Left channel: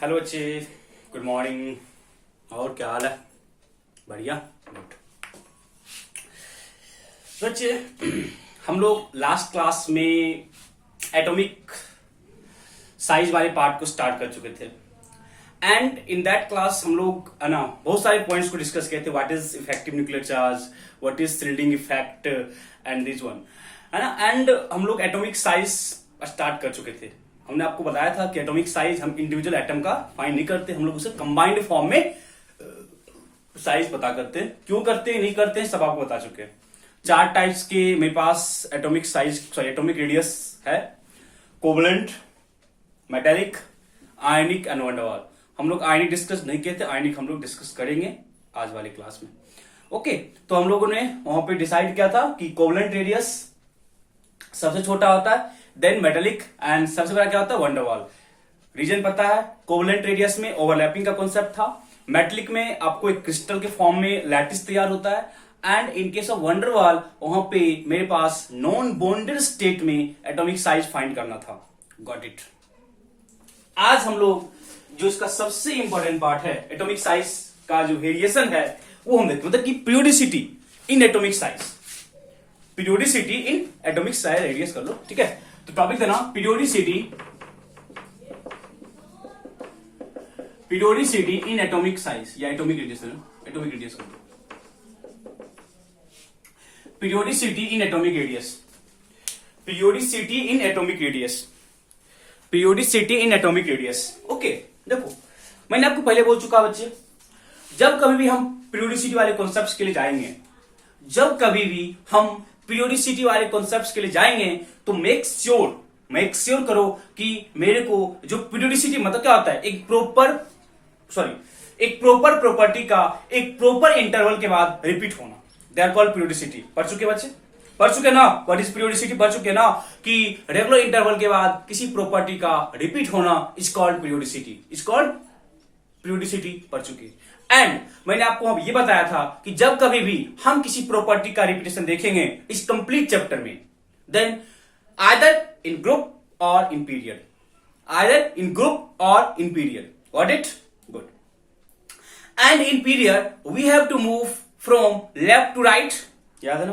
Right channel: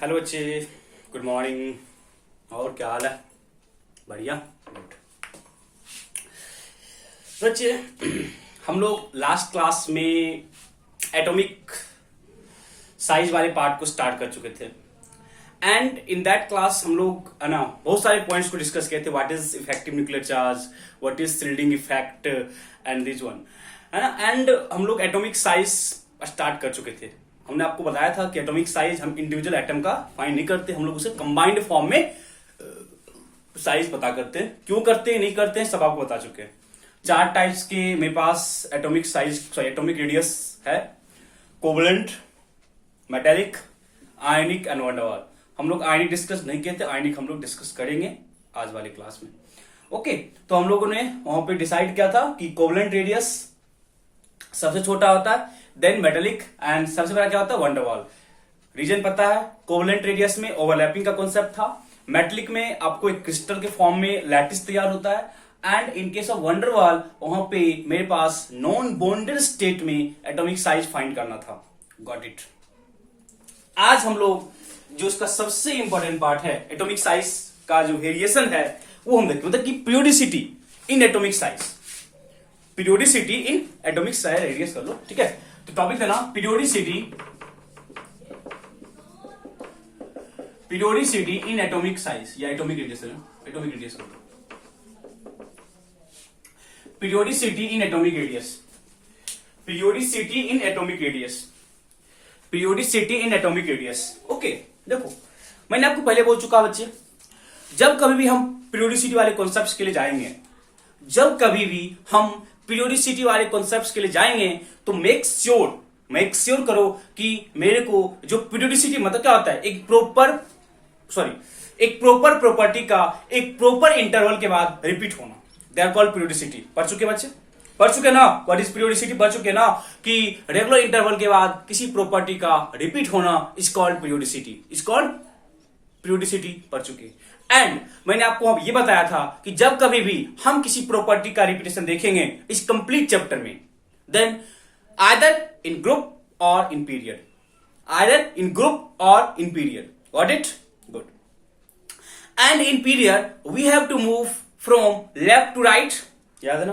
Hello बच्चे, good morning. और क्या हाल है? बढ़िया, गुड। बच्चे, हम लोग लास्ट क्लास में एटॉमिक साइज वाले पार्ट को स्टार्ट कर चुके थे एंड इन दैट क्लास हम लोग है ना बहुत सारे पॉइंट्स को डिस्कस किए थे। What is effective nuclear charge, what is shielding effect and this one, है ना। एंड हम लोग एटॉमिक साइज स्टार्ट कर चुके थे। हमने आपको बताया था कि एटॉमिक साइज हम इंडिविजुअल एटम का फाइंड नहीं करते, हम लोग उसे कंबाइंड फॉर्म में साइज पता करते हैं। क्यों करते हैं, नहीं करते हैं, सब आपको बता चुके हैं। 4 टाइप्स के मेरे पास एटॉमिक साइज एटॉमिक रेडियस है: covalent, metallic, ionic and van der Waals. हम लोग आयनिक डिस्कस नहीं किए थे, आयनिक हम लोग डिस्कस करेंगे आज वाली क्लास में। ओके, तो हम लोगों ने वहां पे डिसाइड किया था कि कोवलेंट रेडियस सबसे छोटा होता है, देन मेटेलिक एंड सबसे बड़ा क्या होता है, वैन डेर वाल्स। रीजन पता है, कोवलेंट रेडियस में ओवरलैपिंग का कॉन्सेप्ट था, मेटेलिक में आपको एक क्रिस्टल के फॉर्म में लैटिस तैयार होता है and in case of van der Waals वहां पे मेरे पास नॉन बॉन्डेड स्टेट में एटॉमिक साइज फाइंड करना था। Got it. आज हम लोग जो इसका सबसे इंपॉर्टेंट पार्ट है एटॉमिक साइज का जो वेरिएशन है वो हम देखते हैं, मतलब कि periodicity in atomic size. Periodicity in atomic size radius कर लो, ठीक है। तो टॉपिक देना पीरियोडिसिटी इन एटॉमिक साइज या एटॉमिक रेडियस, एटॉमिक रेडियस कर लो। Periodicity in atomic radius, periodicity in atomic radius, periodicity in atomic radius. Okay, देखो मैंने आपको पहले बोल चुका बच्चे, जब कभी भी हम पीरियोडिसिटी वाले कॉन्सेप्ट्स के लिए जाएंगे, जब कभी भी हम पीरियोडिसिटी वाले कॉन्सेप्ट्स के लिए जाएंगे तो मेक श्योर करो कि मेरे को जो पीरियोडिसिटी मतलब क्या होता है, एक प्रोपर प्रॉपर्टी का एक प्रॉपर इंटरवल के बाद रिपीट होना, दे आर कॉल्ड पीरियोडिसिटी। पढ़ चुके बच्चे, पढ़ चुके ना व्हाट इज पीरियोडिसिटी, पढ़ चुके ना कि रेगुलर इंटरवल के बाद किसी प्रॉपर्टी का रिपीट होना is called periodicity, is called periodicity. पढ़ चुके। एंड मैंने आपको अब ये बताया था कि जब कभी भी हम किसी प्रॉपर्टी का रिपीटेशन देखेंगे इस कंप्लीट चैप्टर में, देन आइदर इन ग्रुप और in period, either in group और in period. Got it? Good. And in period we have to move from left to right, याद है ना,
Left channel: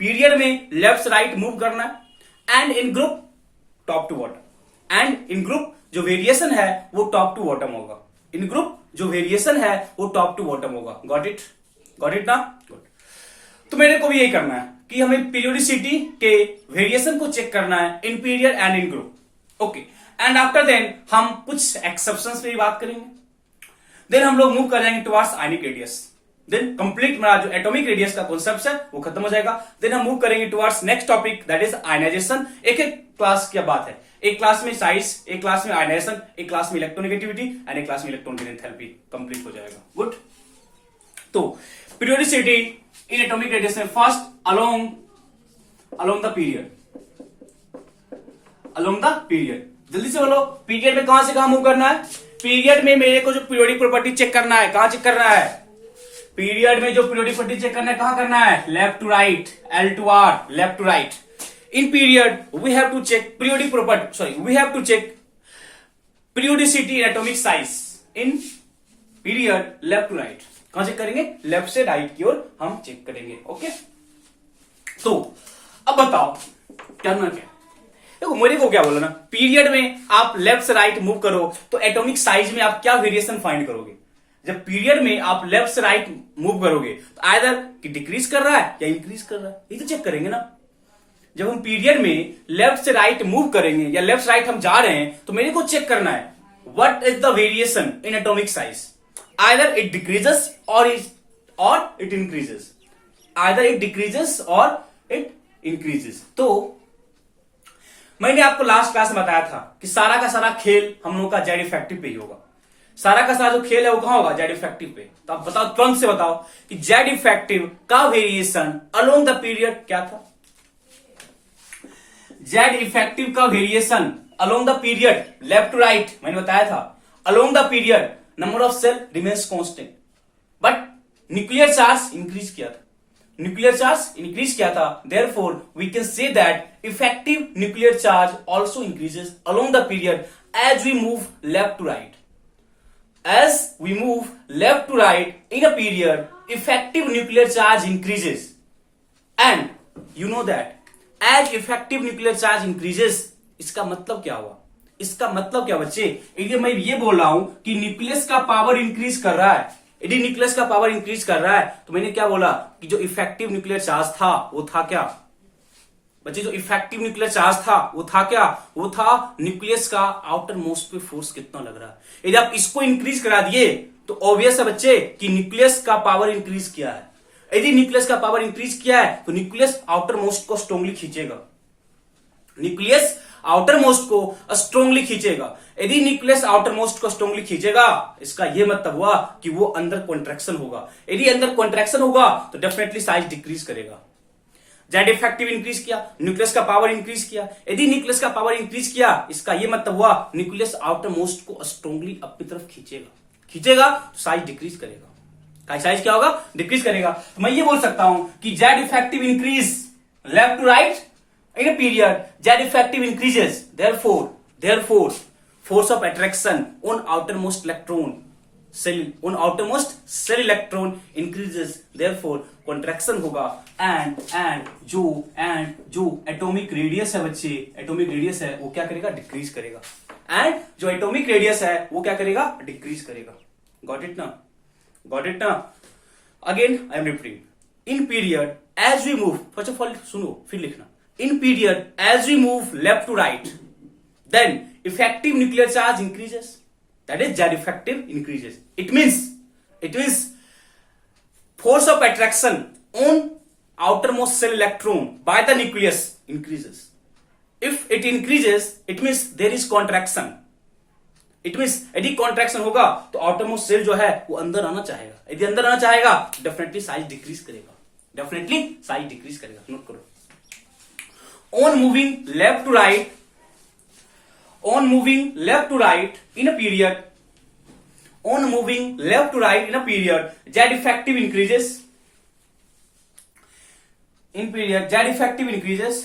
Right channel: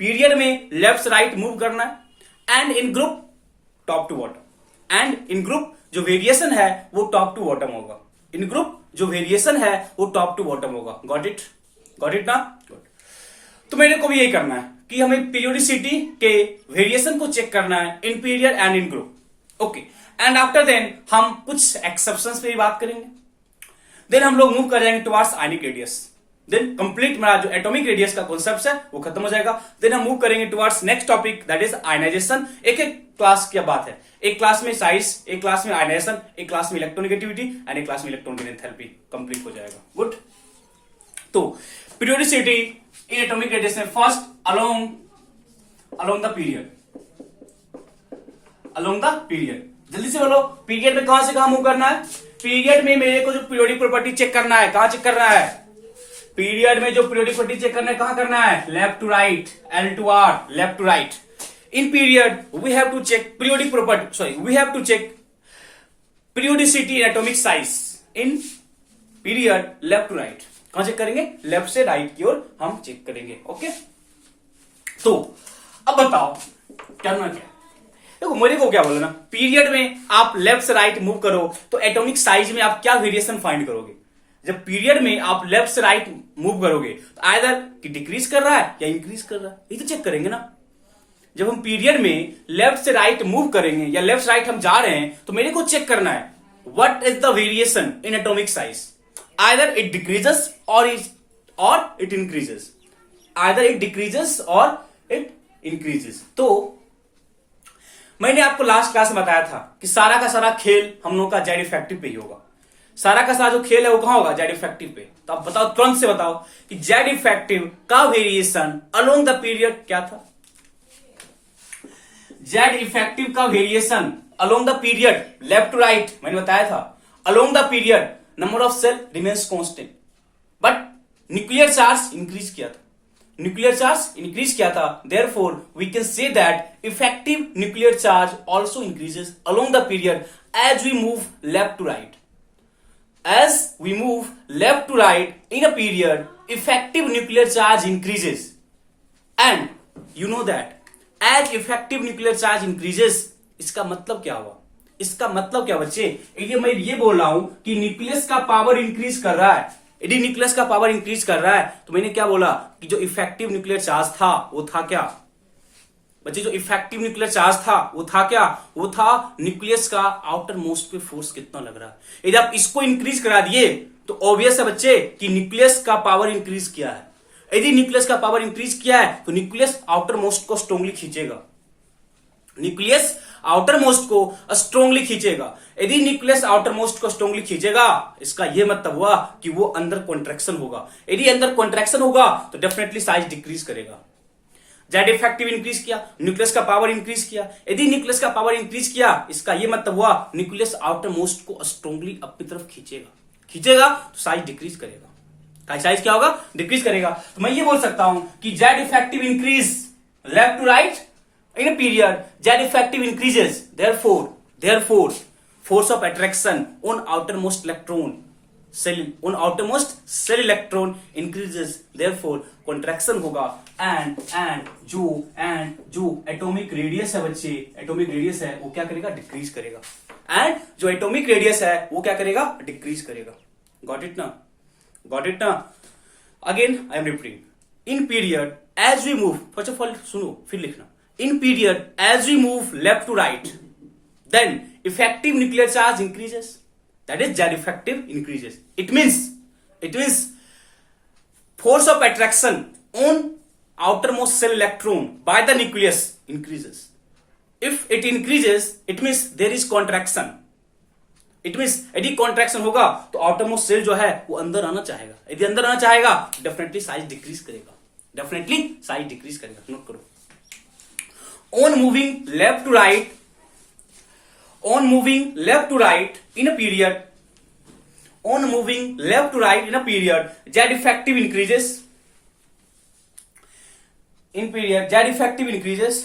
पीरियड में लेफ्ट से राइट मूव करना है। And in group top to bottom, and in group जो variation है वो टॉप टू बॉटम होगा, इन ग्रुप जो वेरिएशन है वो टॉप टू बॉटम होगा। Got it? गॉट इट ना? गुड। तो मेरे को भी यही करना है कि हमें पीरियोडिसिटी के वेरिएशन को चेक करना है in period and in group. Okay, and after then हम कुछ एक्सेप्शंस पे ही बात करेंगे, देन हम लोग मूव कर जाएंगे towards ionic radius, then complete मेरा जो एटॉमिक रेडियस का कॉन्सेप्ट है वो खत्म हो जाएगा। देन हम मूव करेंगे towards next topic that is ionisation. एक एक क्लास की बात है, एक क्लास में साइज, एक क्लास में आयनाइजेशन, एक क्लास में इलेक्ट्रोनेगेटिविटी एंड एक क्लास में इलेक्ट्रॉन एंथैल्पी कंप्लीट हो जाएगा। गुड। तो पीरियोडिसिटी इन एटॉमिक रेडियस में first along the period, along the period. जल्दी से बोलो, पीरियड में कहां से कहां मूव करना है? पीरियड में मेरे को जो पीरियोडिक प्रॉपर्टी चेक करना है, कहां चेक करना है? पीरियड में जो पीरियोडिक प्रॉपर्टी चेक करना है कहां करना है? Left to right, L to R, left to right. In period, we have to check periodic property. Sorry, we have to check periodicity in atomic size. In period, left to right. कहां check करेंगे? Left से right की ओर हम check करेंगे। Okay, तो अब बताओ करना क्या? देखो मेरे को क्या बोला ना, पीरियड में आप लेफ्ट से राइट मूव करो तो एटॉमिक साइज में आप क्या वेरिएशन फाइंड करोगे? जब पीरियड में आप लेफ्ट से राइट मूव करोगे तो आइदर कि डिक्रीज कर रहा है या इंक्रीज कर रहा है, ये तो चेक करेंगे ना। जब हम पीरियड में लेफ्ट से राइट मूव करेंगे या लेफ्ट से राइट हम जा रहे हैं तो मेरे को चेक करना है what is the variation in atomic size, either it decreases और it increases, either it decreases और इट इंक्रीजेस। तो मैंने आपको लास्ट क्लास में बताया था कि सारा का सारा खेल हम लोग का जेड इफेक्टिव पे ही होगा, सारा का सारा जो खेल है वो कहां होगा? जेड इफेक्टिव पे। तो आप बताओ, तुरंत से बताओ कि जेड इफेक्टिव का वेरिएशन अलोंग द पीरियड क्या था? जेड इफेक्टिव का variation along the period left to right मैंने बताया था, along the period number of shell remains constant, but nuclear charge increase किया था, न्यूक्लियर चार्ज इंक्रीज किया था, therefore we can say that effective nuclear charge also increases along the period as we move left to right. as we move left to right in a period, effective nuclear charge increases. And you know that as effective nuclear charge increases, इसका मतलब क्या हुआ? इसका मतलब क्या बच्चे? यदि मैं ये बोल रहा हूं कि न्यूक्लियस का पावर इंक्रीज कर रहा है, यदि न्यूक्लियस का पावर इंक्रीज कर रहा है, तो मैंने क्या बोला कि जो इफेक्टिव न्यूक्लियर चार्ज था वो था क्या बच्चे? जो इफेक्टिव न्यूक्लियर चार्ज था वो था क्या? वो था न्यूक्लियस का आउटर मोस्ट पे फोर्स कितना लग रहा है। यदि आप इसको इंक्रीज करा दिए तो ऑब्वियस है बच्चे कि न्यूक्लियस का पावर इंक्रीज किया है। यदि न्यूक्लियस का पावर इंक्रीज किया है तो न्यूक्लियस आउटर मोस्ट को स्ट्रांगली खींचेगा, न्यूक्लियस आउटर मोस्ट को स्ट्रांगली खींचेगा। यदि न्यूक्लियस आउटर मोस्ट को स्ट्रांगली खींचेगा, इसका यह मतलब हुआ कि वो अंदर कॉन्ट्रैक्शन होगा। यदि अंदर कॉन्ट्रैक्शन होगा तो डेफिनेटली साइज डिक्रीज करेगा। जेड इफेक्टिव इंक्रीज किया, न्यूक्लियस का पावर इंक्रीज किया। यदि न्यूक्लियस का पावर इंक्रीज किया, इसका यह मतलब हुआ न्यूक्लियस आउटर मोस्ट को स्ट्रांगली अपनी तरफ खींचेगा तो साइज डिक्रीज करेगा। साइज क्या होगा? डिक्रीज करेगा। तो मैं ये बोल सकता हूं कि Z effective increase left to right in a period, Z effective increases. Therefore, force of attraction on outermost cell electron increases. Therefore, contraction होगा and जो atomic radius है बच्चे, atomic radius है वो क्या करेगा? डिक्रीज करेगा। and जो atomic radius है वो क्या करेगा? डिक्रीज करेगा। Got it ना? Again, I am repeating. In period, as we move, first of all सुनो फिर लिखना। In period, as we move left to right, then effective nuclear charge increases. That is, Z effective increases. It means force of attraction on outermost cell electron by the nucleus increases. If it increases, it means there is contraction. It means यदि contraction होगा तो outermost cell जो है वो अंदर आना चाहेगा। यदि अंदर आना चाहेगा, definitely size decrease करेगा। नोट करो। On moving left to right in a period, Z effective increases. In period, Z effective increases.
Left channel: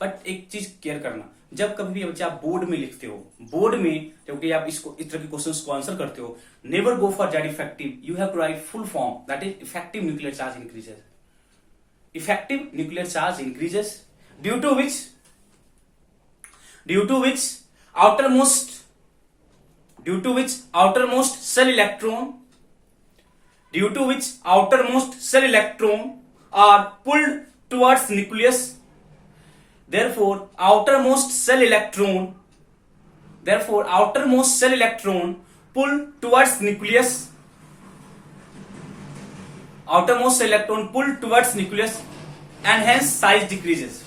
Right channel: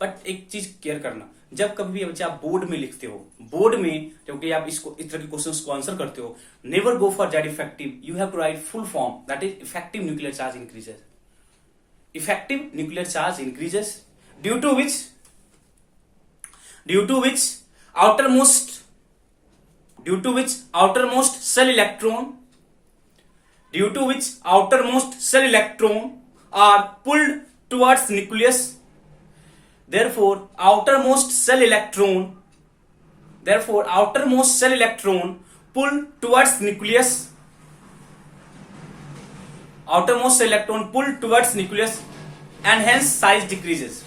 But एक चीज क्लियर करना, जब कभी बच्चे आप बोर्ड में लिखते हो, बोर्ड में जबकि आप इसको इस तरह के क्वेश्चंस को आंसर करते हो, never go for Z effective. You have to write full form, that is effective nuclear charge increases. Effective nuclear charge increases due to which outermost cell electron are pulled towards nucleus. Therefore outermost cell electron pull towards nucleus. Outermost cell electron pull towards nucleus and hence size decreases.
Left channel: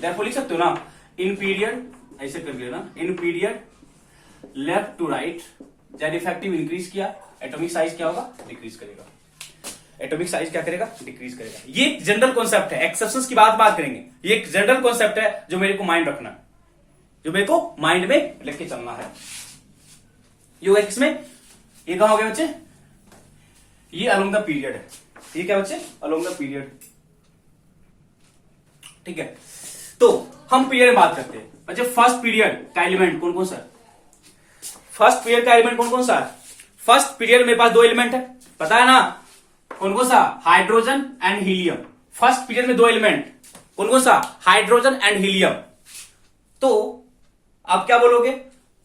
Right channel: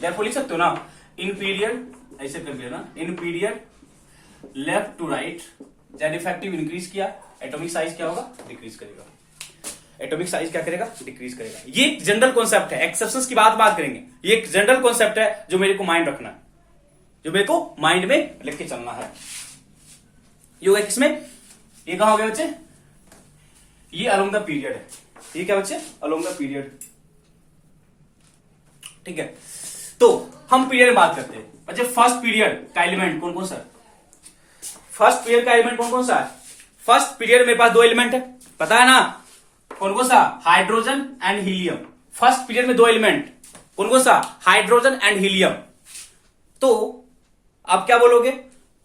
Therefore लिख सकते हो ना, in period ऐसे कर लेना, in period left to right Z effective increase किया, atomic size क्या होगा? डिक्रीज करेगा। एटॉमिक साइज क्या करेगा? डिक्रीज करेगा। ये जनरल कॉन्सेप्ट है, एक्सेप्शंस की बात करेंगे। ये एक जनरल कॉन्सेप्ट है जो मेरे को माइंड रखना है, जो मेरे को माइंड में लेके चलना है। एक्स में ये कहां हो गया बच्चे? ये अलोंग द पीरियड है। ये क्या बच्चे? Along the period. ठीक है, तो हम पीरियड में बात करते हैं बच्चे। फर्स्ट पीरियड का एलिमेंट कौन कौन सा? फर्स्ट पीरियड का एलिमेंट कौन कौन सा? फर्स्ट पीरियड मेरे पास दो एलिमेंट है, पता है ना? कौन कौन सा? Hydrogen and helium. First period में दो एलिमेंट, कौन कौन सा? Hydrogen and helium. तो आप क्या बोलोगे?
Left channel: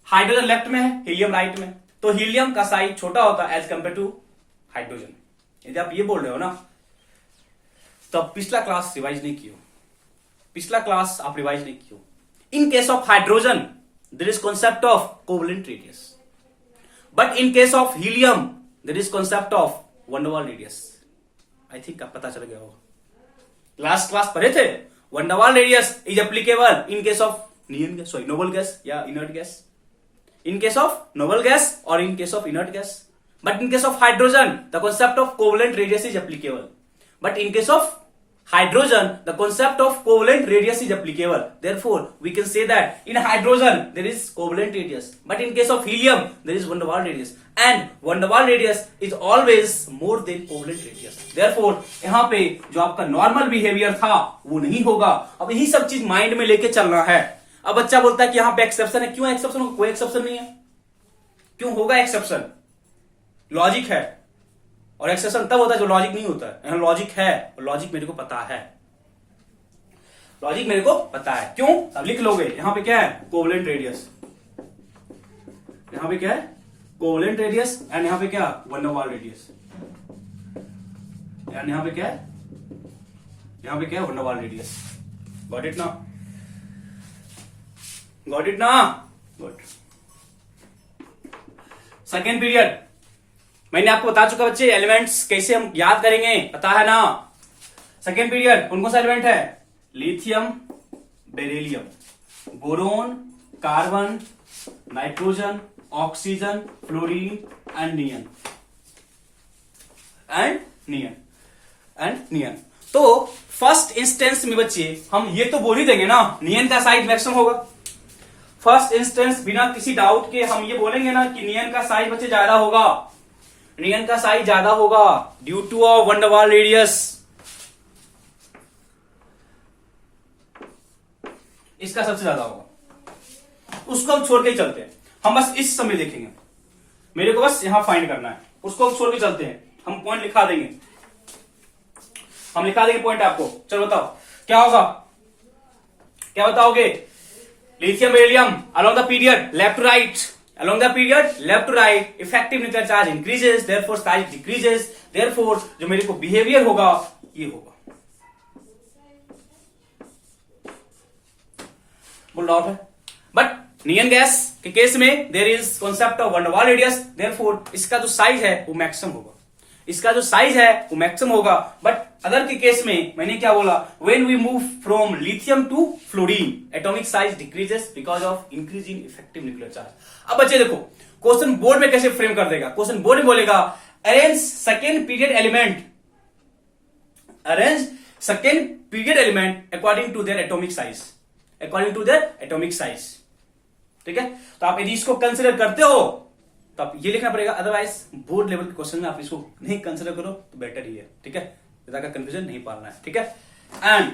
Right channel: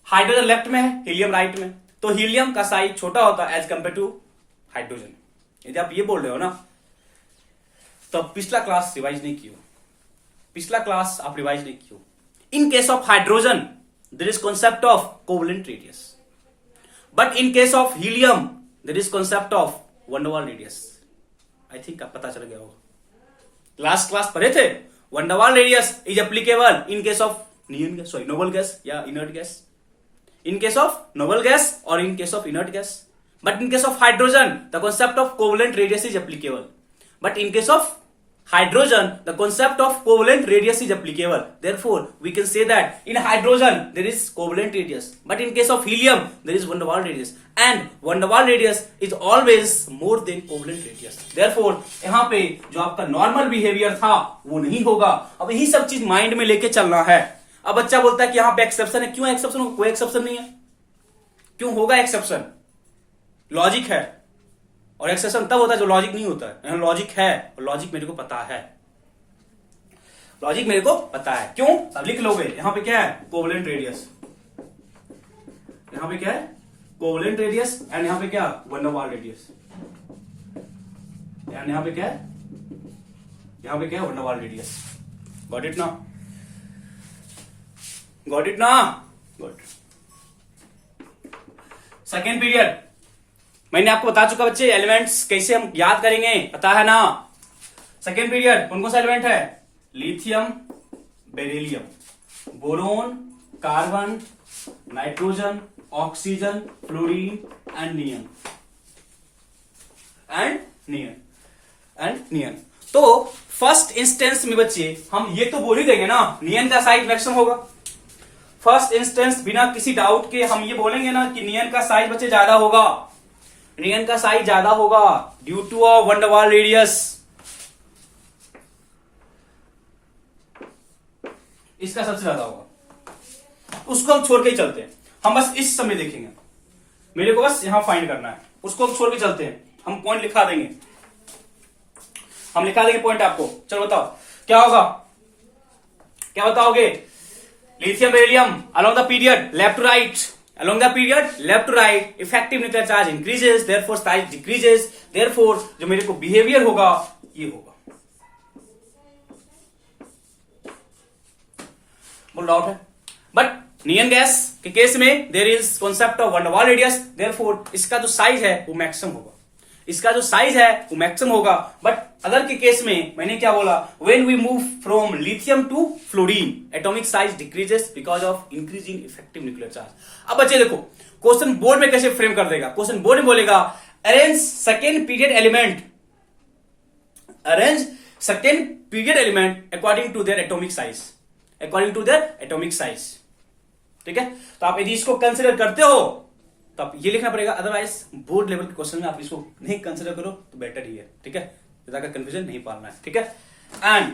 हाइड्रोजन लेफ्ट में है, हीलियम राइट में, तो हीलियम का साइज छोटा होता है एज कंपेयर टू हाइड्रोजन। यदि आप ये बोल रहे हो ना, तो पिछला क्लास रिवाइज नहीं किया, in case of hydrogen there is concept of covalent radius, but in case of helium there is concept of van der Waals radius. I think आप पता चल गया होगा, लास्ट क्लास पढ़े थे। Van der Waals radius is applicable in case of noble gas या inert gas, in case of noble gas or in case of inert gas. But in case of hydrogen, the concept of covalent radius is applicable. But in case of hydrogen, the concept of covalent radius is applicable. Therefore, we can say that in hydrogen there is covalent radius, but in case of helium there is van der Waals radius, and van der Waals radius is always more than covalent radius. Therefore, यहाँ पे जो आपका normal behaviour था वो नहीं होगा. अब यही सब चीज माइंड में लेके चलना है. अब बच्चा बोलता है कि यहाँ पे एक्सेप्शन है. क्यों एक्सेप्शन होगा? कोई एक्सेप्शन नहीं है. क्यों होगा एक्सेप्शन? लॉजिक है, और एक्सेप्शन तब होता है जो लॉजिक नहीं होता है. यहाँ लॉजिक है, और लॉजिक मेरे को पता है. लॉजिक मेरे को पता है. क्यों? सब लिख लोगे. यहां पे क्या है? Covalent radius. यहां पे क्या है? Covalent radius. एंड यहां पे क्या? van der Waals radius. And यहां पे क्या है? यहां पे क्या है? van der Waals radius. Got it ना? गॉट इट ना? गुड. सेकेंड पीरियड मैंने आपको बता चुका बच्चे, एलिमेंट्स कैसे हम याद करेंगे, पता है ना? सेकेंड पीरियड कौन कौन सा एलिमेंट है? Lithium, beryllium, boron, carbon, nitrogen, oxygen, fluorine and neon. तो फर्स्ट इंस्टेंस में बच्चे हम ये तो बोल ही देंगे ना, नियन का साइज मैक्सिमम होगा. फर्स्ट इंस्टेंस बिना किसी डाउट के हम ये बोलेंगे ना कि नियन का साइज बच्चे ज्यादा होगा. नियन का साइज ज्यादा होगा due two of van der Waals radius. इसका सबसे ज्यादा होगा. उसको हम छोड़ के ही चलते हैं. हम बस इस समय देखेंगे. मेरे को बस यहां फाइंड करना है. उसको हम छोड़ के चलते हैं. हम पॉइंट लिखा देंगे. हम लिखा देंगे पॉइंट आपको. चलो बताओ क्या होगा? क्या बताओगे? Lithium beryllium along the period left to right. Along the period left to right, effective nuclear charge increases, therefore size decreases. Therefore जो मेरे को बिहेवियर होगा ये होगा. बोल डाउट है? बट नियन गैस के केस में there is concept of van der Waals radius. Therefore इसका जो साइज है वो मैक्सिमम होगा. इसका जो साइज है वो मैक्सिमम होगा. बट अदर के केस में मैंने क्या बोला? When we move from lithium to fluorine, atomic size decreases because of increase in effective nuclear charge. अब बच्चे देखो क्वेश्चन बोर्ड में कैसे फ्रेम कर देगा. क्वेश्चन बोर्ड में बोलेगा arrange second period element, arrange second period element according to their atomic size, according to their atomic size. ठीक है, तो आप यदि इसको कंसिडर करते हो तब ये लिखना पड़ेगा. अदरवाइज बोर्ड लेवल के क्वेश्चन में आप इसको नहीं कंसिडर करो तो बेटर ही है. ठीक है, ज्यादा कंफ्यूजन नहीं पालना है. ठीक है. एंड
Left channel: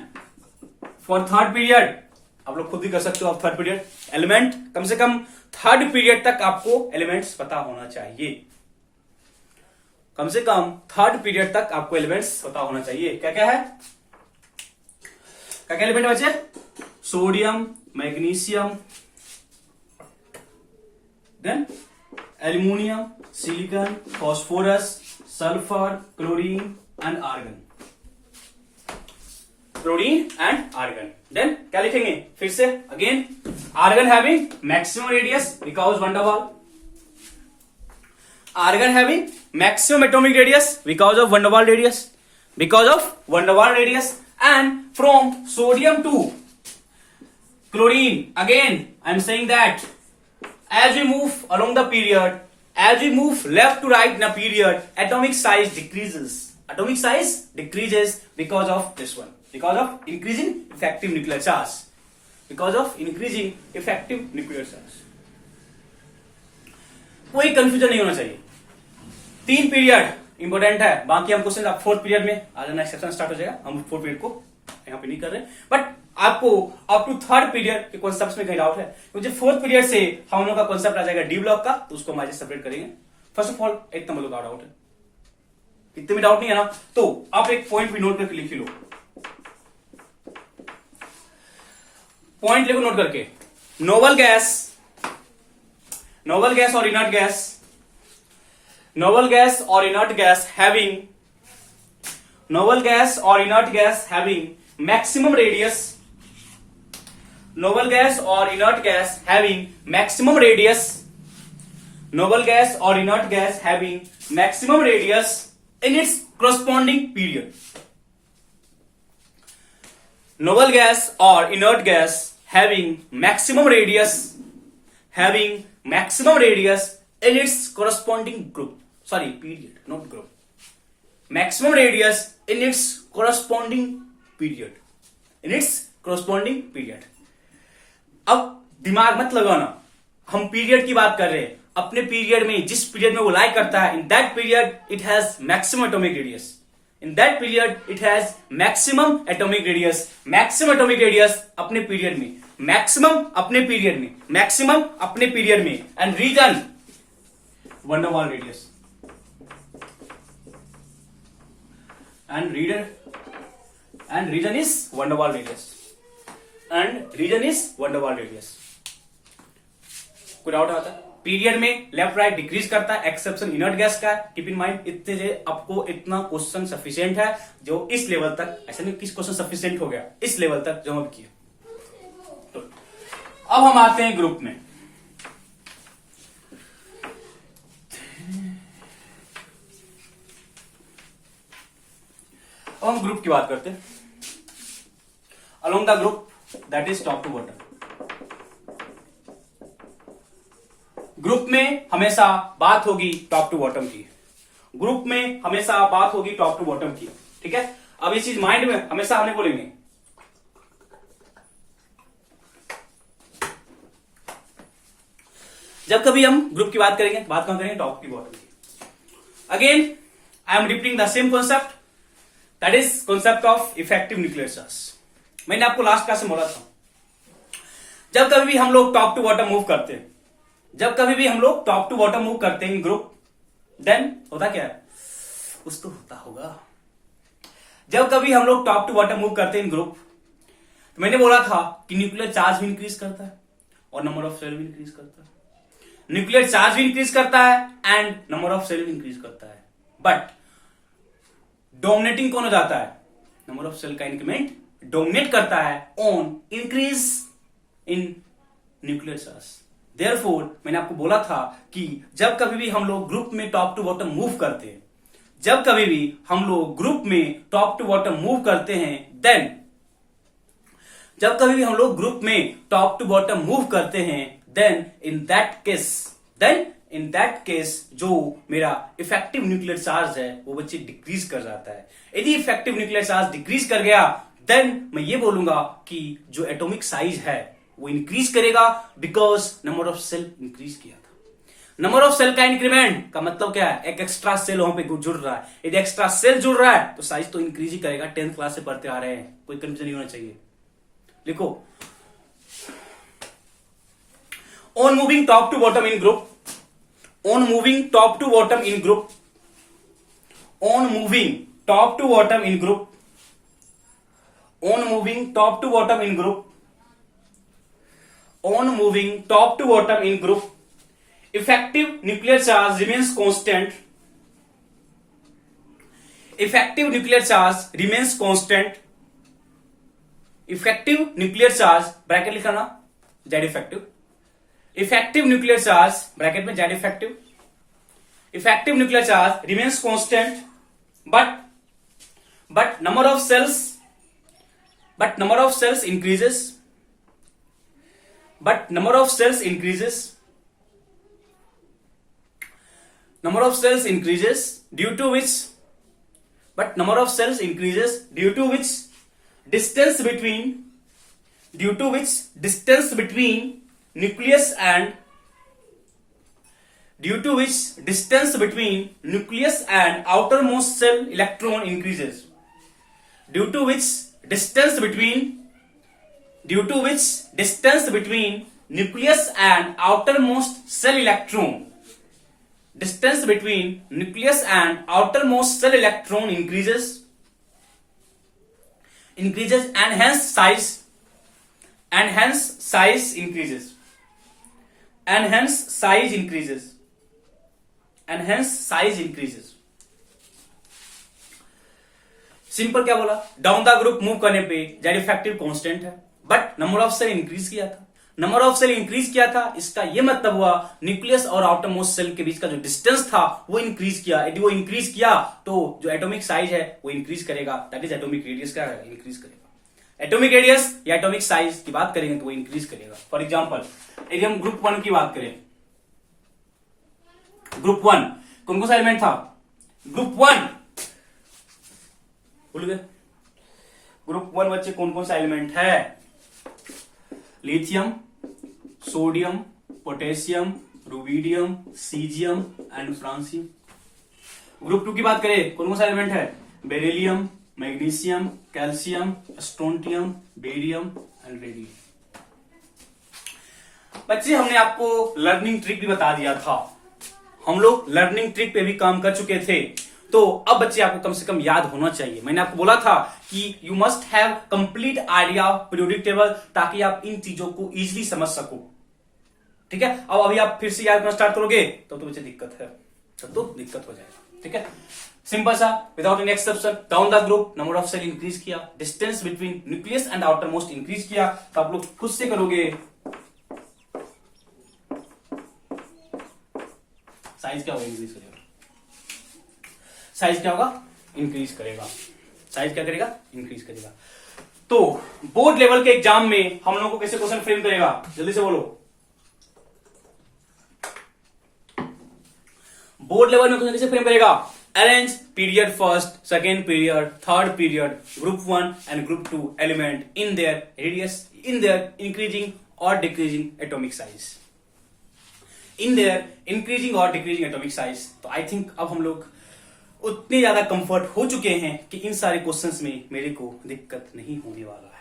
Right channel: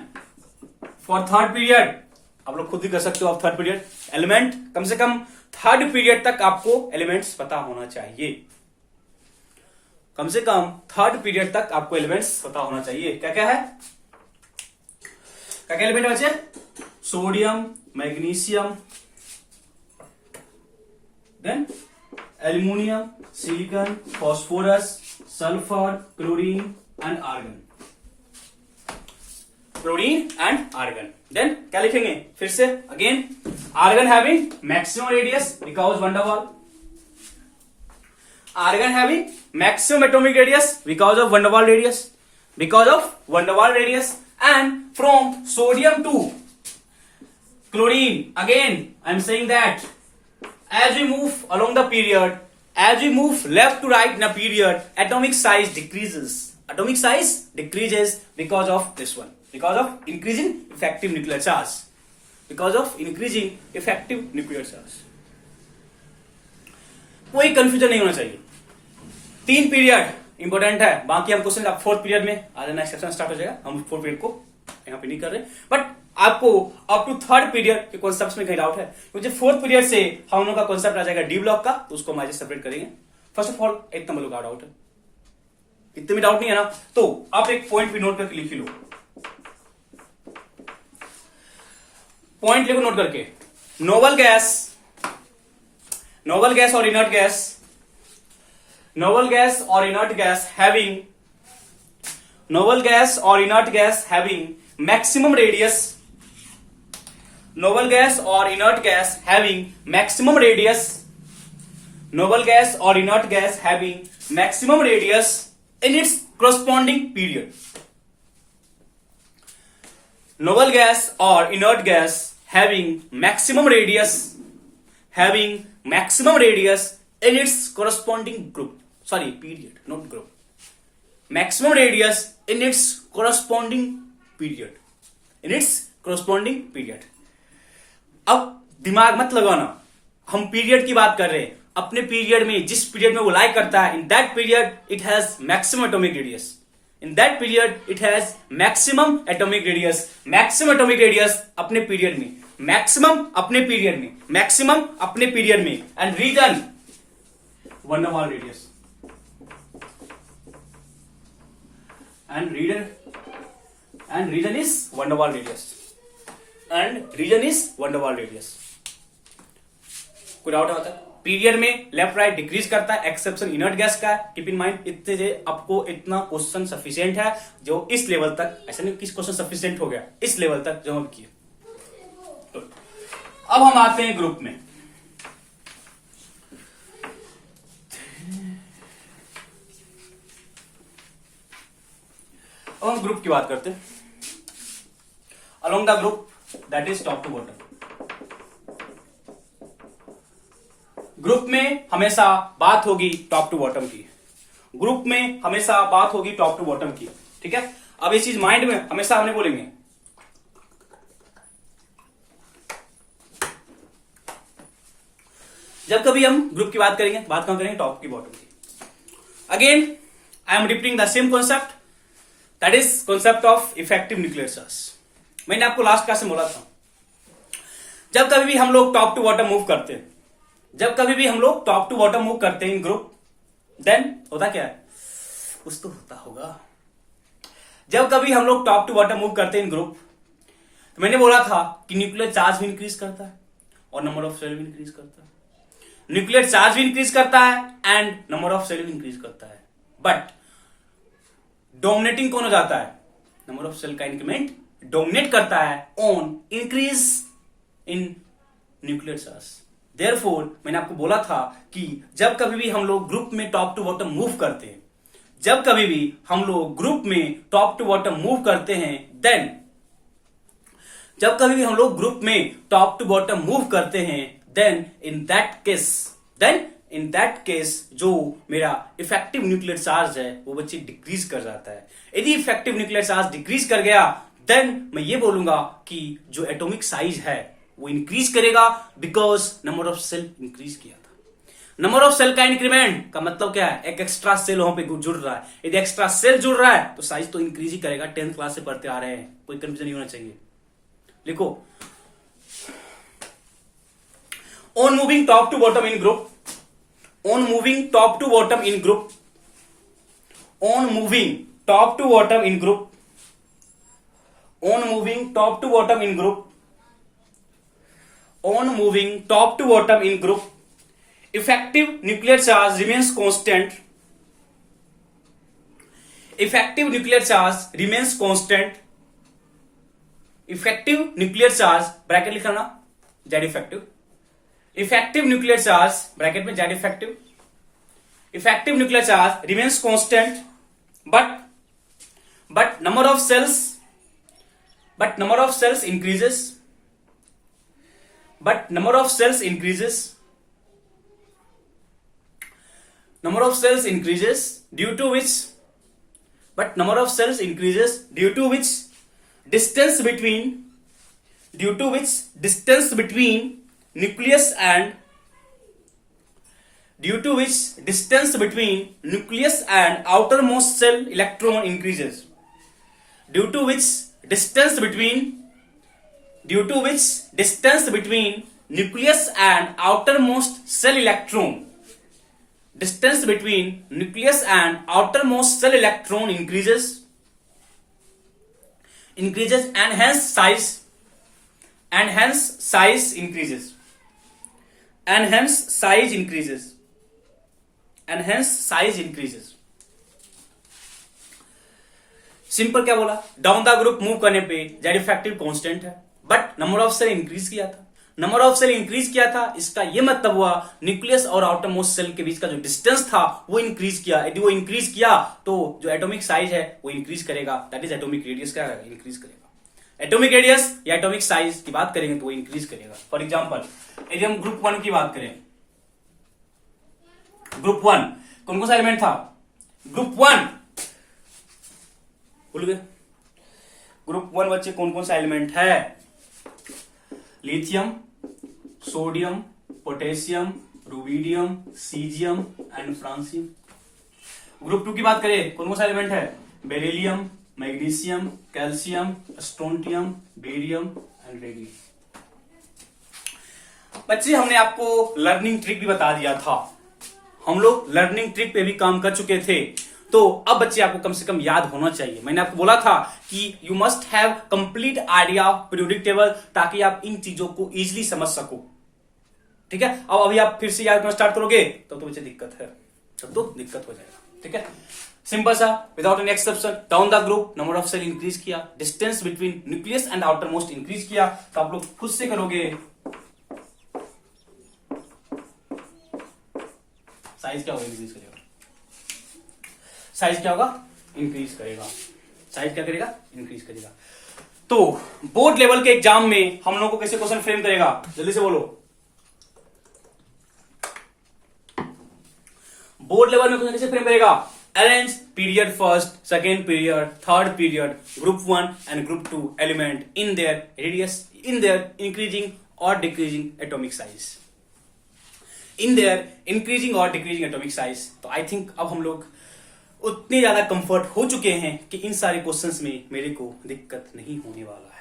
फॉर थर्ड पीरियड आप लोग खुद भी कर सकते हो. आप थर्ड पीरियड एलिमेंट कम से कम थर्ड पीरियड तक आपको एलिमेंट्स पता होना चाहिए. कम से कम थर्ड पीरियड तक आपको एलिमेंट्स पता होना चाहिए. क्या क्या है? क्या क्या एलिमेंट है बच्चे? Sodium, magnesium, then aluminium, silicon, phosphorus, sulphur, chlorine and argon. Chlorine and argon. देन क्या लिखेंगे फिर से? Again argon having maximum radius because van der Waals. Argon having maximum atomic radius because of van der Waals radius, because of van der Waals radius. And from sodium to chlorine, again I am saying that as we move along the period, as we move left to right in a period, atomic size decreases. Atomic size decreases because of this one, because of increasing effective nuclear charge, because of increasing effective nuclear charge. कोई confusion नहीं होना चाहिए. 3 period important है. बाकी हम question आप 4th period में आ जाना, सेक्शन स्टार्ट हो जाएगा. हम 4th पीरियड को यहाँ पे नहीं कर रहे, बट आपको अप टू 3rd पीरियड के कॉन्सेप्ट में कहीं डाउट है क्योंकि 4th पीरियड से हम लोग का कॉन्सेप्ट आ जाएगा डी ब्लॉक का, तो उसको हम आज सेपरेट करेंगे. फर्स्ट ऑफ ऑल एक नंबर का डाउट है, इतने भी डाउट नहीं है ना, तो आप एक पॉइंट भी नोट करके लिख लो. पॉइंट लिखो नोट करके. नोबल गैस, नोबल गैस और inert gas, noble gas or inert gas having, noble gas or inert gas having maximum radius, noble gas or inert gas having maximum radius, noble gas or inert gas having maximum radius in its corresponding period. Noble gas or inert gas having maximum radius, having maximum radius in its corresponding group. Sorry, period, not group. Maximum radius in its corresponding period, in its corresponding period. अब दिमाग मत लगाना, हम period की बात कर रहे हैं। अपने पीरियड में, जिस पीरियड में वो लाई करता है, in that period it has maximum atomic radius. In that period it has maximum atomic radius. Maximum atomic radius अपने पीरियड में, मैक्सिमम अपने पीरियड में, मैक्सिमम अपने पीरियड में। And reason van Waals radius. And reason is van Waals radius. And reason is van Waals radius. कोई doubt आता है? Period में लेफ्ट राइट डिक्रीज करता है, एक्सेप्शन इनर्ट गैस का। कीप इन माइंड, इतने से आपको इतना क्वेश्चन सफिशिएंट है जो इस लेवल तक, ऐसा नहीं किस क्वेश्चन सफिशिएंट हो गया, इस लेवल तक जो हम किए। तो अब हम आते हैं ग्रुप में। अब हम ग्रुप की बात करते हैं। Along the group that is top to bottom. Group में हमेशा बात होगी टॉप टू बॉटम की। ग्रुप में हमेशा बात होगी टॉप टू बॉटम की, ठीक है। अब ये चीज माइंड में हमेशा हमें बोलेंगे। जब कभी हम ग्रुप की बात करेंगे, बात कौन करेंगे? टॉप की बॉटम की। Again I am repeating the same concept, that is concept of effective nuclear charge. मैंने आपको लास्ट क्लास में बोला था, जब कभी भी हम लोग टॉप टू बॉटम मूव करते हैं, जब कभी भी हम लोग टॉप टू बॉटम मूव करते हैं इन ग्रुप, देन होता क्या है? कुछ तो होता होगा। जब कभी हम लोग टॉप टू बॉटम मूव करते हैं इन ग्रुप, तो मैंने बोला था कि न्यूक्लियर चार्ज भी इंक्रीज करता है और नंबर ऑफ सेल भी इंक्रीज करता है। न्यूक्लियर चार्ज भी इंक्रीज करता है एंड नंबर ऑफ सेल भी इंक्रीज करता है। बट डोमिनेटिंग कौन हो जाता है? नंबर ऑफ सेल का इंक्रीमेंट डोमिनेट करता है on increase in nuclear charge. Therefore मैंने आपको बोला था कि जब कभी भी हम लोग ग्रुप में टॉप टू बॉटम मूव करते हैं, जब कभी भी हम लोग ग्रुप में टॉप टू बॉटम मूव करते हैं, देन जब कभी भी हम लोग ग्रुप में टॉप टू बॉटम मूव करते हैं, देन इन दैट केस जो मेरा इफेक्टिव न्यूक्लियर चार्ज है वो बच्चे डिक्रीज कर जाता है। यदि इफेक्टिव न्यूक्लियर चार्ज डिक्रीज कर गया, देन मैं ये बोलूंगा कि जो एटॉमिक साइज है वो इंक्रीज करेगा, because number of shell increase किया था। नंबर ऑफ सेल का इंक्रीमेंट का मतलब क्या है? एक एक्स्ट्रा सेल वहां पे जुड़ रहा है। यदि एक्स्ट्रा सेल जुड़ रहा है तो साइज तो इंक्रीज ही करेगा। 10th क्लास से पढ़ते आ रहे हैं, कोई कंफ्यूजन नहीं होना चाहिए। लिखो, on moving top to bottom in group, on moving top to bottom in group, on moving top to bottom in group, on moving top to bottom in group, on moving top to bottom in group, effective nuclear charge remains constant. Effective nuclear charge remains constant. Effective nuclear charge bracket लिखा ना, Z effective. Effective nuclear charge bracket में Z effective. Effective nuclear charge remains constant, but number of cells increases. But number of cells increases. Number of cells increases due to which distance between nucleus and outermost cell electron increases. Due to which distance between nucleus and outermost cell electron, distance between nucleus and outermost cell electron increases and hence size increases. Simple क्या बोला? Down the group move करने पे Z effective constant है, but number of shell increase किया था। Number of shell increase किया था, इसका यह मतलब हुआ न्यूक्लियस और आउटरमोस्ट सेल के बीच का जो डिस्टेंस था वो इंक्रीज किया। यदि वो इंक्रीज किया तो जो एटॉमिक साइज है वो इंक्रीज करेगा, दैट इज एटॉमिक रेडियस का इंक्रीज करेगा। एटॉमिक रेडियस या एटॉमिक साइज की बात करेंगे तो वो इंक्रीज करेगा। फॉर एग्जाम्पल यदि हम ग्रुप 1 की बात करें, ग्रुप 1 कौन कौन सा एलिमेंट था? ग्रुप 1 भूल गए? ग्रुप 1 बच्चे कौन कौन सा एलिमेंट है? Lithium, sodium, potassium, rubidium, caesium and francium. Group 2 की बात करें, कौन कौन सा एलिमेंट है? Beryllium, magnesium, calcium, strontium, barium and radium. बच्चे हमने आपको लर्निंग ट्रिक भी बता दिया था, हम लोग लर्निंग ट्रिक पे भी काम कर चुके थे, तो अब बच्चे आपको कम से कम याद होना चाहिए। मैंने आपको बोला था कि you must have complete idea of periodic table, ताकि आप इन चीजों को इजीली समझ सको। ठीक है, अब अभी आप फिर से याद करना स्टार्ट करोगे तो बच्चे दिक्कत है, तब तो दिक्कत हो जाएगा। ठीक है, सिंपल सा, without any exception, down the group number of shell increase किया, distance between nucleus and outermost increase किया, तो आप लोग खुद से करोगे। साइज क्या होगा? इंक्रीज करेगा। साइज क्या होगा? इंक्रीज करेगा। साइज क्या करेगा? इंक्रीज करेगा। तो बोर्ड लेवल के एग्जाम में हम लोग को कैसे क्वेश्चन फ्रेम करेगा? जल्दी से बोलो। बोर्ड लेवल में क्वेश्चन कैसे फ्रेम करेगा? Arrange period first, second period, third period, group 1 and group 2 element in their radius, in their increasing और decreasing atomic size, in their increasing और डिक्रीजिंग एटॉमिक साइज। तो आई थिंक अब हम लोग उतने ज्यादा कंफर्ट हो चुके हैं कि इन सारे क्वेश्चंस में मेरे को दिक्कत नहीं होने वाला है।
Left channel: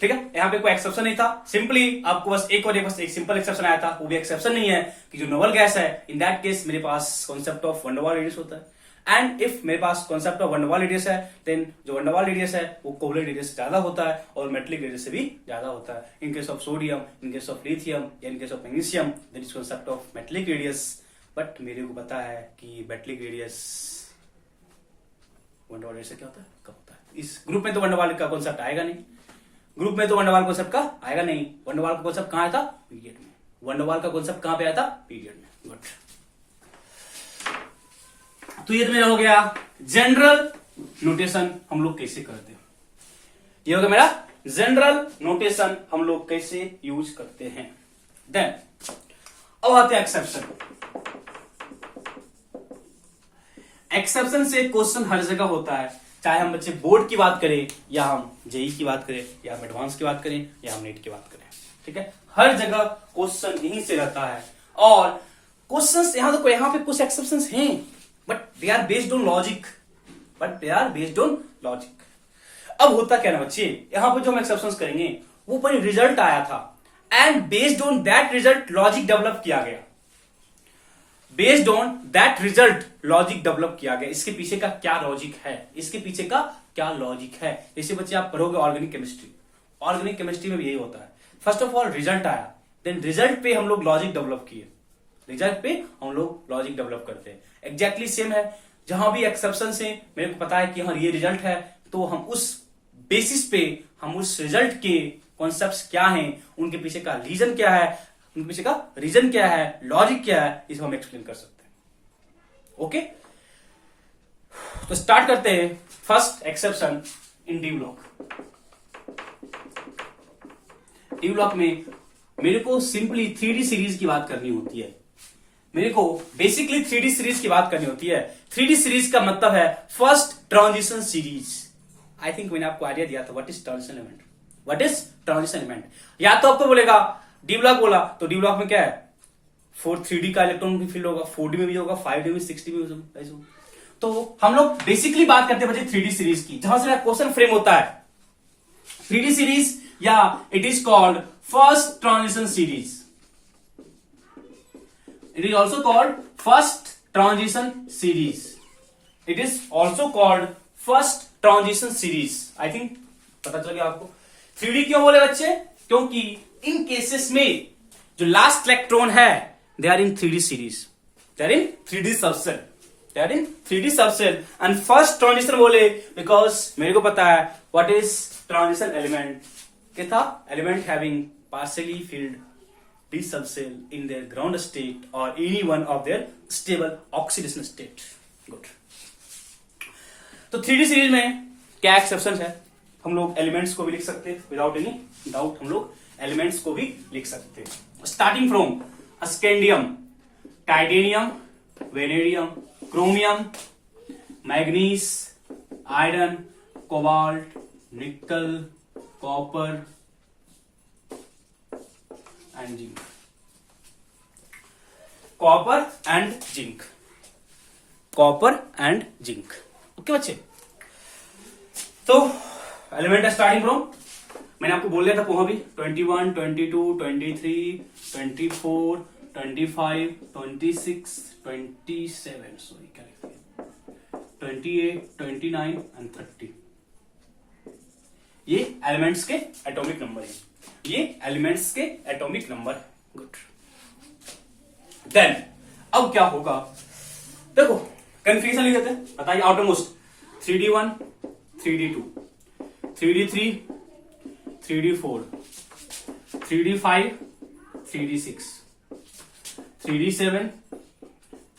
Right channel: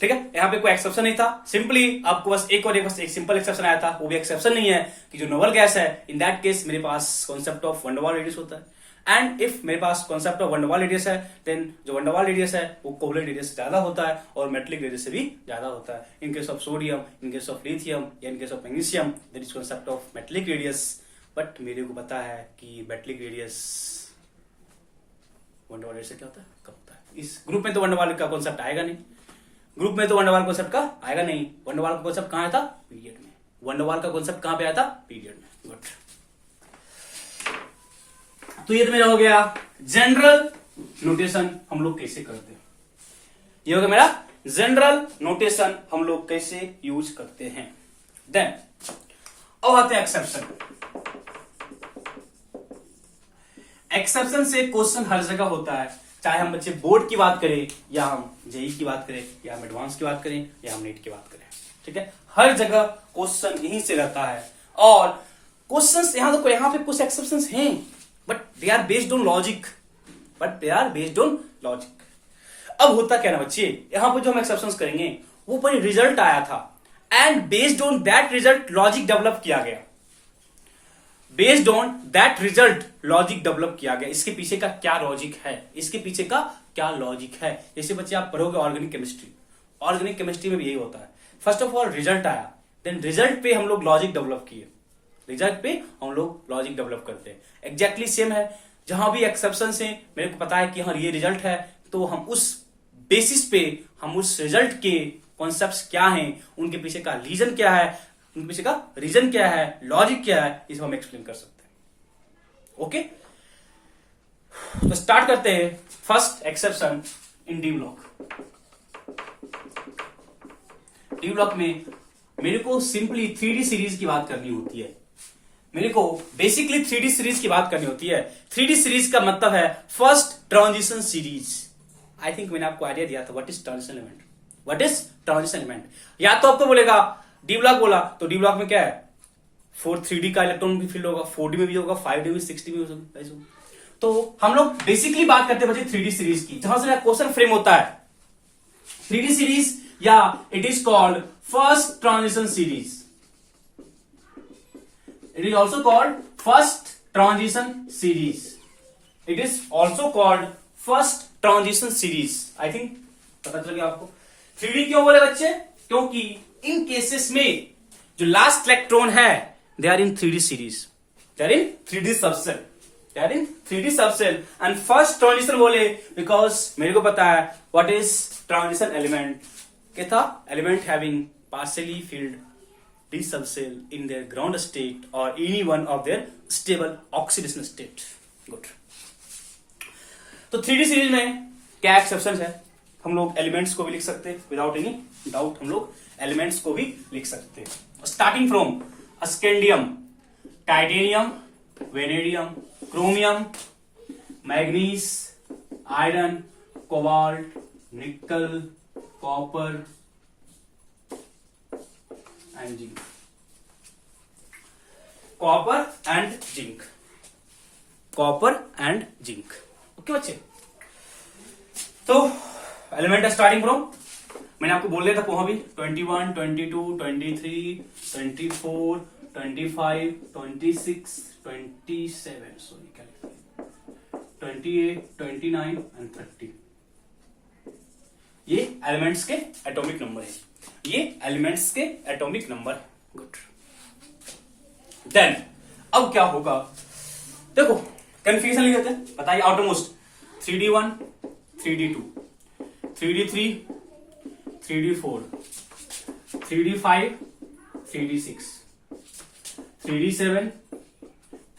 ठीक है, यहां पे कोई एक्सेप्शन नहीं था, सिंपली आपको बस एक सिंपल एक्सेप्शन आया था, वो भी एक्सेप्शन नहीं है कि जो नोबल गैस है, इन दैट केस मेरे पास concept of van der Waals radius होता है, एंड इफ मेरे पास concept of van der Waals radius है, देन जो वन डेर वाल रेडियस है वो कोवलेंट रेडियस से ज्यादा होता है और मेटेलिक रेडियस से भी ज्यादा होता है। In case of sodium, in case of lithium या in case of magnesium, there is concept of metallic radius. But मेरे को पता है कि metallic radius van der Waals radius से क्या होता है, कब होता है। इस ग्रुप में तो वन डेर वाल का कॉन्सेप्ट आएगा नहीं, ग्रुप में तो वन डेर वाल कॉन्सेप्ट का आएगा नहीं। वन डेर वाल का कॉन्सेप्ट कहां आया था? पीरियड में। वन डेर वाल का कॉन्सेप्ट कहां पे आया था? पीरियड में। गुड, तो ये तो मेरा हो गया जनरल नोटेशन हम लोग कैसे करते हैं। ये हो गया मेरा जनरल नोटेशन हम लोग कैसे यूज करते हैं। देन अब आते हैं एक्सेप्शन। एक्सेप्शन से क्वेश्चन हर जगह होता है, चाहे हम बच्चे बोर्ड की बात करें या हम जेई की बात करें या हम एडवांस की बात करें या हम नेट की बात करें। ठीक है, हर जगह क्वेश्चन यहीं से रहता है, और क्वेश्चंस यहां पे कुछ एक्सेप्शंस हैं, but they are based on logic, अब होता क्या ना बच्चे, यहां पर जो हम एक्सेप्शंस करेंगे वो पर रिजल्ट आया था, and based on that result logic develop किया गया। Based on that result logic develop किया गया। इसके पीछे का क्या लॉजिक है, इसके पीछे का क्या लॉजिक है, जैसे बच्चे आप पढ़ोगे ऑर्गेनिक केमिस्ट्री, ऑर्गेनिक केमिस्ट्री में भी यही होता है। फर्स्ट ऑफ ऑल रिजल्ट आया, देन रिजल्ट पे हम लोग लॉजिक डेवलप किए, रिजल्ट पे हम लोग लॉजिक डेवलप करते हैं। एग्जैक्टली सेम है, जहां भी एक्सेप्शन है मेरे को पता है कि हाँ ये रिजल्ट है, तो हम उस बेसिस पे हम उस रिजल्ट के कॉन्सेप्ट्स क्या हैं, उनके पीछे का रीजन क्या है, उनके पीछे का रीजन क्या है, लॉजिक क्या है, इसको हम एक्सप्लेन कर सकते हैं। ओके, तो स्टार्ट करते हैं first exception in D block. D block में मेरे को सिंपली 3D सीरीज की बात करनी होती है, मेरे को बेसिकली 3D सीरीज की बात करनी होती है। 3D सीरीज का मतलब है first transition series. I think मैंने आपको आइडिया दिया था what is transition element, what is transition element. या तो आपको बोलेगा डी ब्लॉक बोला, तो डी ब्लॉक में क्या है, 3D का इलेक्ट्रॉन भी फिल होगा, 4D में भी होगा, 5D में भी, 6D में भी होगा। तो हम लोग बेसिकली बात करते हैं बच्चे 3D सीरीज की, जहां से क्वेश्चन फ्रेम होता है 3D सीरीज, या it is called first transition series. It is also called first transition series. It is also called first transition series. I think पता चल गया आपको। 3D क्यों बोले बच्चे, क्योंकि इन केसेस में जो लास्ट इलेक्ट्रॉन है they are in 3D series, they are in 3D subshell, they are in 3D subshell. And first transition बोले बिकॉज मेरे को पता है व्हाट इज ट्रांजिशन एलिमेंट, क्या था, element having partially field d subcell in their ground state or any one of their stable oxidation state. Good. तो 3D series में क्या एक्सेप्शन है, हम लोग एलिमेंट्स को भी लिख सकते हैं विदाउट एनी डाउट, हम लोग एलिमेंट्स को भी लिख सकते हैं। Starting from scandium, titanium, vanadium, chromium, manganese, iron, cobalt, nickel, copper and zinc. Copper and zinc, copper and zinc. Okay बच्चे, तो एलिमेंट स्टार्टिंग फ्रॉम, मैंने आपको बोल दिया था वहां भी 21, 22, 23, 24, 25, 26, 27, सॉरी क्या लिखते हैं, 28, 29 एंड 30। ये एलिमेंट्स के एटॉमिक नंबर है, ये एलिमेंट्स के एटॉमिक नंबर है। गुड। देन अब क्या होगा, देखो कंफ्यूजन नहीं देते, बताइए outer most 3D1, 3D2, 3D3, 3D4, 3D5, 3D6, 3D7,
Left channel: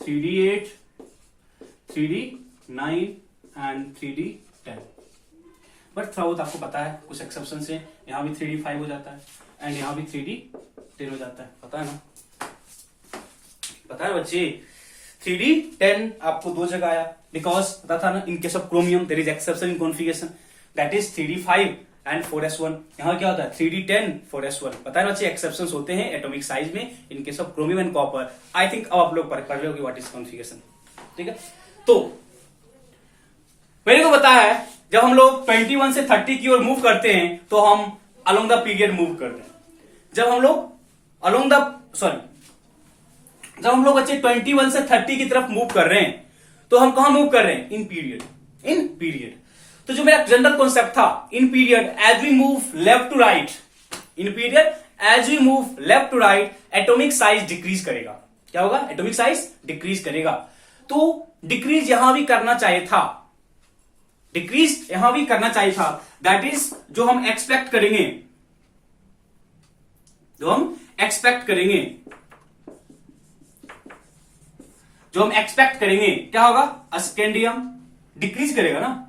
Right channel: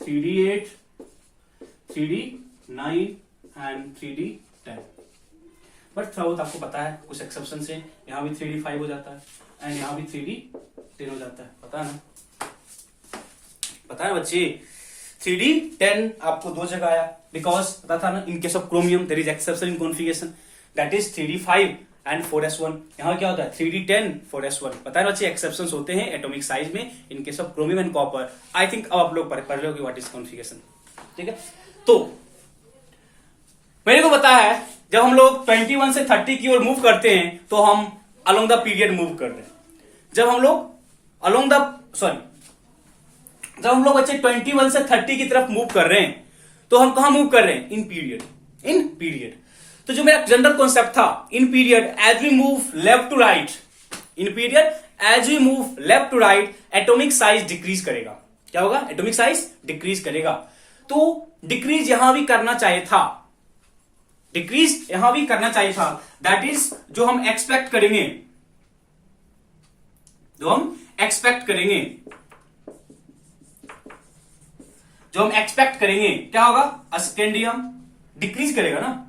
3D8, 3D9 and 3D10। But थोड़ा बहुत आपको पता है कुछ एक्सेप्शन से यहां भी 3D5 हो जाता है एंड यहां भी 3D10 हो जाता है, पता है ना, पता है बच्चे। 3D10 आपको दो जगह आया बिकॉज पता था ना, in case of chromium there is exception in configuration, that is 3D5 and 4s1। यहां क्या होता है 3D10 4s1, पता है बच्चे एक्सेप्शंस होते हैं एटॉमिक साइज में इन case of chromium and copper. I think अब आप लोग पढ़ रहे हो कि व्हाट इज कॉन्फ़िगरेशन, ठीक है। तो मेरे को पता है जब हम लोग 21 से 30 की ओर मूव करते हैं तो हम अलोंग द पीरियड मूव कर रहे हैं। जब हम लोग अलोंग द जब हम लोग बच्चे 21 से 30 की तरफ मूव कर रहे हैं तो हम कहां मूव कर रहे हैं, इन पीरियड, इन पीरियड। तो जो मेरा जनरल कॉन्सेप्ट था, in period as we move left to right, in period as we move left to right atomic size decrease करेगा। क्या होगा, एटॉमिक साइज डिक्रीज करेगा। तो डिक्रीज यहां भी करना चाहिए था, डिक्रीज यहां भी करना चाहिए था, दैट इज जो हम एक्सपेक्ट करेंगे, जो हम एक्सपेक्ट करेंगे, जो हम एक्सपेक्ट करेंगे क्या होगा, अस्केंडियम डिक्रीज करेगा ना,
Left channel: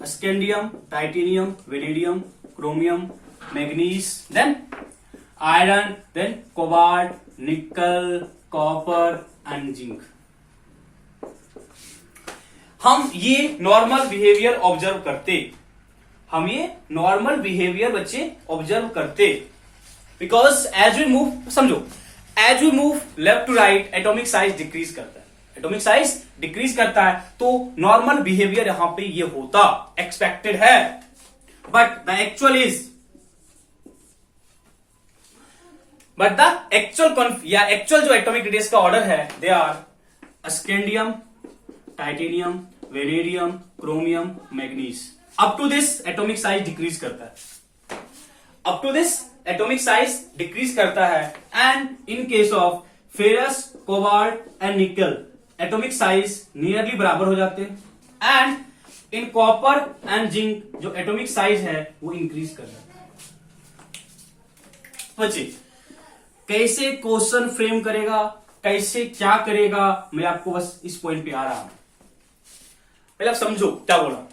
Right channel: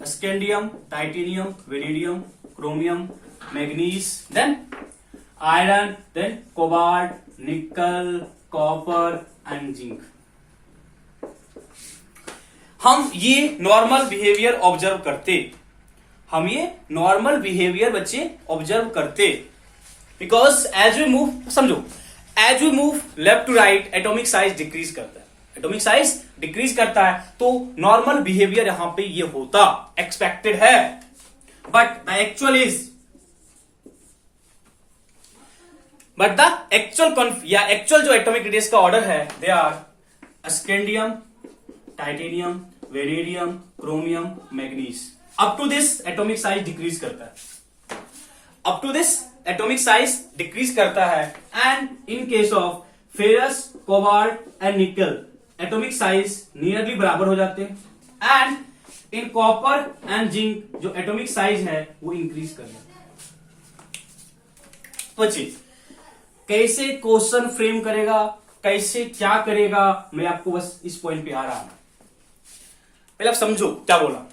scandium, titanium, vanadium, chromium, manganese, then iron, then cobalt, nickel, copper and zinc. हम ये नॉर्मल बिहेवियर ऑब्जर्व करते, हम ये नॉर्मल बिहेवियर बच्चे ऑब्जर्व करते, बिकॉज एज वी मूव, समझो as we move left to right atomic size decrease करता है, एटॉमिक साइज डिक्रीज करता है, तो नॉर्मल बिहेवियर यहां पे ये होता, एक्सपेक्टेड है। बट द एक्चुअल जो एटॉमिक रेडियस का ऑर्डर है, they are scandium, titanium, vanadium, chromium, manganese. Up to this atomic size decrease करता है, up to this atomic size decrease करता है। And in case of ferrous, cobalt and nickel atomic size nearly बराबर हो जाते हैं। And in copper and zinc जो atomic size है वो इंक्रीज कर जाता है। बच्चे कैसे क्वेश्चन फ्रेम करेगा, कैसे क्या करेगा, मैं आपको बस इस पॉइंट पे आ रहा हूं। पहले आप समझो क्या बोला,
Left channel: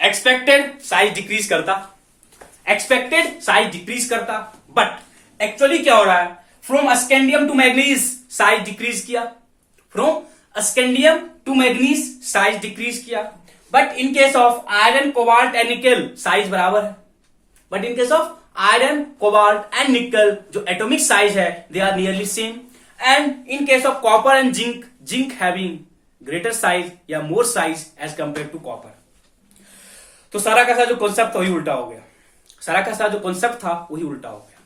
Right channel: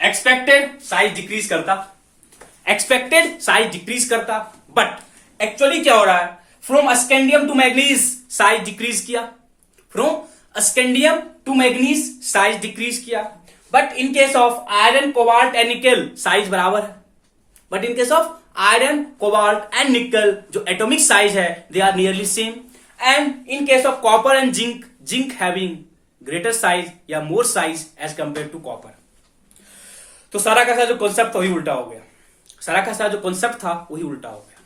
एक्सपेक्टेड साइज डिक्रीज करता, एक्सपेक्टेड साइज डिक्रीज करता, बट एक्चुअली क्या हो रहा है, from scandium to manganese size decrease किया, from scandium to manganese size decrease किया। But in case of iron, cobalt and nickel size बराबर है, but in case of iron, cobalt and nickel जो atomic size है they are nearly same. And in case of copper and zinc, zinc having greater size या more size as compare to copper. तो सारा का सारा जो concept था वही उल्टा हो गया, सारा का सारा जो कॉन्सेप्ट था वही उल्टा हो गया।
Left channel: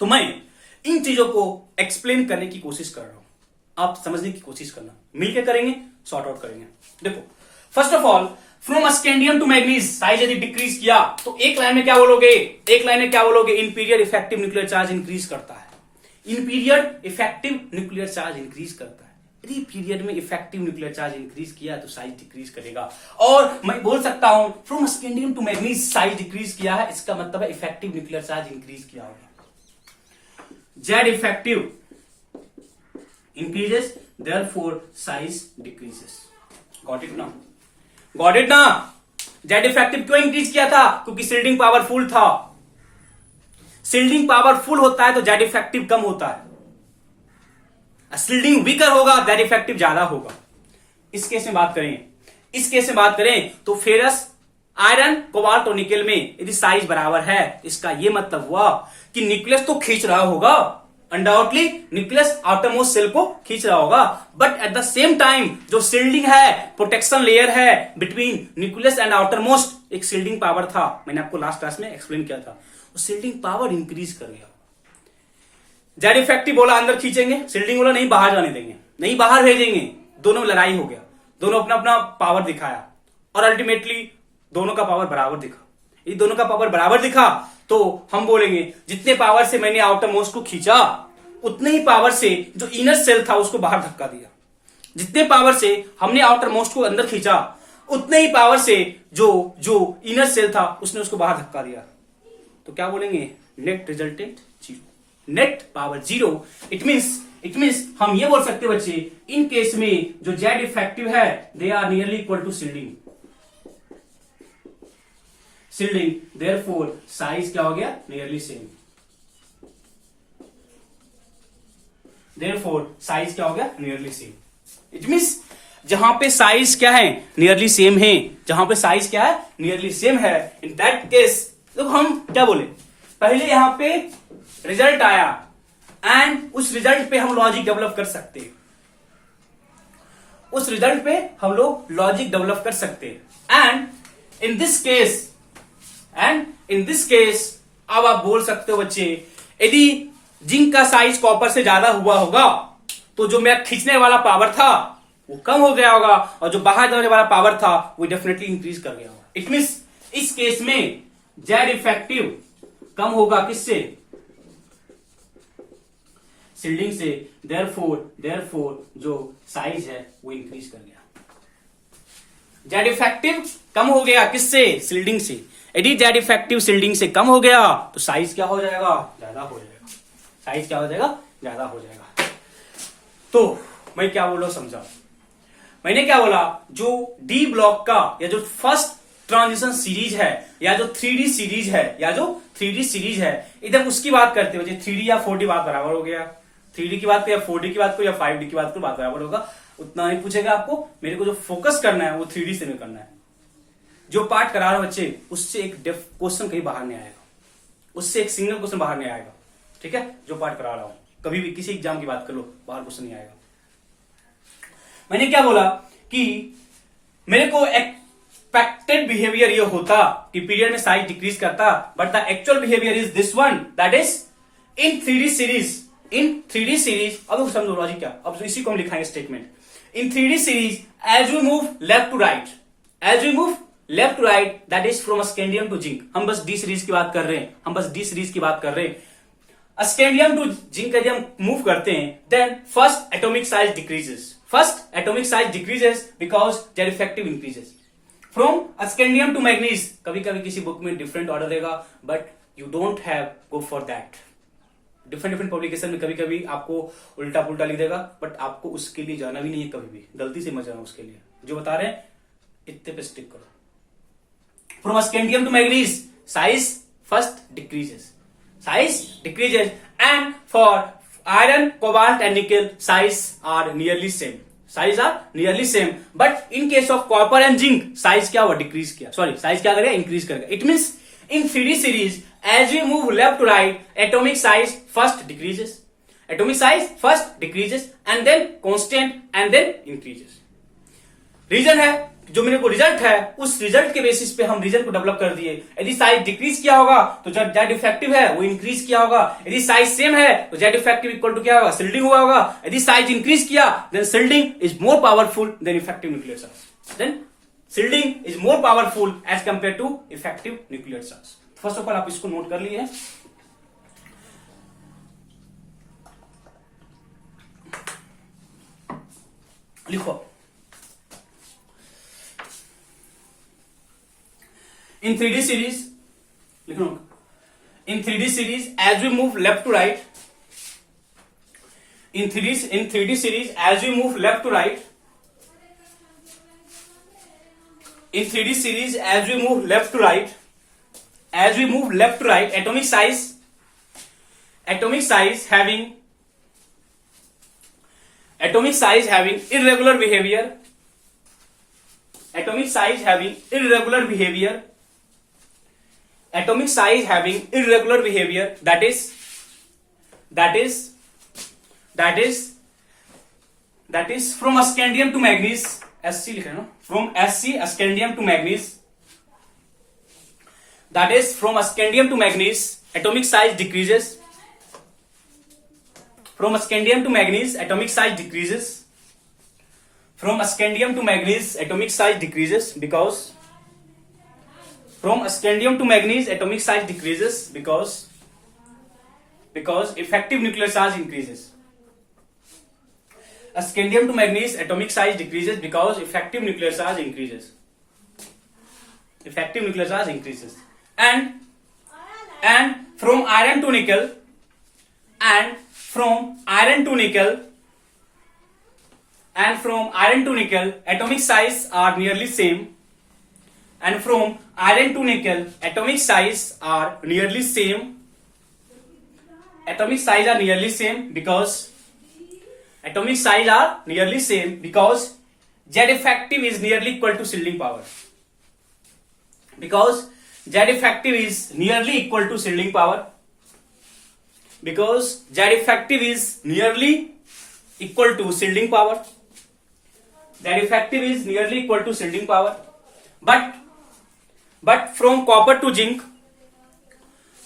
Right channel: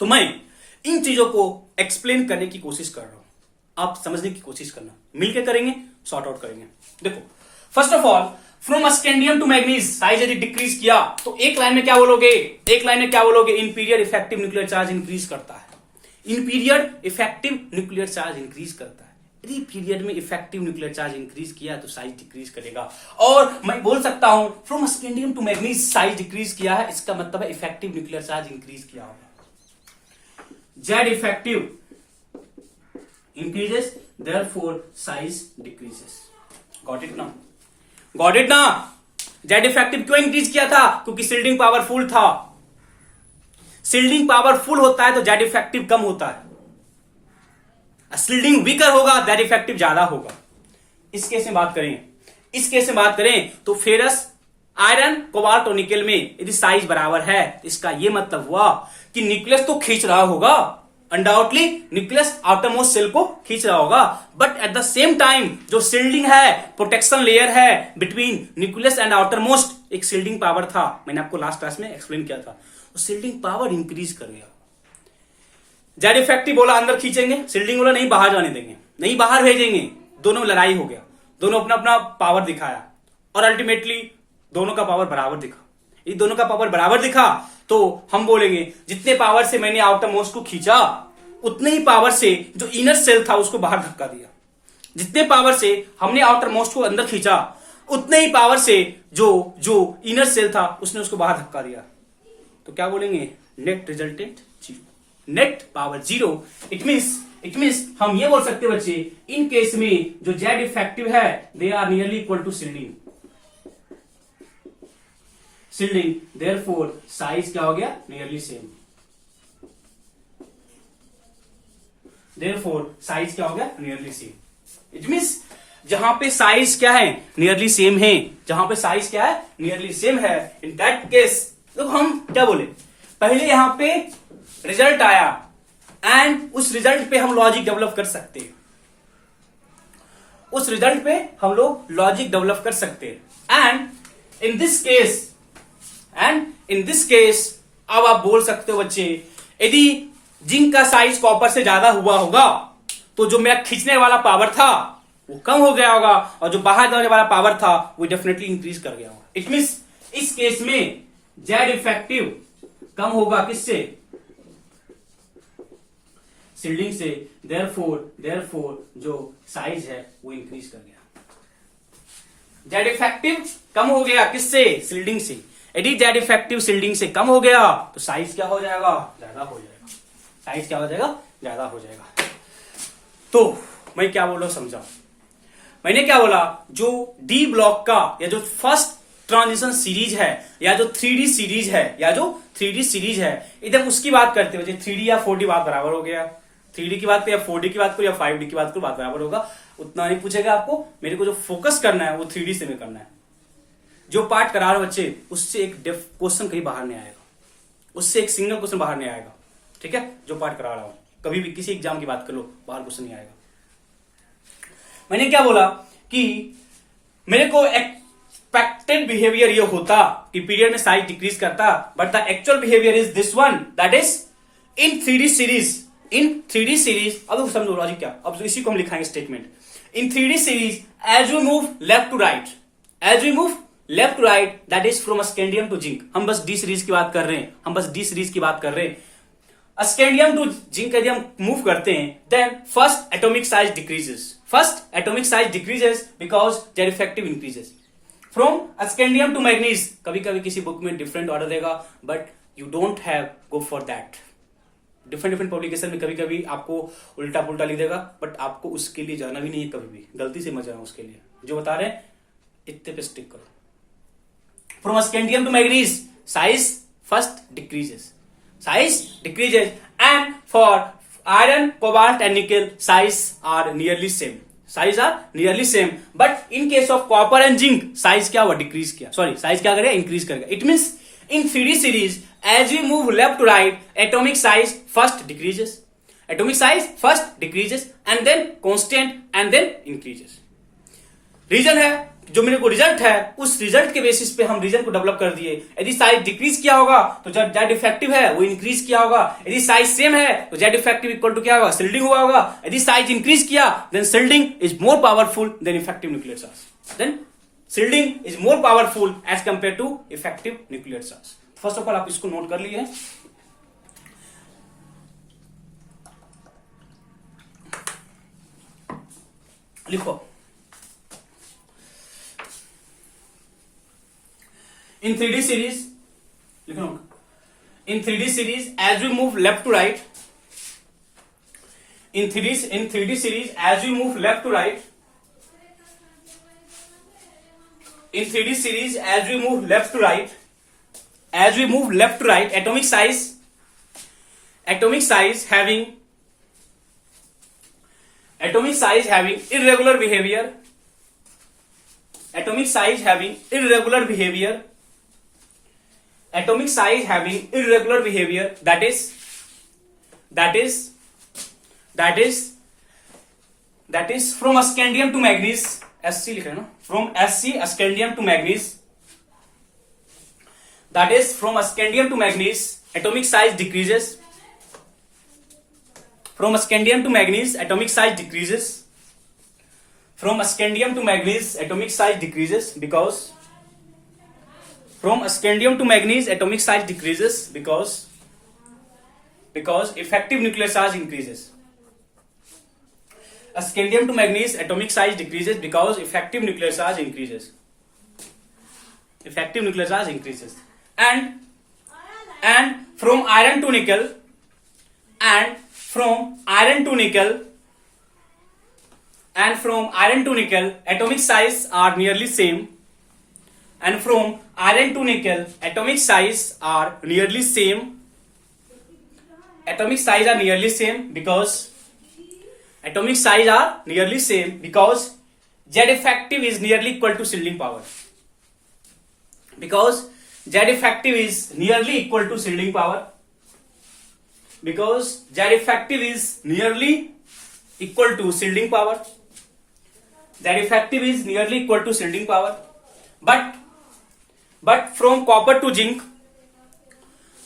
तो मैं इन चीजों को एक्सप्लेन करने की कोशिश कर रहा हूं, आप समझने की कोशिश करना, मिलकर करेंगे, सॉर्ट आउट करेंगे। देखो first of all from scandium to manganese size यदि डिक्रीज किया तो एक लाइन में क्या बोलोगे, एक लाइन में क्या बोलोगे, in period effective nuclear charge increase करता है, in period effective nuclear charge increase करता है। यदि पीरियड में इफेक्टिव न्यूक्लियर चार्ज इंक्रीज किया तो साइज डिक्रीज करेगा। और मैं बोल सकता हूं from scandium to manganese size decrease किया है, इसका मतलब है इफेक्टिव न्यूक्लियर चार्ज इंक्रीज किया होगा। Z effective increases therefore size decreases. Got it ना, गॉट इट ना। जेड इफेक्टिव क्यों इंक्रीज किया था, क्योंकि शिल्डिंग पावरफुल था। शिल्डिंग पावरफुल होता है तो जेड इफेक्टिव कम होता है, शिल्डिंग वीकर होगा जेड इफेक्टिव ज्यादा होगा। इस केस में बात करें, इस केस में बात करें तो फेरस, आयरन, कोबाल्ट और निकेल में यदि साइज बराबर है, इसका यह मतलब हुआ कि न्यूक्लियस तो खींच रहा होगा, undoubtedly nucleus outermost shell को खींच रहा होगा, but at the same time जो सील्डिंग है, प्रोटेक्शन लेयर है between nucleus and outermost, एक सील्डिंग पावर था, मैंने आपको लास्ट क्लास में एक्सप्लेन किया था, वो सील्डिंग पावर इंक्रीज कर गया। जेड इफेक्टिव बोला अंदर खींचेंगे, सील्डिंग बोला नहीं बाहर जाने देंगे, नहीं बाहर भेजेंगे, दोनों लड़ाई हो गया, दोनों अपना अपना पावर दिखाया और अल्टीमेटली दोनों का पावर बराबर दिखा। ये दोनों का पावर बराबर दिखा तो हम बोलेंगे जितने पावर से मैंने आउटर मोस्ट को खींचा उतने ही पावर से जो इनर सेल था उसको बाहर धक्का दिया, जितने पावर से हमने आउटर मोस्ट को अंदर खींचा उतने ही पावर से जो इनर सेल था उसने उसको बाहर धक्का दिया। तो क्या बोलेंगे, net resultant zero, net power zero. It means हम ये बोल सकते हैं बच्चे, इन केस में जो जेड इफेक्टिव है they are nearly equal to shielding, therefore size क्या हो गया, नियरली सेम, देयरफॉर साइज क्या हो गया, नियरली सेम। इट मीन्स जहां पे साइज क्या है, नियरली सेम है, जहां पे साइज क्या है, नियरली सेम है, इन दैट केस तो हम क्या बोले, पहले यहां पे रिजल्ट आया एंड उस रिजल्ट पे हम लॉजिक डेवलप कर सकते हैं, उस रिजल्ट पे हम लोग लॉजिक डेवलप कर सकते हैं। एंड इन दिस केस अब आप बोल सकते हो बच्चे, यदि जिंक का साइज कॉपर से ज्यादा हुआ होगा तो जो मेरा खींचने वाला पावर था वो कम हो गया होगा और जो बाहर जाने वाला पावर था वो डेफिनेटली इंक्रीज कर गया होगा। इट मीन्स इस केस में जेड इफेक्टिव कम होगा किससे, सील्डिंग से, देयरफॉर जो साइज है वो इंक्रीज कर गया। जेड इफेक्टिव कम हो गया किससे, सील्डिंग से, यदि जेड इफेक्टिव सील्डिंग से कम हो गया तो साइज क्या हो जाएगा, ज्यादा हो जाएगा, साइज क्या हो जाएगा, ज्यादा हो जाएगा। तो मैं क्या बोल रहा हूं समझा, मैंने क्या बोला, जो डी ब्लॉक का या जो फर्स्ट ट्रांजिशन सीरीज है या जो 3D सीरीज है इधर उसकी बात करते हो, 3D या 4D बात बराबर हो गया, 3D की बात करो या 4D की बात करो या 5D की बात करो, बात बराबर होगा, उतना नहीं पूछेगा आपको। मेरे को जो फोकस करना है वो 3D से में करना है। जो पार्ट करा रहा हूं बच्चे उससे एक क्वेश्चन कहीं बाहर नहीं आएगा, उससे एक सिंगल क्वेश्चन बाहर नहीं आएगा, ठीक है। जो पार्ट करा रहा हूं कभी भी किसी एग्जाम की बात कर लो, बाहर क्वेश्चन नहीं आएगा। मैंने क्या बोला कि मेरे को एक्सपेक्टेड बिहेवियर ये होता कि पीरियड में साइज डिक्रीज करता, but the actual behaviour is this one, that is in 3D series. अब समझो लॉजिक क्या, अब इसी को हम लिखाएंगे statement. In 3D series as we move left to right, that is from scandium to zinc. हम बस डी सीरीज की बात कर रहे हैं, स्कैंडियम टू जिंक यदि हम मूव करते हैं, then first atomic size decreases because Z effective increases. From scandium to manganese, कभी कभी किसी बुक में डिफरेंट ऑर्डर देगा, but you don't have go for that. Different publication में कभी कभी आपको उल्टा पुल्टा लिख देगा, बट आपको उसके लिए जाना भी नहीं है, कभी भी गलती से मत जाना उसके लिए। जो बता रहे हैं इतने पे स्टिक करो। From scandium to manganese size first decreases, and for iron, cobalt and nickel size are nearly same, but in case of copper and zinc size क्या हुआ, डिक्रीज किया, साइज क्या करेगा, इंक्रीज करेगा। It means in 3D series as we move left to right, atomic size first decreases and then constant and then increases. Reason है जो मेरे को रिजल्ट है, उस रिजल्ट के बेसिस पे हम रीजन को डेवलप कर दिए। यदि साइज डिक्रीज किया होगा तो जब जेड इफेक्टिव है वो इंक्रीज किया होगा, यदि साइज सेम है तो जेड इफेक्टिव इक्वल टू क्या होगा, सील्डिंग हुआ होगा। यदि साइज इंक्रीज किया then shielding is more powerful than effective nuclear charge, then shielding is more powerful as compare to effective nuclear charge. First of all आप इसको नोट कर लिए, लिखो। In 3D series, लिखो, in 3D series as we move left to right, in 3D series as we move left to right, in 3D series as we move left to right, atomic size having irregular behavior, atomic size having irregular behavior, atomic size having irregular behavior, that is from scandium to manganese, Sc लिखे ना, from Sc scandium to manganese, that is from scandium to manganese atomic size decreases, from scandium to manganese atomic size decreases, from scandium to manganese atomic size decreases because from scandium to manganese atomic size decreases because effective nuclear charge increases. Scandium to manganese atomic size decreases because effective nuclear charge increases. Effective nuclear charge increases. And from iron to nickel, and from iron to nickel, and from iron to nickel atomic size are nearly same, and from iron to nickel atomic size are nearly same, atomic size are nearly same because atomic size are nearly same because Z effective is nearly equal to shielding power, because Z effective is nearly equal to shielding power, because Z effective is nearly equal to shielding power, Z effective is nearly equal to shielding power, but from copper to zinc,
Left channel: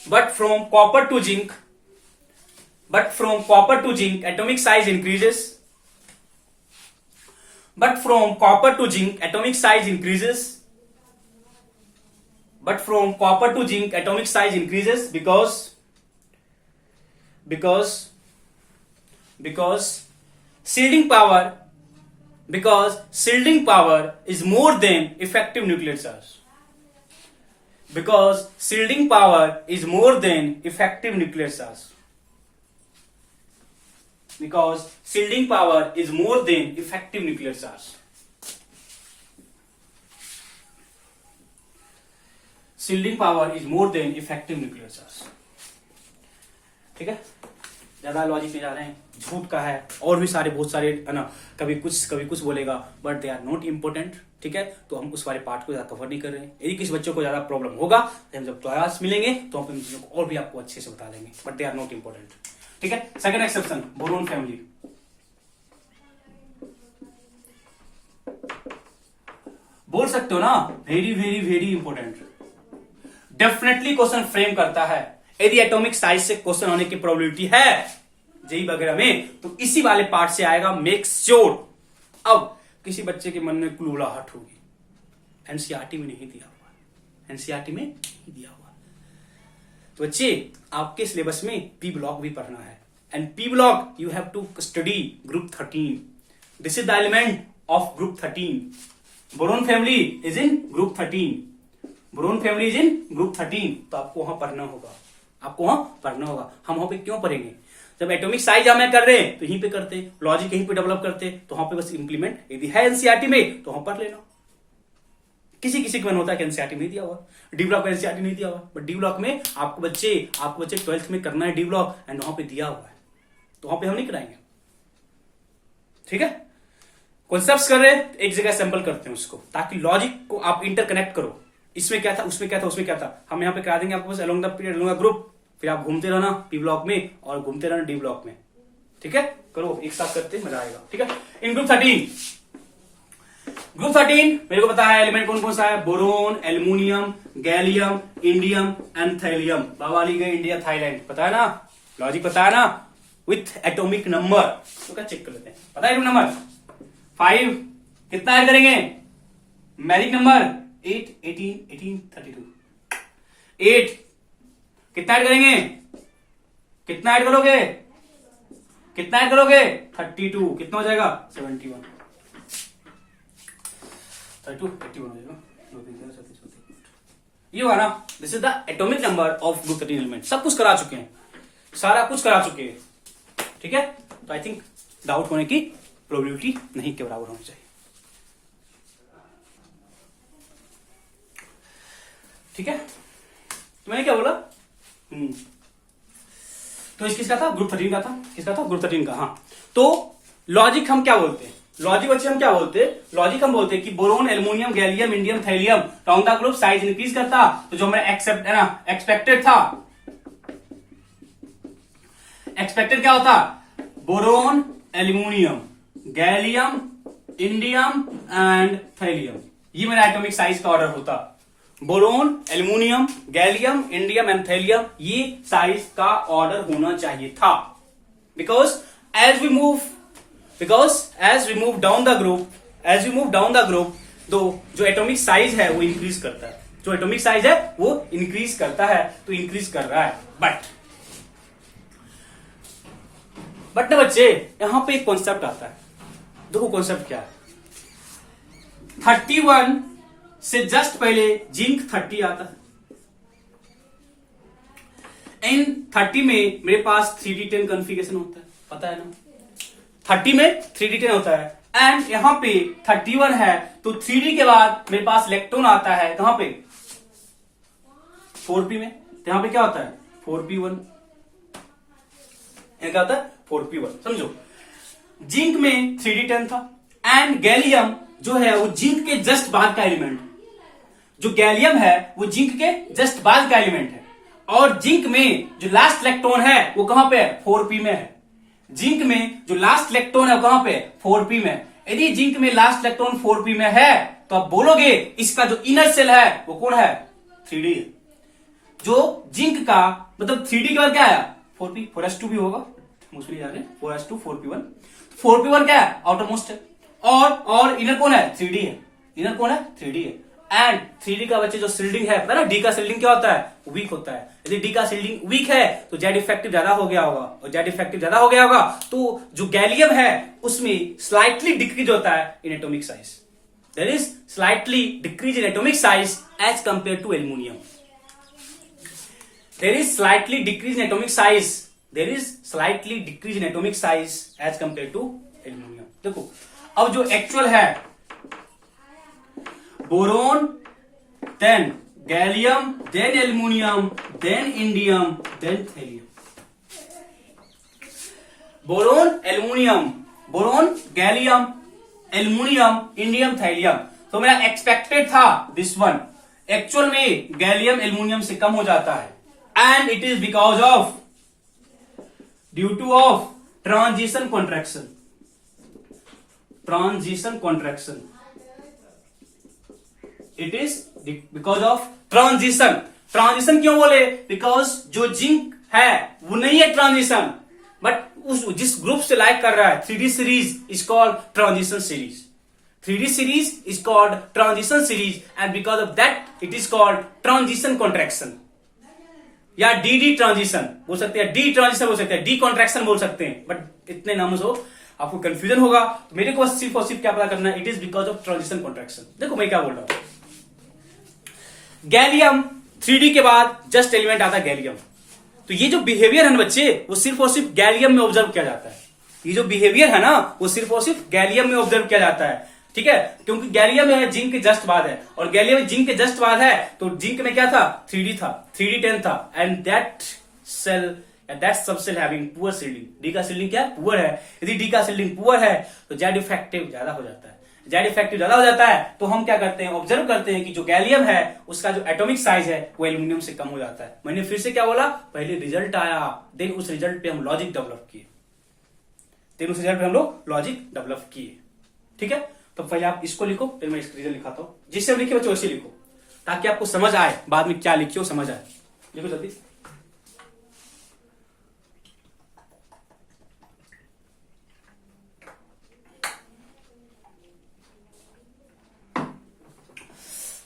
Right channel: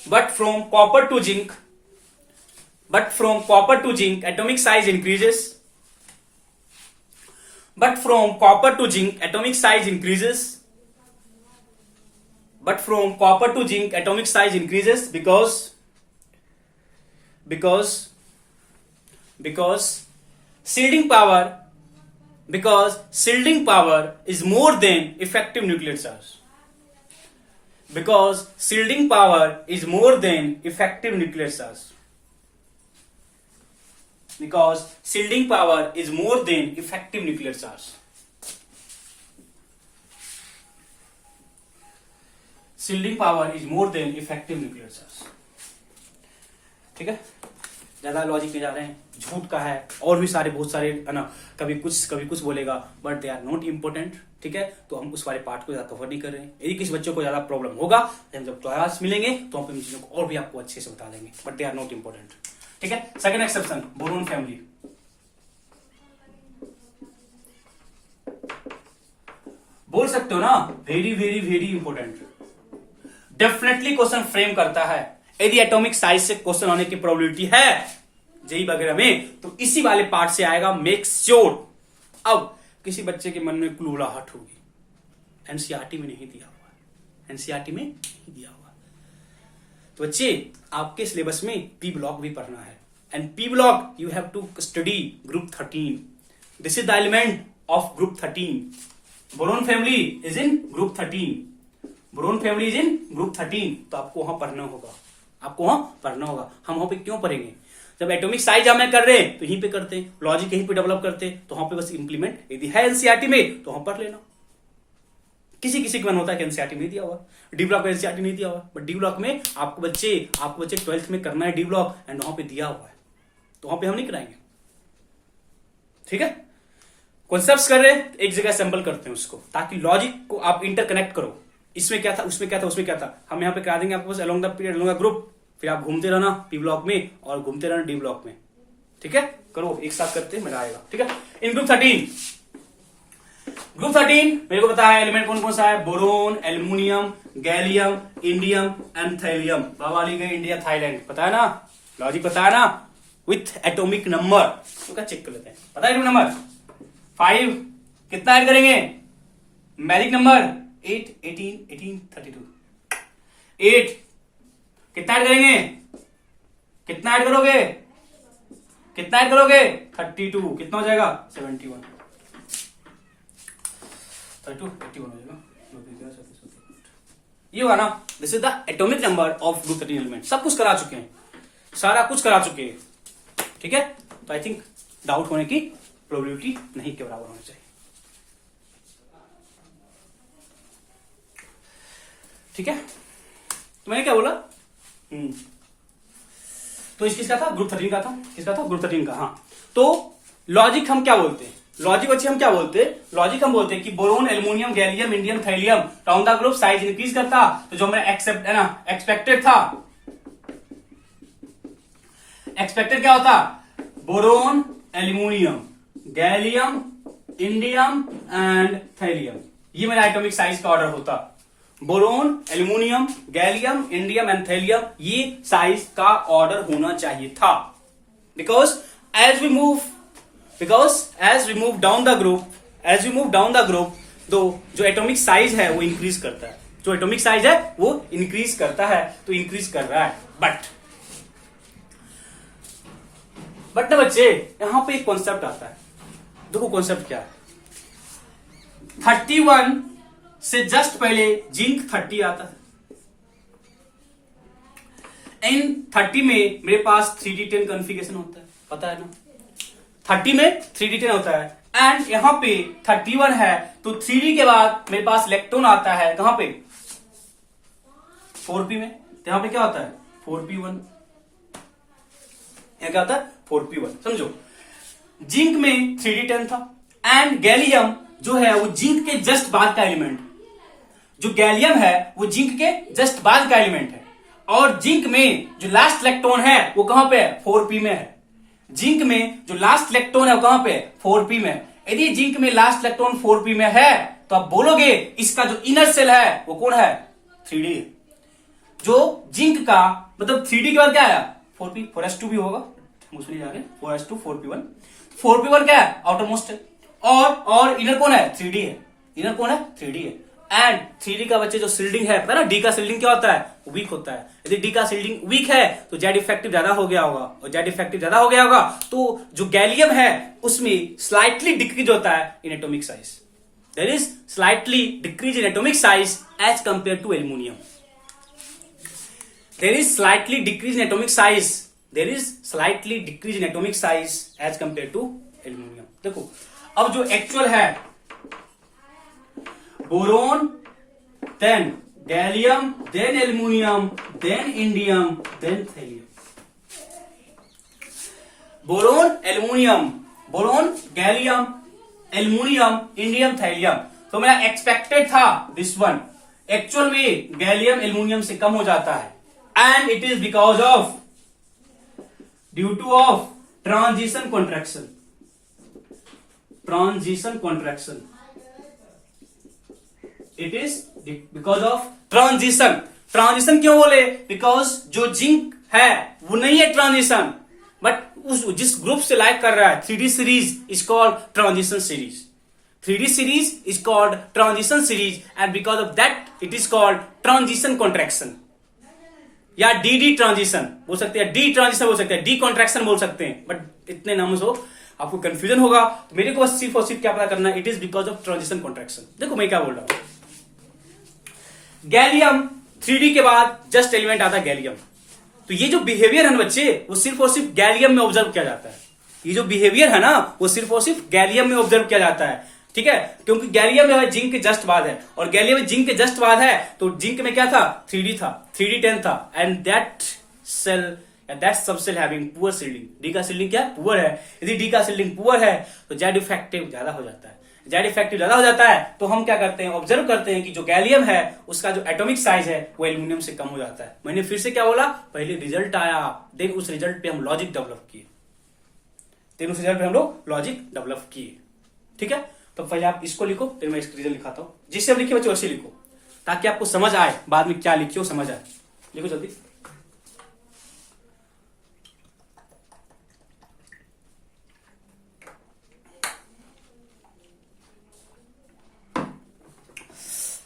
but from copper to zinc atomic size increases, but from copper to zinc atomic size increases, but from copper to zinc atomic size increases because shielding power is more than effective nuclear charge, because shielding power is more than effective nuclear charge, because shielding power is more than effective nuclear charge. Shielding power is more than effective nuclear charge. ठीक है, ज्यादा logic पे जा रहे हैं, झूठ का है और भी सारे बहुत सारे है ना, कभी कुछ बोलेगा, but they are not important. ठीक है, तो हम उस वाले पार्ट को ज्यादा कवर नहीं कर रहे हैं. यदि किसी बच्चों को ज्यादा प्रॉब्लम होगा तो हम जब क्लास मिलेंगे तो हम इन चीजों को और भी आपको अच्छे से बता देंगे, but they are not important. ठीक है, सेकंड एक्सेप्शन, बोरोन फैमिली. बोल सकते हो ना, very very very important. Definitely question frame करता है. यदि एटॉमिक साइज से क्वेश्चन आने की प्रोबेबिलिटी है जेई वगैरह में तो इसी वाले पार्ट से आएगा. Make sure. अब किसी बच्चे के मन में क्लूलाहट होगी, एनसीईआरटी में नहीं दिया हुआ, एनसीईआरटी में नहीं दिया हुआ. तो बच्चे आपके सिलेबस में पी ब्लॉक भी पढ़ना है, and P block you have to study group 13. This is the element of group 13. Boron family is in group 13. Boron family is in group 13. तो आपको वहां पढ़ना होगा, आपको वहां पढ़ना होगा. हम वहां पे क्यों पढ़ेंगे? जब एटॉमिक साइज हमें कर रहे हैं तो यहीं पे करते हैं, लॉजिक यहीं पे डेवलप करते हैं, तो वहां पे बस इंप्लीमेंट. यदि है एनसीईआरटी में तो वहां पढ़ लेना. किसी किसी का मन होता है कि एनसीईआरटी नहीं दिया हुआ, डी ब्लॉक में एनसीईआरटी नहीं दिया हुआ, बट डी ब्लॉक में आपको बच्चे 12th में करना है डी ब्लॉक, एंड वहां पे दिया हुआ है, तो वहां पे हम नहीं कराएंगे. ठीक है, कॉन्सेप्ट कर रहे हैं, एक जगह सैंपल करते हैं उसको, ताकि लॉजिक को आप इंटरकनेक्ट करो. इसमें क्या था, उसमें क्या था, उसमें क्या था, हम यहाँ पे करा देंगे आपको बस along the period, along the group. फिर आप घूमते रहना पी ब्लॉक में और घूमते रहना डी ब्लॉक में. ठीक है, करो एक साथ करते हैं, मजा आएगा. ठीक है, इन ग्रुप 13 मेरे को पता है एलिमेंट कौन कौन सा है. Boron, aluminium, gallium, indium and thallium. बाबा गए इंडिया थाईलैंड, पता है ना, लॉजिक पता है ना, विथ एटॉमिक नंबर. तो क्या चेक कर लेते हैं, पता है नंबर 5 कितना ऐड करेंगे, मैजिक नंबर 8, 18, 18, 32. 8 कितना ऐड करेंगे, कितना ऐड करोगे, कितना ऐड करोगे 32, कितना हो जाएगा 71. 32, 81 हो जाएगा. ये होगा ना. This is the atomic number of group 13 element. सब कुछ करा चुके हैं, सारा कुछ करा चुके हैं. ठीक है, तो आई थिंक डाउट होने की प्रोबेबिलिटी नहीं के बराबर होनी चाहिए. ठीक है, मैंने क्या बोला, तो किसका था, ग्रुप 13 का था. किसका था, ग्रुप 13 का. हाँ, तो लॉजिक हम क्या बोलते हैं, लॉजिक बच्चे हम क्या बोलते हैं, लॉजिक हम बोलते हैं कि boron, aluminium, gallium, indium, thallium down the group size increase करता। तो जो हमारा एक्सेप्ट है ना, एक्सपेक्टेड था, एक्सपेक्टेड क्या होता, boron, aluminium, gallium, indium and thallium, ये मेरा एटॉमिक साइज का ऑर्डर होता। Boron, aluminium, gallium, indium and thallium, ये साइज का ऑर्डर होना चाहिए था। Because as we move down the group, तो जो एटॉमिक साइज है वो इंक्रीज करता है, जो एटॉमिक साइज है वो इंक्रीज करता है, तो इंक्रीज कर रहा है। बट ना बच्चे, यहां पे एक कॉन्सेप्ट आता है। देखो कॉन्सेप्ट क्या है, 31 से जस्ट पहले जिंक 30 आता है। इन 30 में मेरे पास 3d10 कॉन्फ़िगरेशन होता है, पता है ना, 30 में 3d10 होता है। एंड यहां पे 31 है, तो 3d के बाद मेरे पास इलेक्ट्रॉन आता है कहां पे, 4p में। तो यहां पे क्या होता है, 4p1, क्या होता है, 4p1। समझो, जिंक में 3d10 था, एंड गैलियम जो है वो जिंक के जस्ट बाद का एलिमेंट, जो गैलियम है वो जिंक के जस्ट बाद का एलिमेंट है। और जिंक में जो लास्ट इलेक्ट्रॉन है वो कहां पे है, 4p में है। जिंक में जो लास्ट इलेक्ट्रॉन है वो कहां पे है, 4p में। यदि जिंक में लास्ट इलेक्ट्रॉन 4p में है, तो आप बोलोगे इसका जो इनर सेल है वो कौन है, 3d। जो जिंक का मतलब 3d के बाद क्या आया, 4p, 4s2 भी होगा, मुझे नहीं जाने, 4s2, 4p1, 4p1 क्या है, आउटरमोस्ट है। और इनर कौन है, 3d है, इनर कौन है, 3d है। एंड 3d का बच्चे जो शिल्डिंग है, पता ना डी का शिल्डिंग क्या होता है, वीक होता है। यदि डी का शिल्डिंग वीक है तो जेड इफेक्टिव ज्यादा हो गया होगा, और जेड इफेक्टिव ज्यादा हो गया होगा तो जो गैलियम है उसमें स्लाइटली डिक्रीज होता है in atomic size. There is slightly decrease in atomic size as compare to aluminium. There is slightly decrease in atomic size, there is slightly decrease in atomic size as compare to aluminium. देखो अब जो actual है, boron, then gallium, then aluminium, then indium, then thallium. Boron, gallium, aluminium, indium, thallium. तो मेरा expected था this one, actual में gallium aluminium से कम हो जाता है। And it is because of, due two of transition contraction, it is because of transition क्यों बोले, बिकॉज जो जिंक है वो नहीं है ट्रांजिशन, बट उस जिस ग्रुप से लाइक कर रहा है 3d series is called transition series, 3d series is called transition series, and because of that it is called transition contraction, या डी ट्रांजिशन बोल सकते हैं, डी ट्रांजिशन बोल सकते हैं, डी कॉन्ट्रैक्शन बोल सकते हैं। बट इतने नामों से आपको कंफ्यूजन होगा, तो मेरे को सिर्फ और सिर्फ क्या पता करना है, it is because of transition contraction. देखो मैं क्या बोल रहा हूं, गैलियम 3d के बाद जस्ट एलिमेंट आता है गैलियम। तो ये जो बिहेवियर है ना बच्चे, वो सिर्फ और सिर्फ गैलियम में ऑब्जर्व किया जाता है। ये जो बिहेवियर है ना वो सिर्फ और सिर्फ गैलियम में ऑब्जर्व किया जाता है, ठीक है, क्योंकि गैलियम में जिंक के जस्ट बाद है, और गैलियम में जिंक के जस्ट बाद है, तो जिंक में क्या था, 3d था, 3d10 था, and that shell that subshell having poor shielding. D का सील्डिंग क्या है, पुअर है। यदि डी का सील्डिंग पुअर है तो जेड इफेक्टिव ज्यादा हो जाता है। जेड इफेक्टिव ज्यादा हो जाता है तो हम क्या करते हैं, ऑब्जर्व करते हैं कि जो गैलियम है उसका जो एटॉमिक साइज है वो एल्युमिनियम से कम हो जाता है। मैंने फिर से क्या बोला, पहले रिजल्ट आया, देन उस रिजल्ट पे हम लॉजिक डेवलप किए, ठीक है। तो पहले आप इसको लिखो, फिर मैं इसका रिजल्ट लिखाता हूं, जिससे हम लिखे बच्चे वैसे लिखो, ताकि आपको समझ आए बाद में क्या लिखे हो, समझ आए। लिखो जल्दी।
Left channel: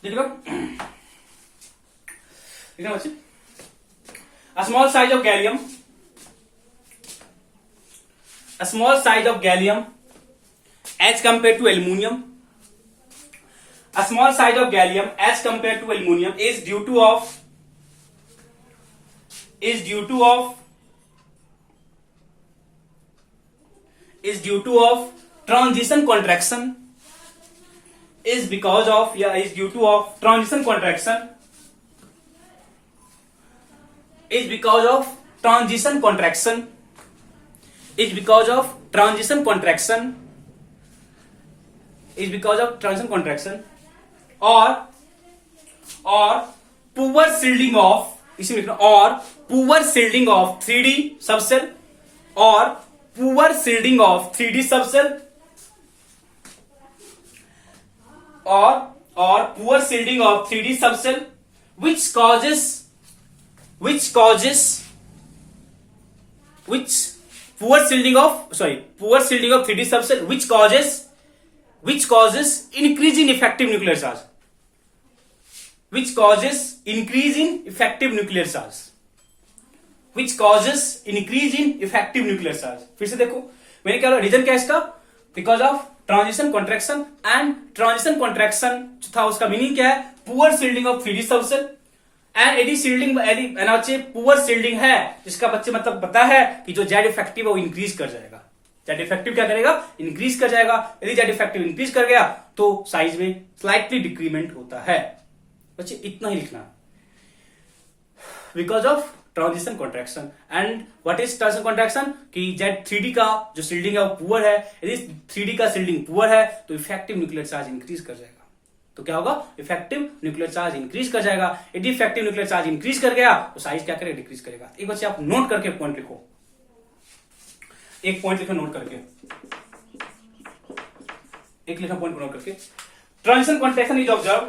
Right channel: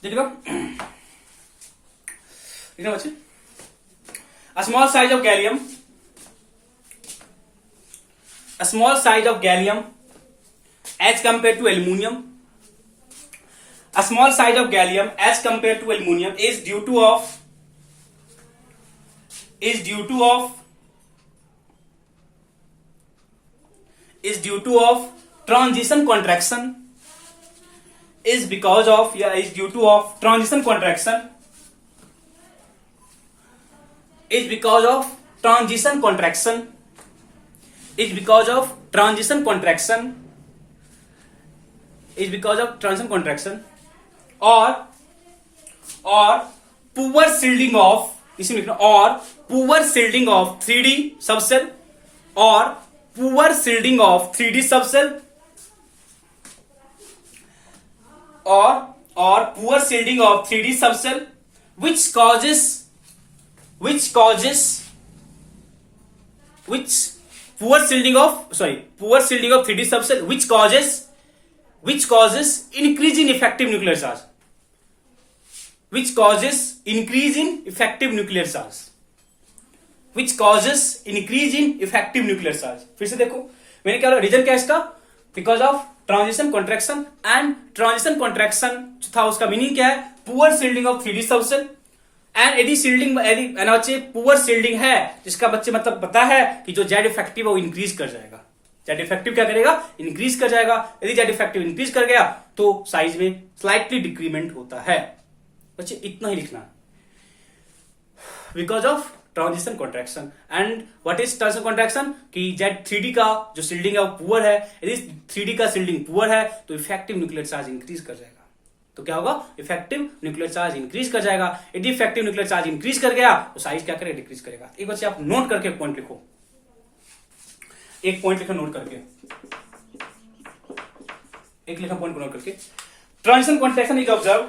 लिखो बच्चे, a small size of gallium as compared to aluminium, a small size of gallium as compared to aluminium is due to transition contraction, is because of due to transition contraction, is because of transition contraction is because of transition contraction or poor shielding of, इसमें लिखना, और poor shielding of 3D subcell और poor shielding of 3D subcell or poor shielding of 3D subcell which causes poor shielding of 3D subcell which causes increase in effective nuclear charge, which causes increase in effective nuclear charge, which causes increase in effective nuclear charge। फिर से देखो मैंने क्या बोला, reason क्या है इसका, because of transition contraction, and transition contraction था उसका मीनिंग क्या है, poor shielding of 3D subshell. And यदि शील्डिंग यदि पुअर शील्डिंग है जिसका बच्चे मतलब पता है कि जो जेड इफेक्टिव है वो इंक्रीज कर जाएगा, जेड इफेक्टिव क्या करेगा, इंक्रीज कर जाएगा। यदि जेड इफेक्टिव इंक्रीज कर गया तो साइज में स्लाइटली डिक्रीमेंट होता है। बच्चे इतना ही लिखना है, because of transition contraction. And what is transition contraction, कि जेड 3D का जो शील्डिंग है वो पुअर है, यदि 3D का शील्डिंग पुअर है तो इफेक्टिव न्यूक्लियर चार्ज इंक्रीज कर जाएगा। तो क्या होगा, इफेक्टिव न्यूक्लियर चार्ज इंक्रीज कर जाएगा। यदि इफेक्टिव न्यूक्लियर चार्ज इंक्रीज कर गया तो साइज क्या करेगा, डिक्रीज करेगा। एक बच्चे आप नोट करके पॉइंट लिखो, एक पॉइंट लिखो नोट करके, एक लिखा पॉइंट नोट करके। Transition contraction is observe,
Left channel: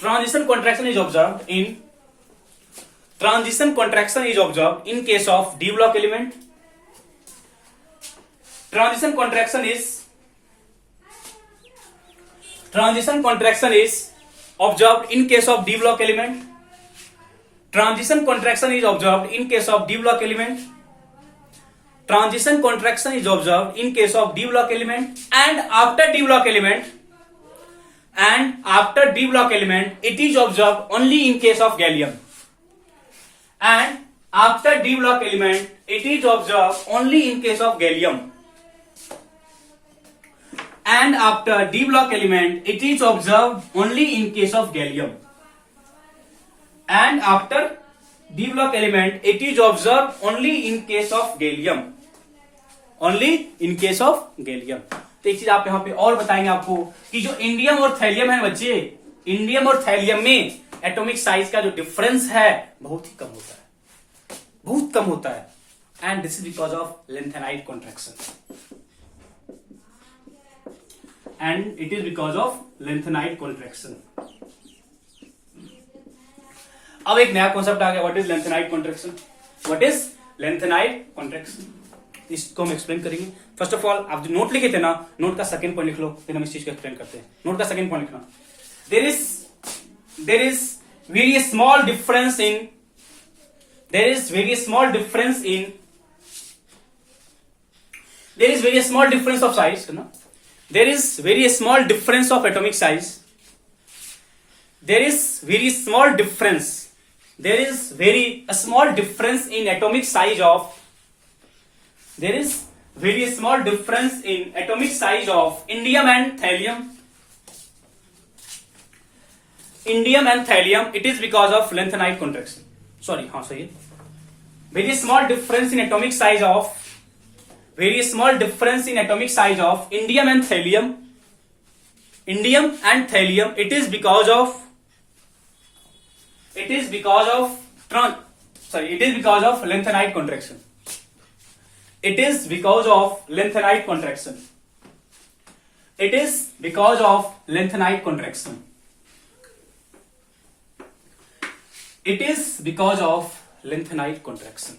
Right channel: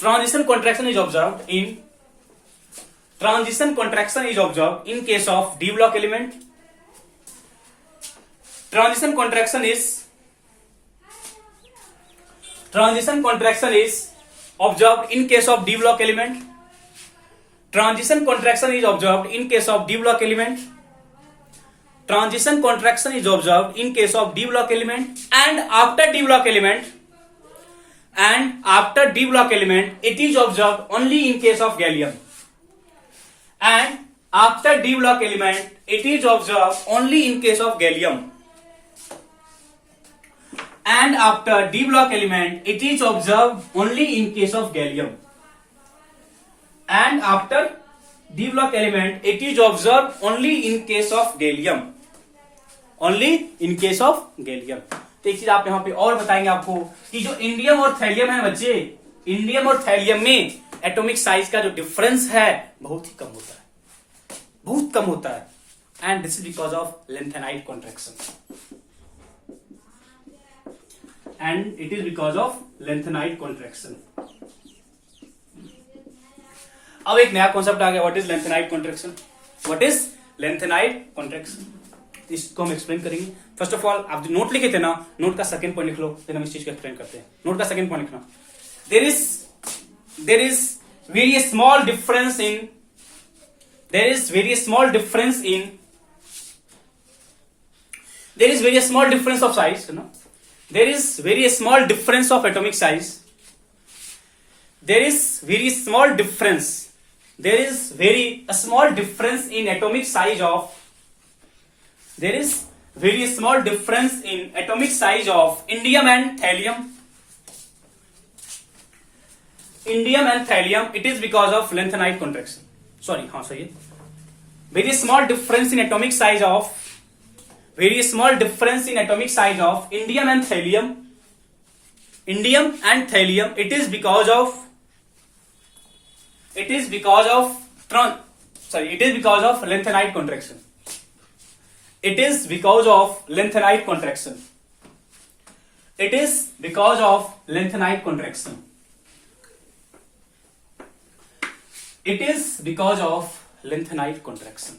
transition contraction is observed in case of d block element. Transition contraction is observed in case of d block element. Transition contraction is observed in case of d block element. Transition contraction is observed in case of d block element, and after d block element it is observed only in case of gallium, and after d block element it is observed only in case of gallium, and after d block element it is observed only in case of gallium, and after d block element it is observed only in case of gallium, only in case of gallium। तो एक चीज आप यहां पे और बताएंगे आपको कि जो इंडियम और थैलियम है बच्चे, इंडियम और थैलियम में एटॉमिक साइज का जो डिफरेंस है बहुत ही कम होता है, बहुत कम होता है। And this is because of lanthanide contraction, and it is because of lanthanide contraction. अब एक नया कॉन्सेप्ट आ गया, what is lanthanide contraction, what is lanthanide contraction, इसको हम एक्सप्लेन करेंगे। फर्स्ट ऑफ ऑल आप जो नोट लिखे थे ना, नोट का सेकंड पॉइंट लिख लो, फिर हम इस चीज को एक्सप्लेन करते हैं। नोट का सेकंड पॉइंट लिखना, there is very small difference in of size, there is very small difference of atomic size, there is very small difference in atomic size of, there is very small difference in atomic size of indium and thallium. It is because of lengthenide contraction. Sorry, हाँ सही है। Very small difference in atomic size of indium and thallium. It is because of lengthenide contraction. It is because of lengthenide contraction. It is because of lengthenide contraction. It is because of lengthenide contraction.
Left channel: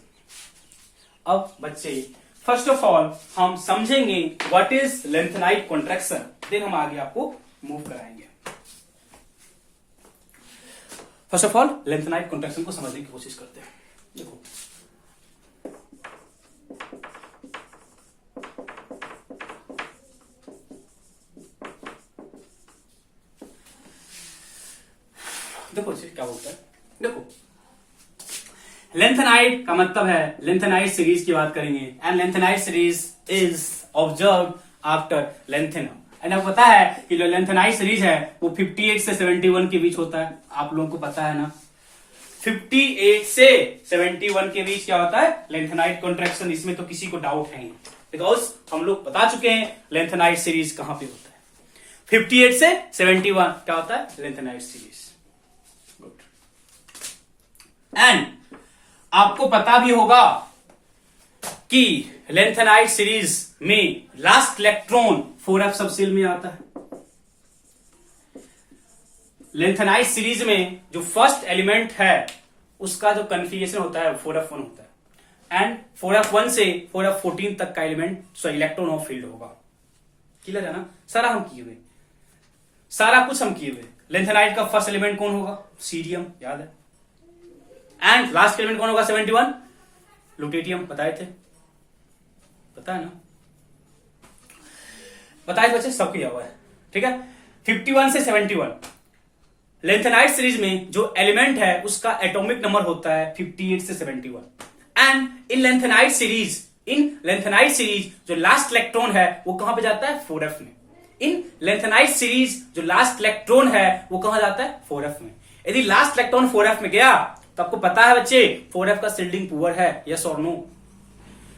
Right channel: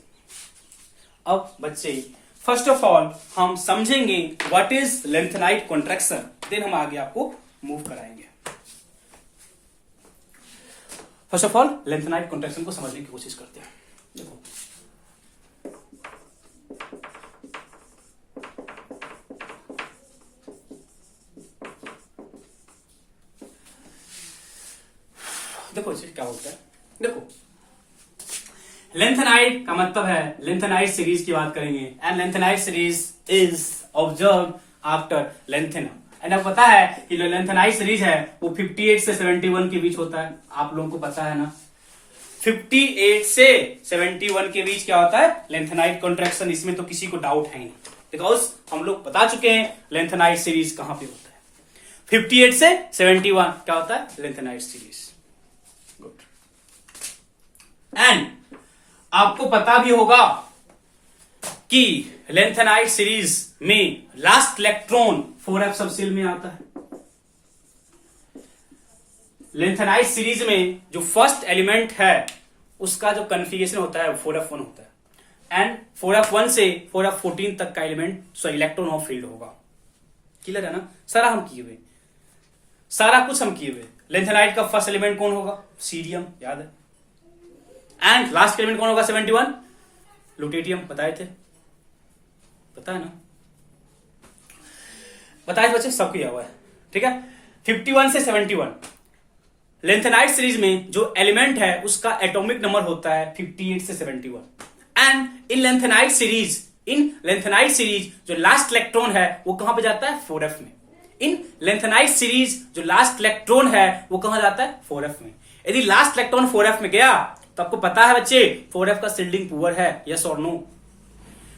अब बच्चे first of all हम समझेंगे what is lanthanide contraction, then हम आगे आपको move कराएंगे। First of all lanthanide contraction को समझने की कोशिश करते हैं। देखो देखो जी क्या होता है, देखो लेंथेनाइड का मतलब है, लेंथेनाइड सीरीज की बात करेंगे, and lanthanide series is observe after lanthanum. And आपको पता है कि जो लेंथेनाइड सीरीज है वो 58 से 71 के बीच होता है, आप लोगों को पता है ना, 58 से 71 के बीच क्या होता है लेंथेनाइड कॉन्ट्रैक्शन, इसमें तो किसी को डाउट है नहीं। बिकॉज हम लोग बता चुके हैं लेंथेनाइड सीरीज कहां पे होता है। 58 से 71 क्या होता है? Lanthanide series. गुड। एंड आपको पता भी होगा कि लेंथेनाइड सीरीज में लास्ट इलेक्ट्रॉन 4f सबसेल में आता है। लेंथेनाइड सीरीज में जो फर्स्ट एलिमेंट है उसका जो कन्फिगरेशन होता है 4f1 होता है एंड 4f1 से 4f14 तक का एलिमेंट इलेक्ट्रॉन ऑफ फील्ड होगा। क्लियर है ना? सारा हम किए हुए, सारा कुछ हम किए हुए। लेंथेनाइड का फर्स्ट एलिमेंट कौन होगा? सीरियम, याद है। एंड लास्ट एलिमेंट कौन होगा? 71 लुटेटियम, बताए थे, पता है ना? बताए बच्चे, सब किया हुआ है। ठीक है। 51 से 71 लेंथेनाइड सीरीज में जो एलिमेंट है उसका एटॉमिक नंबर होता है 58 से 71 एंड इन लेंथेनाइड सीरीज जो लास्ट इलेक्ट्रॉन है वो कहां पे जाता है? 4f में। इन लेंथेनाइड सीरीज जो लास्ट इलेक्ट्रॉन है वो कहां जाता है? 4f में। यदि लास्ट इलेक्ट्रॉन 4f में गया तो आपको पता है बच्चे 4f का शिल्डिंग पुअर है, यस और नो?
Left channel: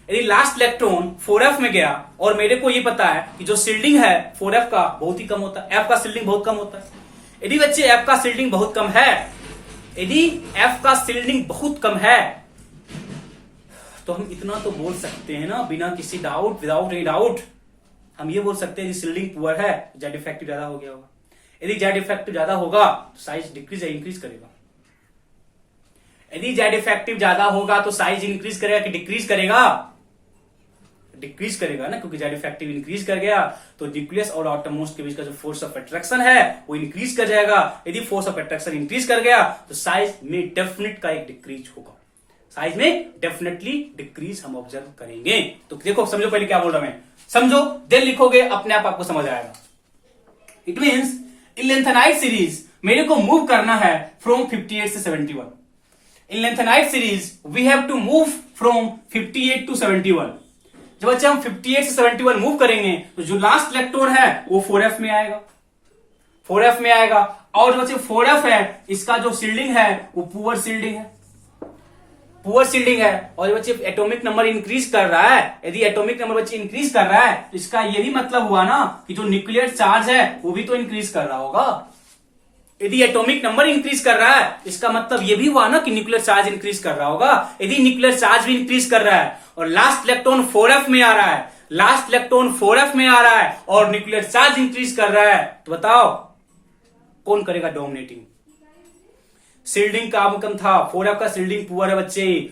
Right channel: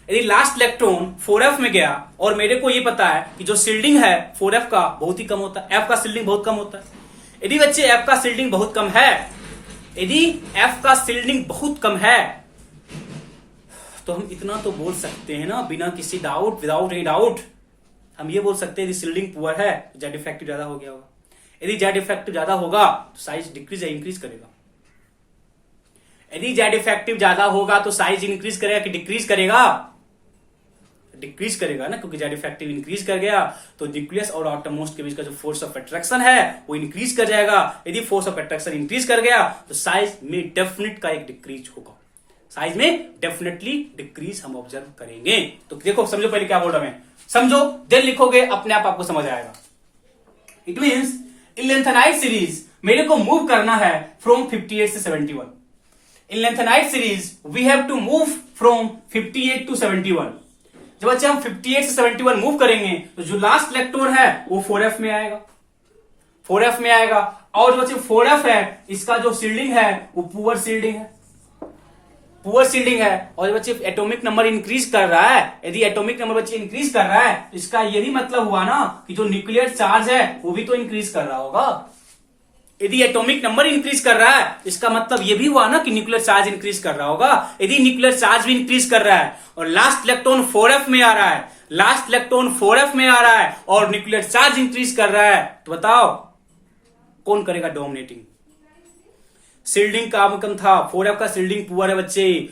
यदि लास्ट इलेक्ट्रॉन 4f में गया और मेरे को ये पता है कि जो शिल्डिंग है 4f का बहुत ही कम होता है, f का शिल्डिंग बहुत कम होता है। यदि बच्चे f का शिल्डिंग बहुत कम है, यदि f का शिल्डिंग बहुत कम है तो हम इतना तो बोल सकते हैं ना बिना किसी डाउट, विदाउट एनी डाउट, हम ये बोल सकते हैं यदि शिल्डिंग पुअर है जेड इफेक्टिव ज्यादा हो गया होगा। यदि जेड इफेक्टिव ज्यादा होगा तो साइज डिक्रीज या इंक्रीज करेगा। यदि जेड इफेक्टिव ज्यादा होगा तो साइज इंक्रीज करेगा कि डिक्रीज करेगा? डिक्रीज करेगा ना, क्योंकि जेड इफेक्टिव इंक्रीज कर गया तो न्यूक्लियस और आउटरमोस्ट के बीच का जो फोर्स ऑफ अट्रैक्शन है वो इंक्रीज कर जाएगा। यदि फोर्स ऑफ अट्रैक्शन इंक्रीज कर गया तो साइज में डेफिनेट का एक डिक्रीज होगा, साइज में डेफिनेटली डिक्रीज हम ऑब्जर्व करेंगे। तो देखो, समझो पहले क्या बोल रहा मैं, समझो देन लिखोगे, अपने आप आपको समझ आएगा। It means in lanthanide series मेरे को मूव करना है फ्रॉम 58 से 71। In lanthanide series we have to move from 58 to 71। जब बच्चे हम 58 से 71 मूव करेंगे तो जो लास्ट इलेक्ट्रॉन है वो 4f में आएगा, 4f में आएगा। और जो बच्चे 4f है इसका जो शिल्डिंग है वो पुअर शिल्डिंग है, पुअर शिल्डिंग है। और बच्चे एटॉमिक नंबर इंक्रीज कर रहा है, यदि एटॉमिक नंबर बच्चे इंक्रीज कर रहा है तो इसका ये भी मतलब हुआ ना कि जो न्यूक्लियर चार्ज है वो भी तो इंक्रीज कर रहा होगा। यदि एटॉमिक नंबर इंक्रीज कर रहा है इसका मतलब ये भी हुआ ना कि न्यूक्लियर चार्ज इंक्रीज कर रहा होगा। यदि न्यूक्लियर चार्ज भी इंक्रीज कर रहा है और लास्ट इलेक्ट्रॉन 4f में आ रहा है, लास्ट इलेक्ट्रॉन 4f में आ रहा है और न्यूक्लियर चार्ज इंक्रीज कर रहा है, तो बताओ कौन करेगा डोमिनेटिंग? शिल्डिंग काम कम था, 4f का शिल्डिंग पुअर है बच्चे,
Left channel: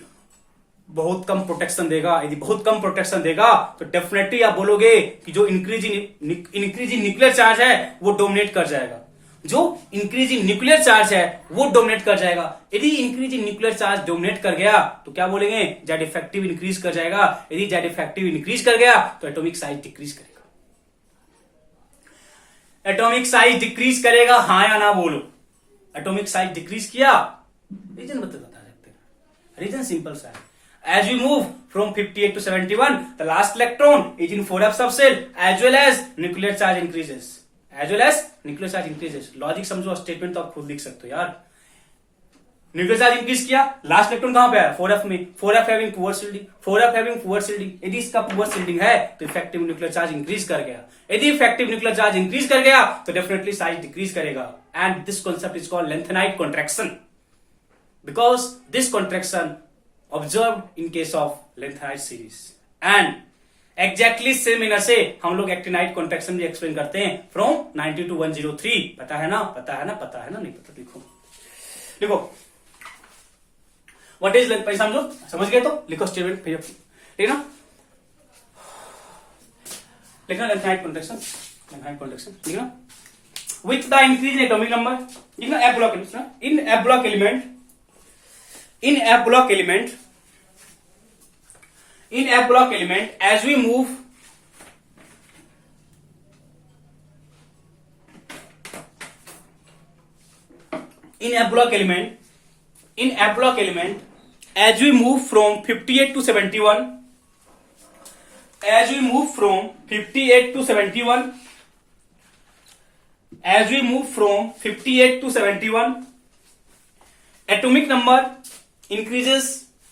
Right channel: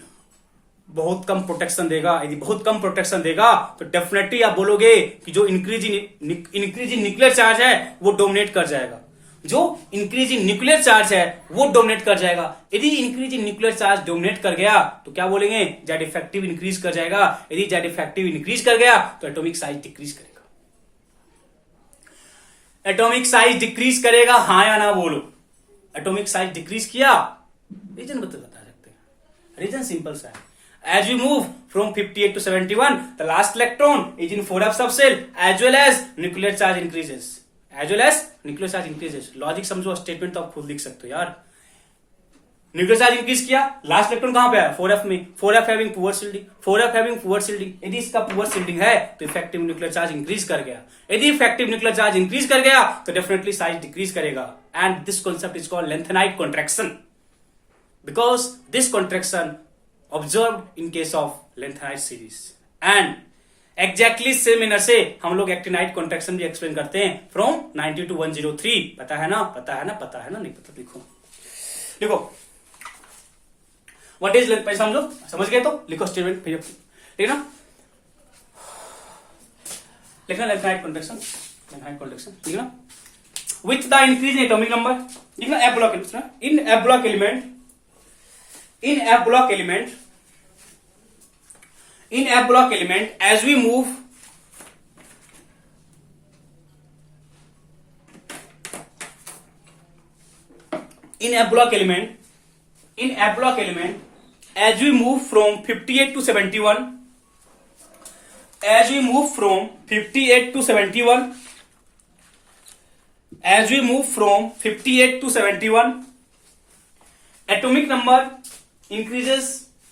बहुत कम प्रोटेक्शन देगा। यदि बहुत कम प्रोटेक्शन देगा तो डेफिनेटली आप बोलोगे कि जो इंक्रीज इन न्यूक्लियर चार्ज है वो डोमिनेट कर जाएगा, जो इंक्रीज इन न्यूक्लियर चार्ज है वो डोमिनेट कर जाएगा। यदि increase in nuclear charge dominate कर गया तो क्या बोलेंगे? जेड इफेक्टिव इंक्रीज कर जाएगा। यदि जेड इफेक्टिव इंक्रीज कर गया तो एटॉमिक साइज डिक्रीज करेगा। एटॉमिक साइज डिक्रीज करेगा, हाँ या ना बोलो? एटॉमिक साइज डिक्रीज किया, रीजन बता सकते हैं। रीजन सिंपल सा है, as we move from 58 to 71 the last electron is in 4f subshell as well as nuclear charge increases, as well as nuclear charge increases। Logic समझो, statement तो आप खुद लिख सकते हो यार। न्यूक्लियर चार्ज इंक्रीज किया, लास्ट इलेक्ट्रॉन कहां पे है? 4f में। 4f having poor shielding, 4f having poor shielding. यदि इसका पुअर शिल्डिंग है तो इफेक्टिव न्यूक्लियर चार्ज इंक्रीज कर गया। यदि इफेक्टिव न्यूक्लियर चार्ज इंक्रीज कर गया तो डेफिनेटली साइज डिक्रीज करेगा। And this concept is called lanthanide contraction, because this contraction observed in case of lengthenide series and exactly same manner से हम लोग एक्टिनाइड कॉन्ट्रैक्शन भी एक्सप्लेन करते हैं फ्रॉम 90 to 103। पता है ना? पता है ना? पता है ना? नहीं पता देखो, देखो व्हाट इज लेंथ, समझो, समझ गए तो लिखो स्टेटमेंट, ठीक है ना? लिखना लेंथेनाइड कॉन्ट्रैक्शन, लेंथेनाइड कॉन्ट्रैक्शन, ठीक है ना? With the increase in atomic number, ठीक है ना? F block in F block element, in F block element, in F block element as we move in F block element, in F block element as we move from 58 to 71, as we move from 58 to 71, as we move from 58 to 71 atomic number increases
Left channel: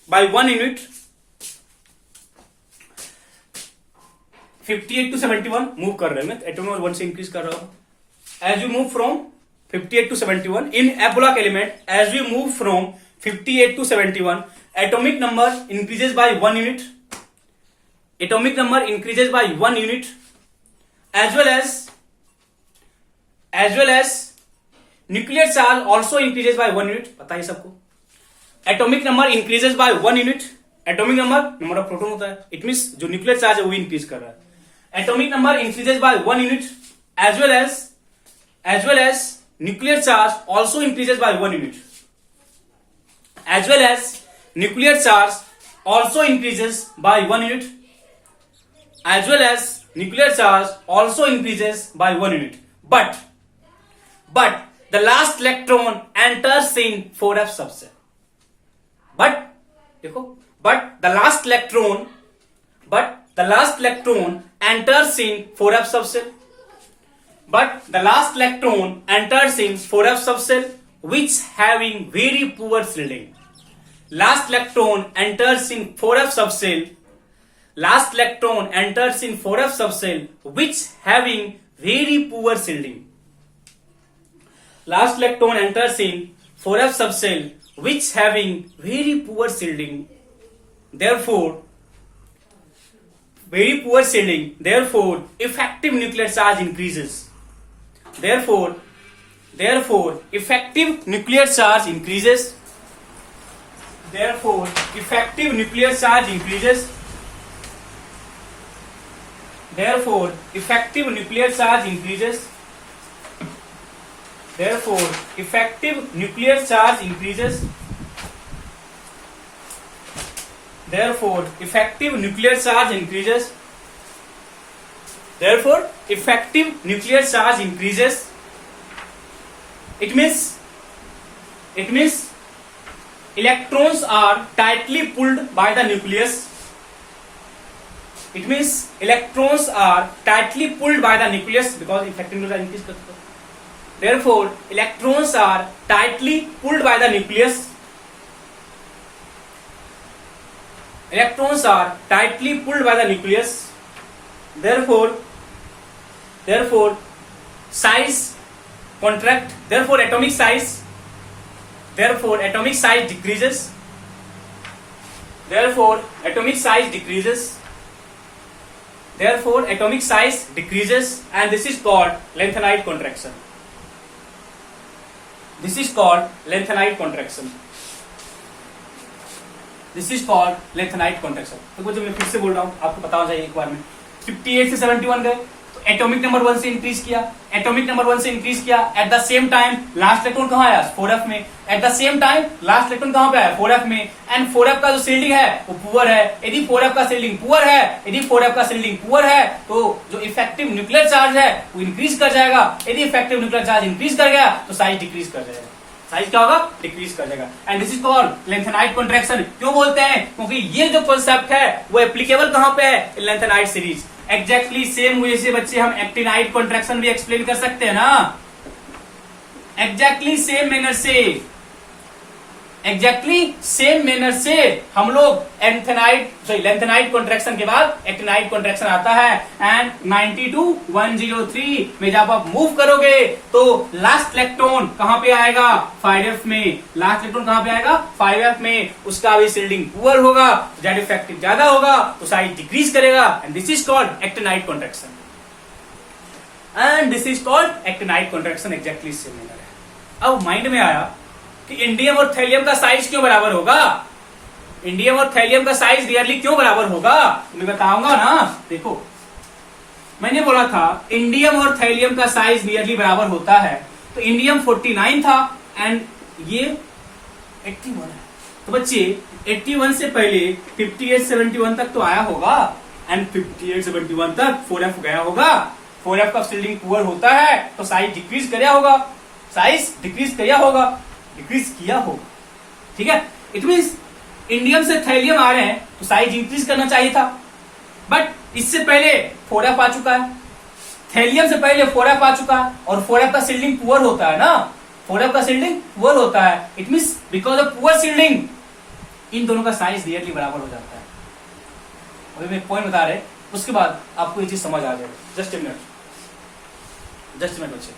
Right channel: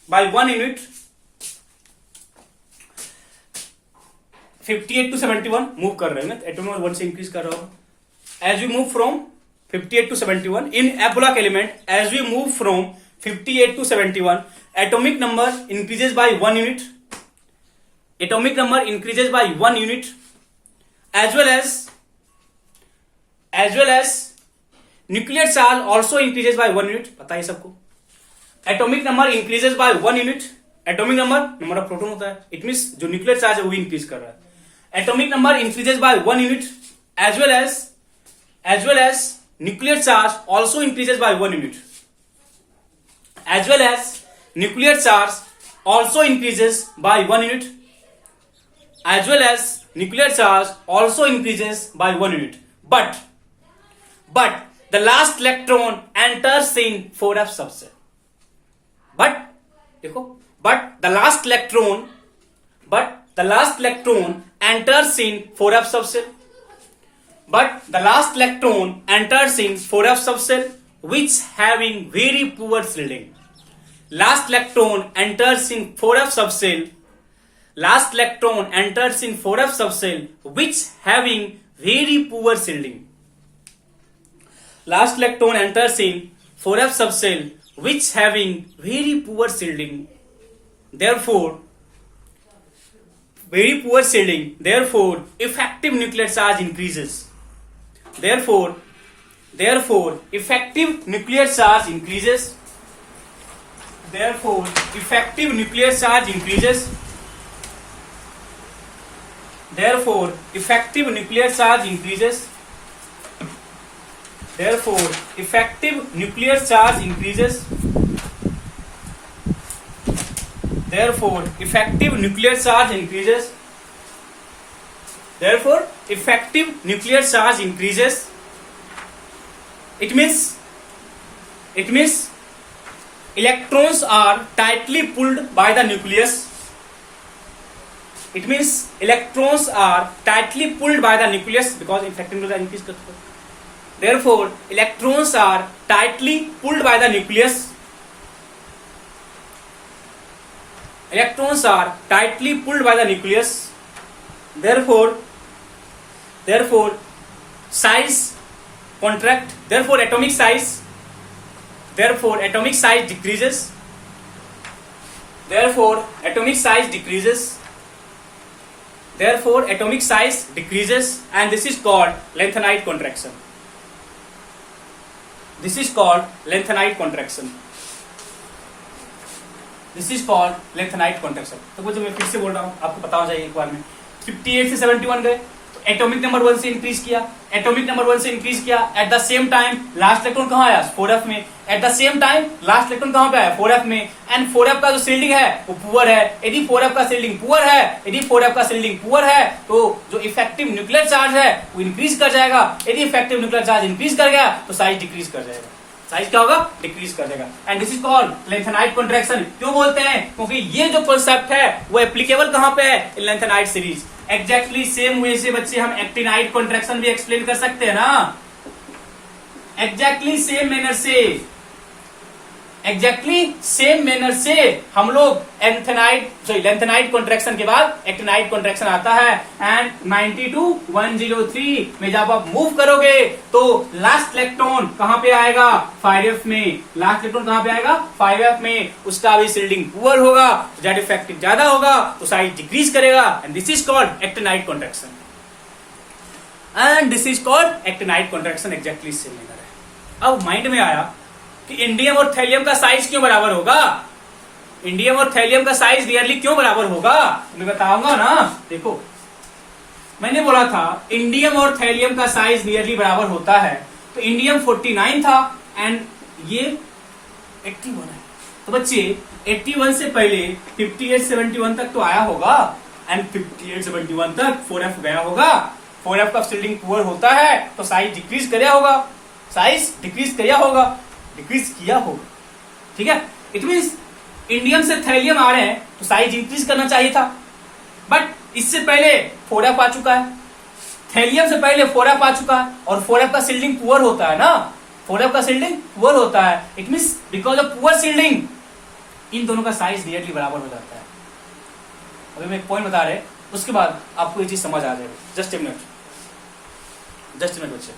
by 1 unit, 58 to 71 move कर रहे हैं, atomic number 1 से increase कर रहा होगा। As we move from 58 to 71 in a block element, as we move from 58 to 71 atomic number increases by 1 unit, atomic number increases by 1 unit, as well as nuclear charge also increases by 1 unit। पता है सबको, atomic number increases by 1 unit, atomic number of proton होता है, it means जो nuclear charge है वो भी increase कर रहा है। atomic number increases by 1 unit, as well as nuclear charge also increases by 1 unit, as well as nuclear charge also increases by 1 unit, as well as nuclear charge also increases by 1 unit, but the last electron enters in 4f subshell, but the last electron enters in 4f subshell, but the last electron enters in 4f subshell which having very poor shielding। Last electron enters in 4f subshell, last electron enters in 4f subshell which having very poor shielding। Last electron enters in 4f subshell which having very poor shielding, therefore very poor shielding, therefore effective nuclear charge increases, therefore effective nuclear charge increases, therefore effective nuclear charge increases, therefore effective nuclear charge increases, therefore effective nuclear charge increases, therefore effective nuclear charge increases, therefore effective nuclear charge increases। It means electrons are tightly pulled by the nucleus, it means electrons are tightly pulled by the nucleus because effective nuclear increase करता है, therefore electrons are tightly pulled by the nucleus, electrons are tightly pulled by the nucleus, therefore size contract, therefore atomic size decreases, therefore atomic size decreases, therefore atomic size decreases, and this is called lengthenite contraction, this is called lengthenite contraction, this is called lengthenite contraction। तो कुछ मैं फिर से बोल रहा हूं, आपको पता हो जाए एक बार में। 58 से 71 गए तो एटॉमिक नंबर 1 से इंक्रीज किया, एटॉमिक नंबर 1 से इंक्रीज किया, eight the same time last electron कहां आया, 4f में, eight the same time last electron कहां पे आया, 4f में, एंड 4f का जो शील्डिंग है वो पुअर है। यदि 4f का शील्डिंग पुअर है, यदि 4f का शील्डिंग पुअर है तो जो इफेक्टिव न्यूक्लियर चार्ज है वो इंक्रीज कर जाएगा, यदि इफेक्टिव न्यूक्लियर चार्ज इंक्रीज कर गया तो साइज डिक्रीज कर जाएगा, साइज क्या होगा, डिक्रीज कर जाएगा, and this is called lanthanide contraction. क्यों बोलते हैं, क्योंकि ये जो कॉन्सेप्ट है वो एप्लीकेबल कहां पे है, lanthanide series. Exactly same way से बच्चे हम एक्टिनाइट कॉन्ट्रैक्शन भी एक्सप्लेन कर सकते हैं ना, एग्जैक्टली सेम मैनर से हम लोग लेंथेनाइट कॉन्ट्रैक्शन के बाद एक्टिनाइट कॉन्ट्रैक्शन आता है, एंड 92103 में जब आप मूव करोगे तो लास्ट इलेक्ट्रॉन कहां पे आएगा, 5f में, लास्ट इलेक्ट्रॉन कहां पे आएगा, 5f में, उसका भी शील्डिंग पुअर होगा, जेड इफेक्टिव ज्यादा होगा तो साइज डिक्रीज करेगा, and this is called actinide contraction, and this is called actinide contraction. Exactly same manner है। अब माइंड में आया कि इंडियम और थैलियम का साइज क्यों बराबर होगा, इंडियम और थैलियम का साइज नियरली क्यों बराबर होगा, मैं बताऊंगा ना। देखो मैंने बोला था इंडियम और थैलियम का साइज नियरली बराबर होता है, तो इंडियम 49 था एंड ये 81 है, तो बच्चे 81 से पहले 58-71 तक तो आया होगा, एंड 58-71 तक 4f गया होगा, 4f का शील्डिंग पुअर होता है तो साइज डिक्रीज किया होगा, साइज डिक्रीज किया होगा, ठीक है। इट मीन्स इंडियम से थैलियम आ रहे हैं तो साइज इंक्रीज करना चाहिए था, बट इससे पहले 4f आ चुका है, थैलियम से पहले 4f आ चुका है, और 4f का शील्डिंग पुअर होता है ना, 4f का शील्डिंग पुअर होता है, it means because of poor shielding in दोनों का साइज नियरली बराबर हो जाता है। अभी मैं एक पॉइंट बता रहे उसके बाद आपको ये चीज समझ आ जाएगी। जस्ट ए मिनट बच्चे।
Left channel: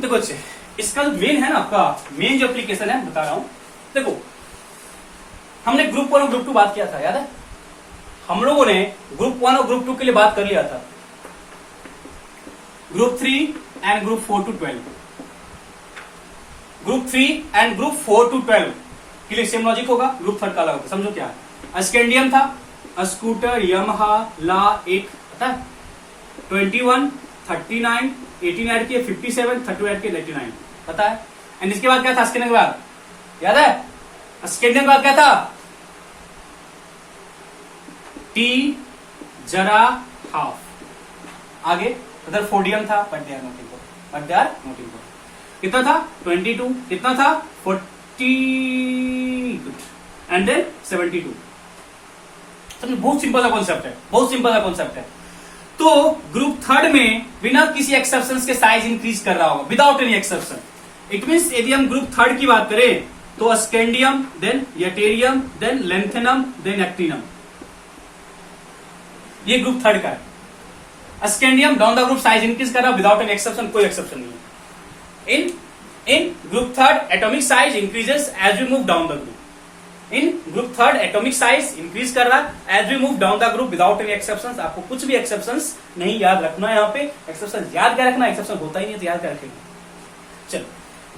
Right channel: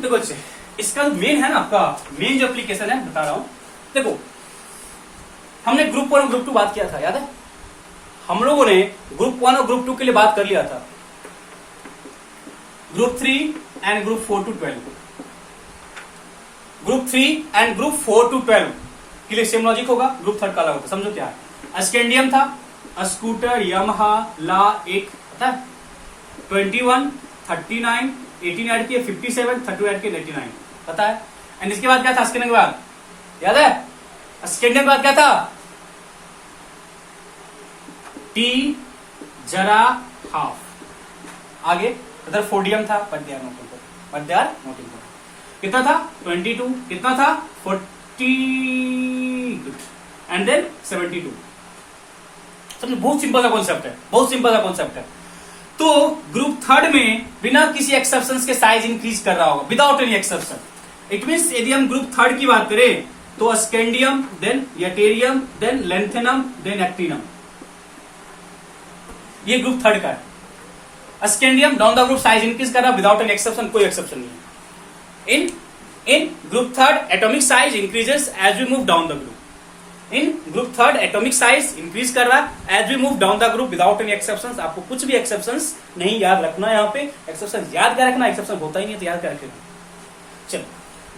देखो बच्चे, इसका जो मेन है ना, आपका मेन जो एप्लीकेशन है बता रहा हूं। देखो, हमने ग्रुप 1 और ग्रुप 2 बात किया था, याद है? हम लोगों ने ग्रुप 1 और ग्रुप 2 के लिए बात कर लिया था। Group 3 and group 4 to 12, group 3 and group 4 to 12 के लिए सेम लॉजिक होगा, ग्रुप 3 का अलग होगा। समझो क्या है। स्कैंडियम था, स्कूटर, यमहा, ला, एक पता है, 21, 39, 18 ऐड किए 57, 32 ऐड किए 89, पता है। एंड इसके बाद क्या था? स्कैंडियम के बाद याद है? स्कैंडियम के बाद क्या था? टी, जरा, हाफ, आगे अदर फोडियम था, but they are not important. कितना था? 22, कितना था? 40 एंड देन 72। समझे? बहुत सिंपल सा कॉन्सेप्ट है, बहुत सिंपल सा कॉन्सेप्ट है। तो ग्रुप 3 में बिना किसी एक्सेप्शन के साइज इंक्रीज कर रहा होगा, without any exception. It means यदि हम ग्रुप 3 की बात करें तो scandium, then yttrium, then lanthanum, then actinium, ये ग्रुप 3 का है। Scandium down the group size increase कर रहा है विदाउट एनी एक्सेप्शन, कोई एक्सेप्शन नहीं है। In group 3 atomic size increases as we move down the group. In group 3 atomic size increase कर रहा है as we move down the group without any exceptions. आपको कुछ भी एक्सेप्शंस नहीं याद रखना है। यहाँ पे एक्सेप्शन याद क्या रखना, एक्सेप्शन होता ही नहीं तो याद क्या रखेगा। चलो,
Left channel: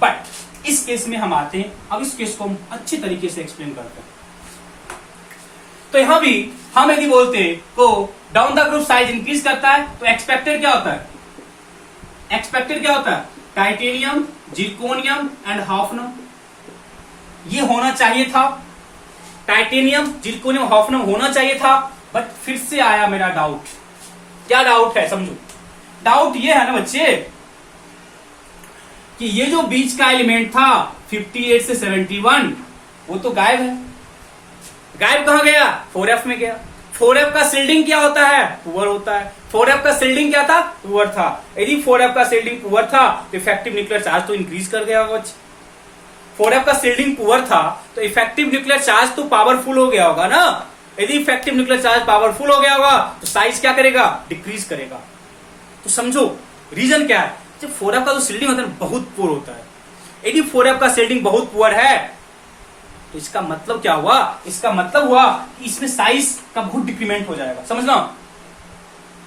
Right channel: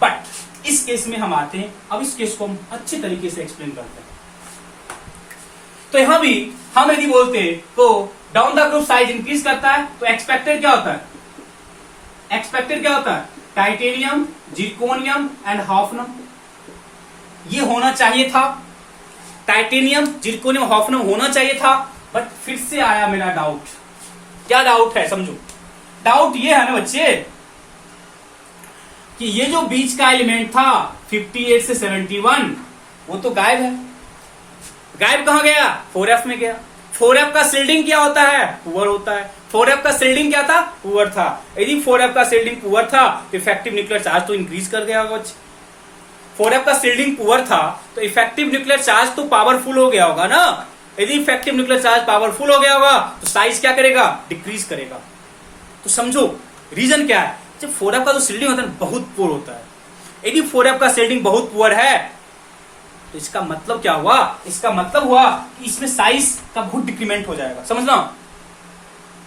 बट इस केस में हम आते हैं। अब इस केस को हम अच्छी तरीके से एक्सप्लेन करते हैं। तो यहां भी हम यदि बोलते तो down the group size increase करता है तो एक्सपेक्टेड क्या होता है? एक्सपेक्टेड क्या होता है? टाइटेनियम, जिरकोनियम एंड हॉफनम, ये होना चाहिए था। टाइटेनियम, जिरकोनियम, हॉफनम होना चाहिए था। बट फिर से आया मेरा डाउट। क्या डाउट है? समझो, डाउट ये है ना बच्चे कि ये जो बीच का एलिमेंट था 58 से 71 वो तो गायब है। गायब कहां गया? 4f में गया। 4f का सील्डिंग क्या होता है? पुअर होता है। 4f का सील्डिंग क्या था? पुअर था। यदि 4f का सील्डिंग पुअर था तो इफेक्टिव न्यूक्लियर चार्ज तो इंक्रीज कर गया होगा। 4f का सील्डिंग पुअर था तो इफेक्टिव न्यूक्लियर चार्ज तो पावरफुल हो गया होगा ना। यदि इफेक्टिव न्यूक्लियर चार्ज पावरफुल हो गया होगा तो साइज क्या करेगा? डिक्रीज करेगा। तो समझो रीजन क्या है। जब 4f का जो सील्डिंग होता है बहुत पुअर होता है। यदि 4f का सील्डिंग बहुत पुअर है तो इसका मतलब क्या हुआ? इसका मतलब हुआ कि इसमें साइज का बहुत डिक्रीमेंट हो जाएगा। समझना,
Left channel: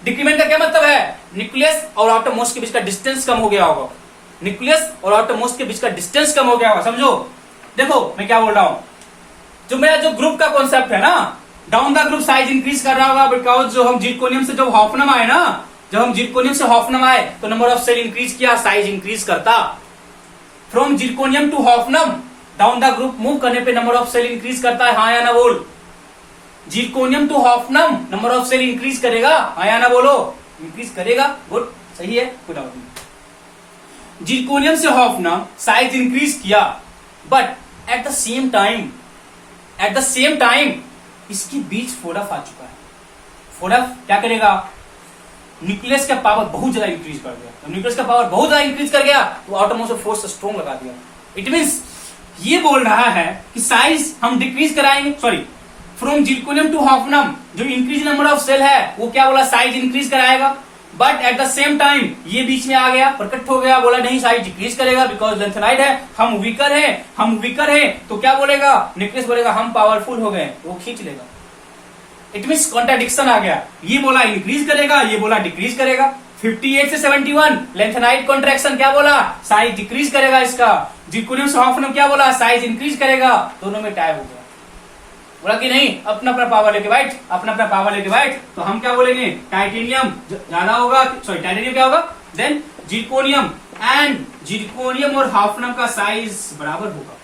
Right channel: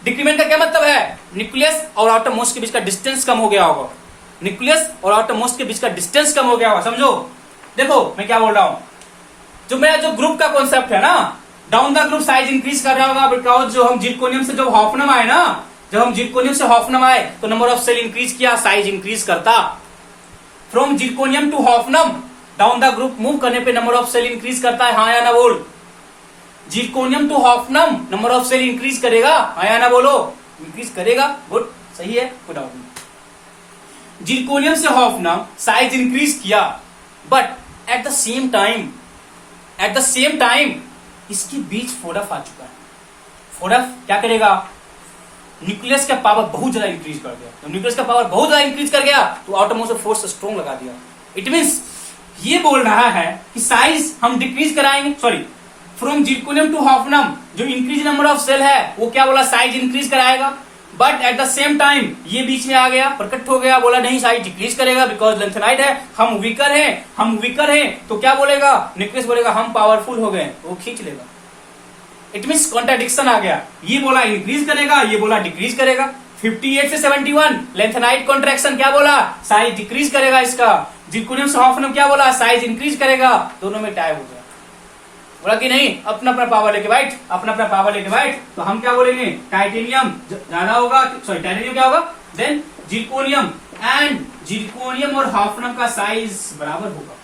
डिक्रीमेंट का क्या मतलब है? न्यूक्लियस और आउटर मोस्ट के बीच का डिस्टेंस कम हो गया होगा। न्यूक्लियस और आउटर मोस्ट के बीच का डिस्टेंस कम हो गया होगा। समझो, देखो मैं क्या बोल रहा हूं। जो मेरा जो ग्रुप का कॉन्सेप्ट है ना, down the group size increase कर रहा होगा बिकॉज जो हम जिरकोनियम से जब हॉफनम आए ना, जब हम जिरकोनियम से हॉफनम आए तो नंबर ऑफ सेल इंक्रीज किया, साइज इंक्रीज करता। From zirconium to hafnium down the group move करने पे नंबर ऑफ सेल इंक्रीज करता है, हाँ या ना बोल। Zirconium to hafnium number of shell increase करेगा, हाँ या ना बोलो। इंक्रीज करेगा, गुड, सही है, कोई डाउट नहीं। जिरकोनियम से हॉफनम साइज इंक्रीज किया but at the same time इसके बीच 4f आ चुका है। 4f क्या करेगा? न्यूक्लियस का पावर बहुत ज्यादा इंक्रीज कर दिया। तो न्यूक्लियस का पावर बहुत ज्यादा इंक्रीज कर गया तो आउटर मोस्ट फोर्स स्ट्रॉन्ग लगा दिया। इट मीन्स ये बोल रहा है कि साइज हम डिक्रीज कराएंगे, सॉरी फ्रॉम जिरकोनियम टू हॉफनम जो इंक्रीज नंबर ऑफ सेल है वो क्या बोला? साइज इंक्रीज कराएगा। But at the same time ये बीच में आ गया, प्रकट हो गया, बोला नहीं साइज डिक्रीज करेगा बिकॉज लेंथेनाइड है, हम वीकर हैं। तो क्या बोलेगा? न्यूक्लियस बोलेगा हम पावरफुल हो गए, वो खींच लेगा। इट मीन्स कॉन्ट्राडिक्शन आ गया। ये बोला इंक्रीज करेगा, ये बोला डिक्रीज करेगा। 58 से 71 लेंथेनाइड कॉन्ट्रैक्शन क्या बोला? साइज डिक्रीज करेगा इसका। जिरकोनियम से हॉफनम क्या बोला? साइज इंक्रीज करेगा। दोनों में टाई हो गया। बोला कि नहीं अपना अपना पावर लेके बैठ, तो हम क्या बोलेंगे? टाइटेनियम ज्यादा होगा, सॉरी टाइटेनियम क्या होगा? देन जिरकोनियम, एंड जिरकोनियम और हॉफनम का साइज बराबर होगा।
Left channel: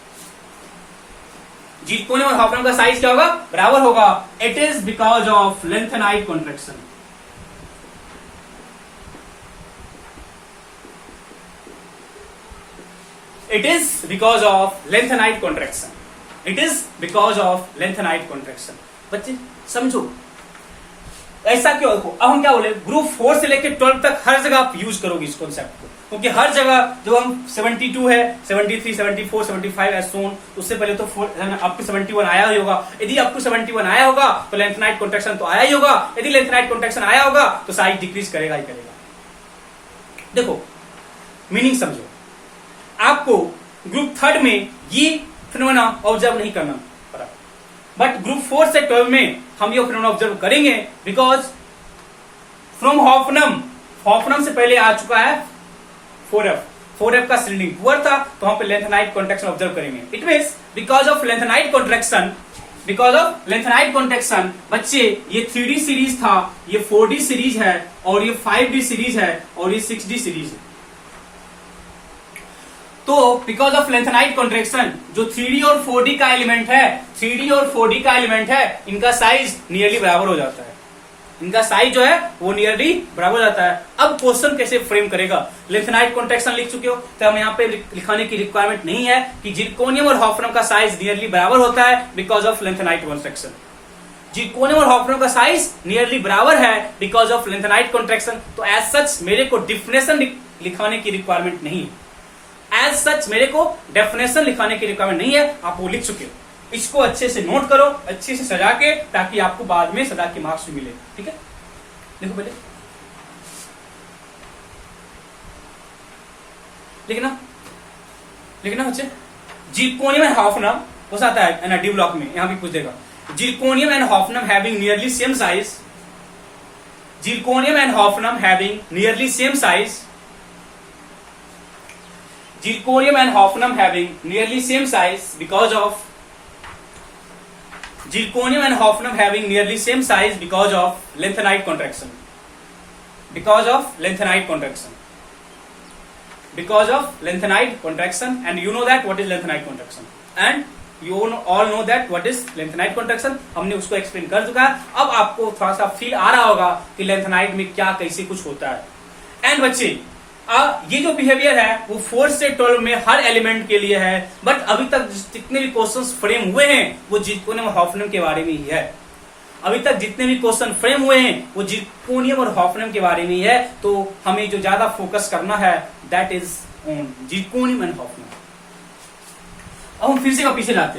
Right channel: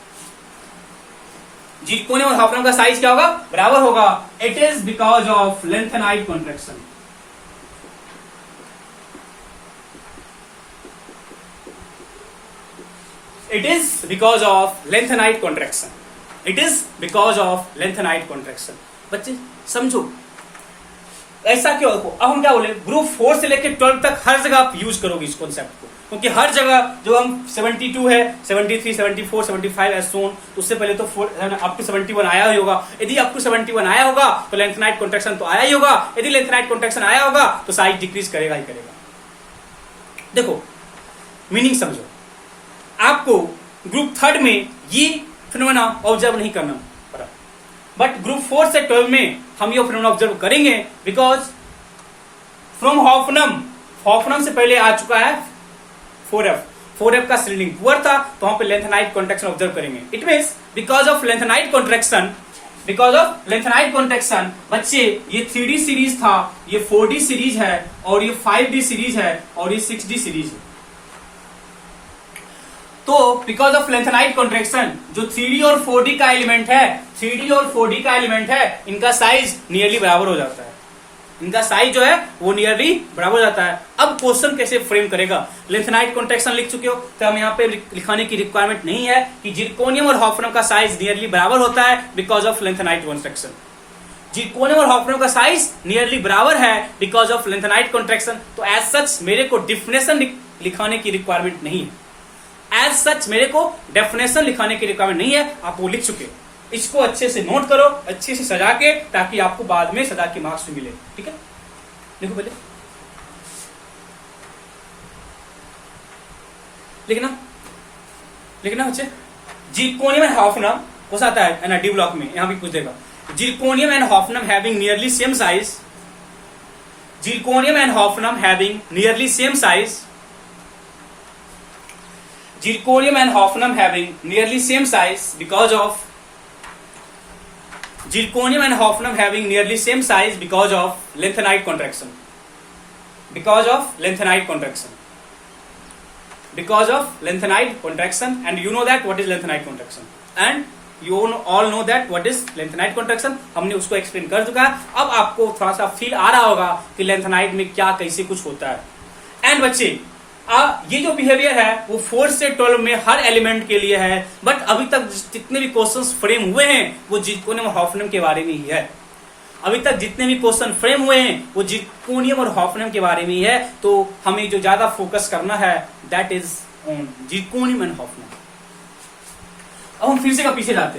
जिरकोनियम और हॉफनम का साइज क्या होगा? बराबर होगा। It is because of lanthanide contraction. It is because of lengthenite contraction. बच्चे समझो ऐसा क्यों? अब हम क्या बोले? ग्रुप 4 से लेकर 12 तक हर जगह आप यूज करोगे इस कॉन्सेप्ट को। क्योंकि हर जगह जो हम 72 है, 73, 74, 75 एज सोन, उससे पहले तो अप टू 71 आया ही होगा। यदि अप टू 71 आया होगा तो लेंथेनाइट कॉन्ट्रैक्शन तो आया ही होगा। यदि लेंथेनाइट कॉन्ट्रैक्शन आया होगा तो साइज डिक्रीज करेगा ही करेगा। देखो मीनिंग समझो, आपको ग्रुप थर्ड में ये फिनोमेना ऑब्जर्व नहीं करना पड़ा, बट ग्रुप 4 से 12 में हम ये फिनोमेना ऑब्जर्व करेंगे, बिकॉज फ्रॉम हॉफनम से पहले आ चुका है 4F का स्ट्रिंग पुअर था, तो वहां पे लेंथेनाइट कॉन्ट्रैक्शन ऑब्जर्व करेंगे। It means because of lanthanide contraction बच्चे ये 3D सीरीज था, ये 4D सीरीज है, और ये 5D सीरीज है, और ये 6D सीरीज है। तो बिकॉज ऑफ लेंथेनाइट कॉन्ट्रैक्शन जो 3D और 4D का एलिमेंट है, इनका साइज नियरली बराबर हो जाता है। इनका साइज जो है वो नियरली बराबर हो जाता है। अब क्वेश्चन कैसे फ्रेम करेगा? लेंथेनाइट कॉन्ट्रैक्शन लिख चुके हो, तो हम यहाँ पे लिखाने की रिक्वायरमेंट नहीं है कि जिरकोनियम और हॉफनम का साइज नियरली बराबर होता है because of lanthanide contraction. Zirconium और हॉफनम का साइज नियरली बराबर है बिकॉज ऑफ लेंथेनाइट कॉन्ट्रैक्शन। तो एज सच मेरे को डेफिनेशन लिखाने की रिक्वायरमेंट नहीं है। एज सच मेरे को डेफिनेशन लिखाने की रिक्वायरमेंट नहीं है, आप वो लिख चुके हो। इसको अच्छे से नोट करो, अच्छे से सजा के, ताकि आपको बाद में सजा के मार्क्स भी मिले। ठीक है, देखो पहले लिखना बच्चे, जिरकोनियम एंड हॉफनम हो आता है ना, डी ब्लॉक में यहां भी पूछ देगा। Zirconium and hafnium having nearly same size, zirconium and hafnium having nearly same size, zirconium and hafnium having nearly same size because of zirconium and hafnium having nearly same size because of lanthanide contraction, because of lanthanide contraction, because of lanthanide contraction, and you know that what is lanthanide contraction, and you all know that what is lanthanide contraction। हमने उसको explain कर चुका है। अब आपको थोड़ा सा feel आ रहा होगा कि lanthanide में क्या कैसे कुछ होता है। एंड बच्चे ये जो बिहेवियर है वो 4 से 12 में हर एलिमेंट के लिए है, बट अभी तक जितने भी क्वेश्चंस फ्रेम हुए हैं वो जिरकोनियम और हॉफनियम के बारे में ही है। अभी तक जितने भी क्वेश्चन फ्रेम हुए हैं वो जिरकोनियम और हॉफनियम के बारे में ही है। तो हमें जो ज्यादा फोकस करना है that is on zirconium and hafnium. अब हम फिर से पीछे जाते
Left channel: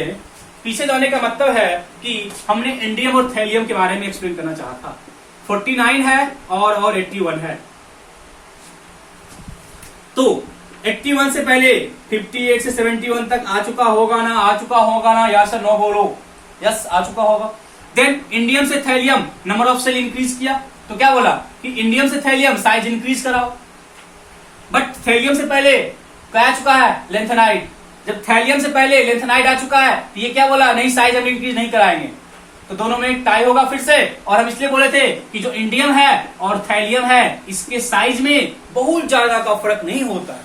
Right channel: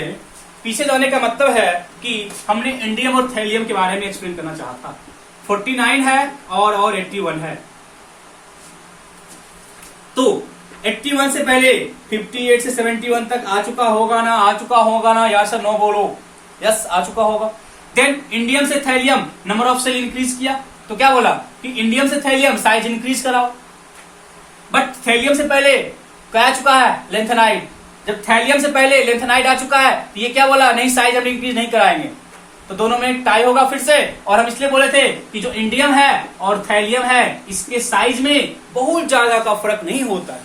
हैं। पीछे जाने का मतलब है कि हमने इंडियम और थैलियम के बारे में एक्सप्लेन करना चाहा था। 49 है और 81 है। तो 81 से पहले 58 से 71 तक आ चुका होगा ना, या सर नो बोलो। यस आ चुका होगा। देन इंडियम से thallium number of shell increase किया, तो क्या बोला कि इंडियम से थैलियम साइज इंक्रीज कराओ। बट थैलियम से पहले क्या आ चुका है? लेंथेनाइड। जब थैलियम से पहले लेंथेनाइड आ चुका है, ये क्या बोला? नहीं, साइज हम इंक्रीज नहीं कराएंगे। तो दोनों में टाई होगा फिर से। और हम इसलिए बोले थे कि जो इंडियम है और थैलियम है इसके साइज में बहुत ज्यादा का फर्क नहीं होता है।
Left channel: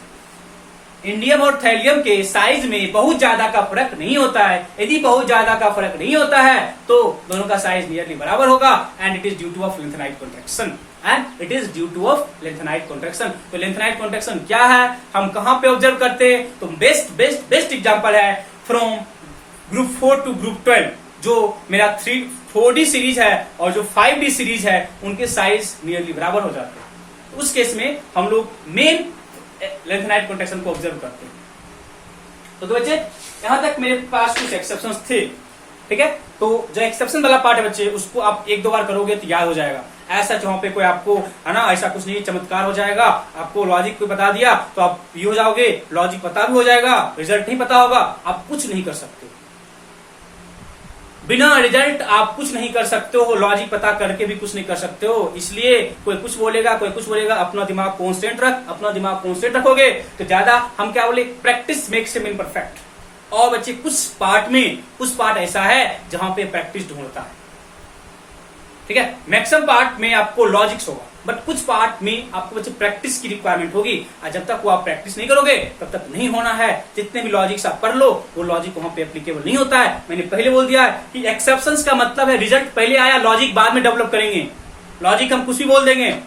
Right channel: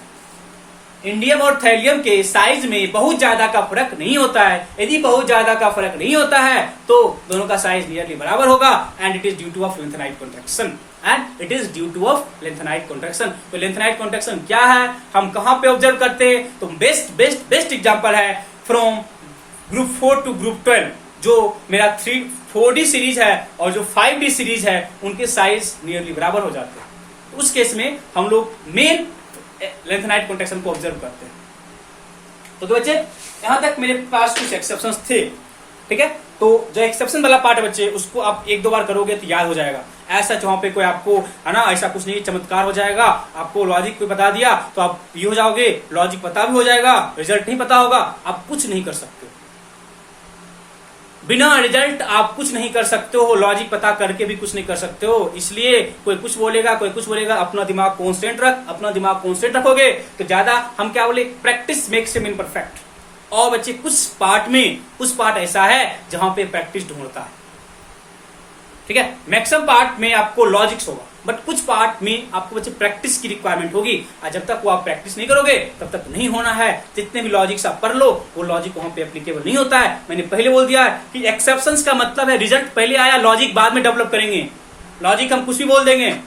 इंडियम और थैलियम के साइज में बहुत ज्यादा का फर्क नहीं होता है। यदि बहुत ज्यादा का फर्क नहीं होता है तो दोनों का साइज नियरली बराबर होगा, and it is due two of lanthanide contraction. तो लेंथेनाइट कॉन्ट्रैक्शन क्या है, हम कहां पे ऑब्जर्व करते हैं? तो बेस्ट एग्जांपल है फ्रॉम ग्रुप 4 टू ग्रुप 12। जो मेरा 4D सीरीज है और जो 5D सीरीज है उनके साइज नियरली बराबर हो जाते हैं। उस केस में हम लोग मेन लेंथेनाइट कॉन्ट्रैक्शन को ऑब्जर्व करते हैं। तो बच्चे यहां तक मेरे पास कुछ एक्सेप्शंस थे, ठीक है। तो जो एक्सेप्शन वाला पार्ट है बच्चे उसको आप 1-2 बार करोगे तो याद हो जाएगा। ऐसा वहां पे कोई आपको है ना ऐसा कुछ नहीं, चमत्कार हो जाएगा। आपको लॉजिक कोई बता दिया तो आप ये हो जाओगे, लॉजिक पता भी हो जाएगा, रिजल्ट नहीं पता होगा, आप कुछ नहीं कर सकते। बिना रिजल्ट आप कुछ नहीं कर सकते हो, लॉजिक पता करके भी कुछ नहीं कर सकते हो। इसलिए कोई कुछ बोलेगा, अपना दिमाग कॉन्स्टेंट रखोगे तो ज्यादा हम क्या बोले, प्रैक्टिस मेक्स हिम इम्परफेक्ट। और बच्चे कुछ पार्ट ऐसा है जहां पे प्रैक्टिस ढूंढता है, ठीक है। मैक्सिमम पार्ट में आपको लॉजिक्स होगा, बट कुछ पार्ट में आपको बच्चे प्रैक्टिस की रिक्वायरमेंट होगी। और जब तक वो आप प्रैक्टिस नहीं करोगे तब तक नहीं होना है। जितने भी लॉजिक्स आप पढ़ लो वो लॉजिक वहां पे एप्लीकेबल नहीं होता है। मैंने पहले बोल दिया है कि एक्सेप्शंस का मतलब है रिजल्ट पहले आया, लॉजिक बाद में डेवलप करेंगे। लॉजिक हम कुछ भी बोल देंगे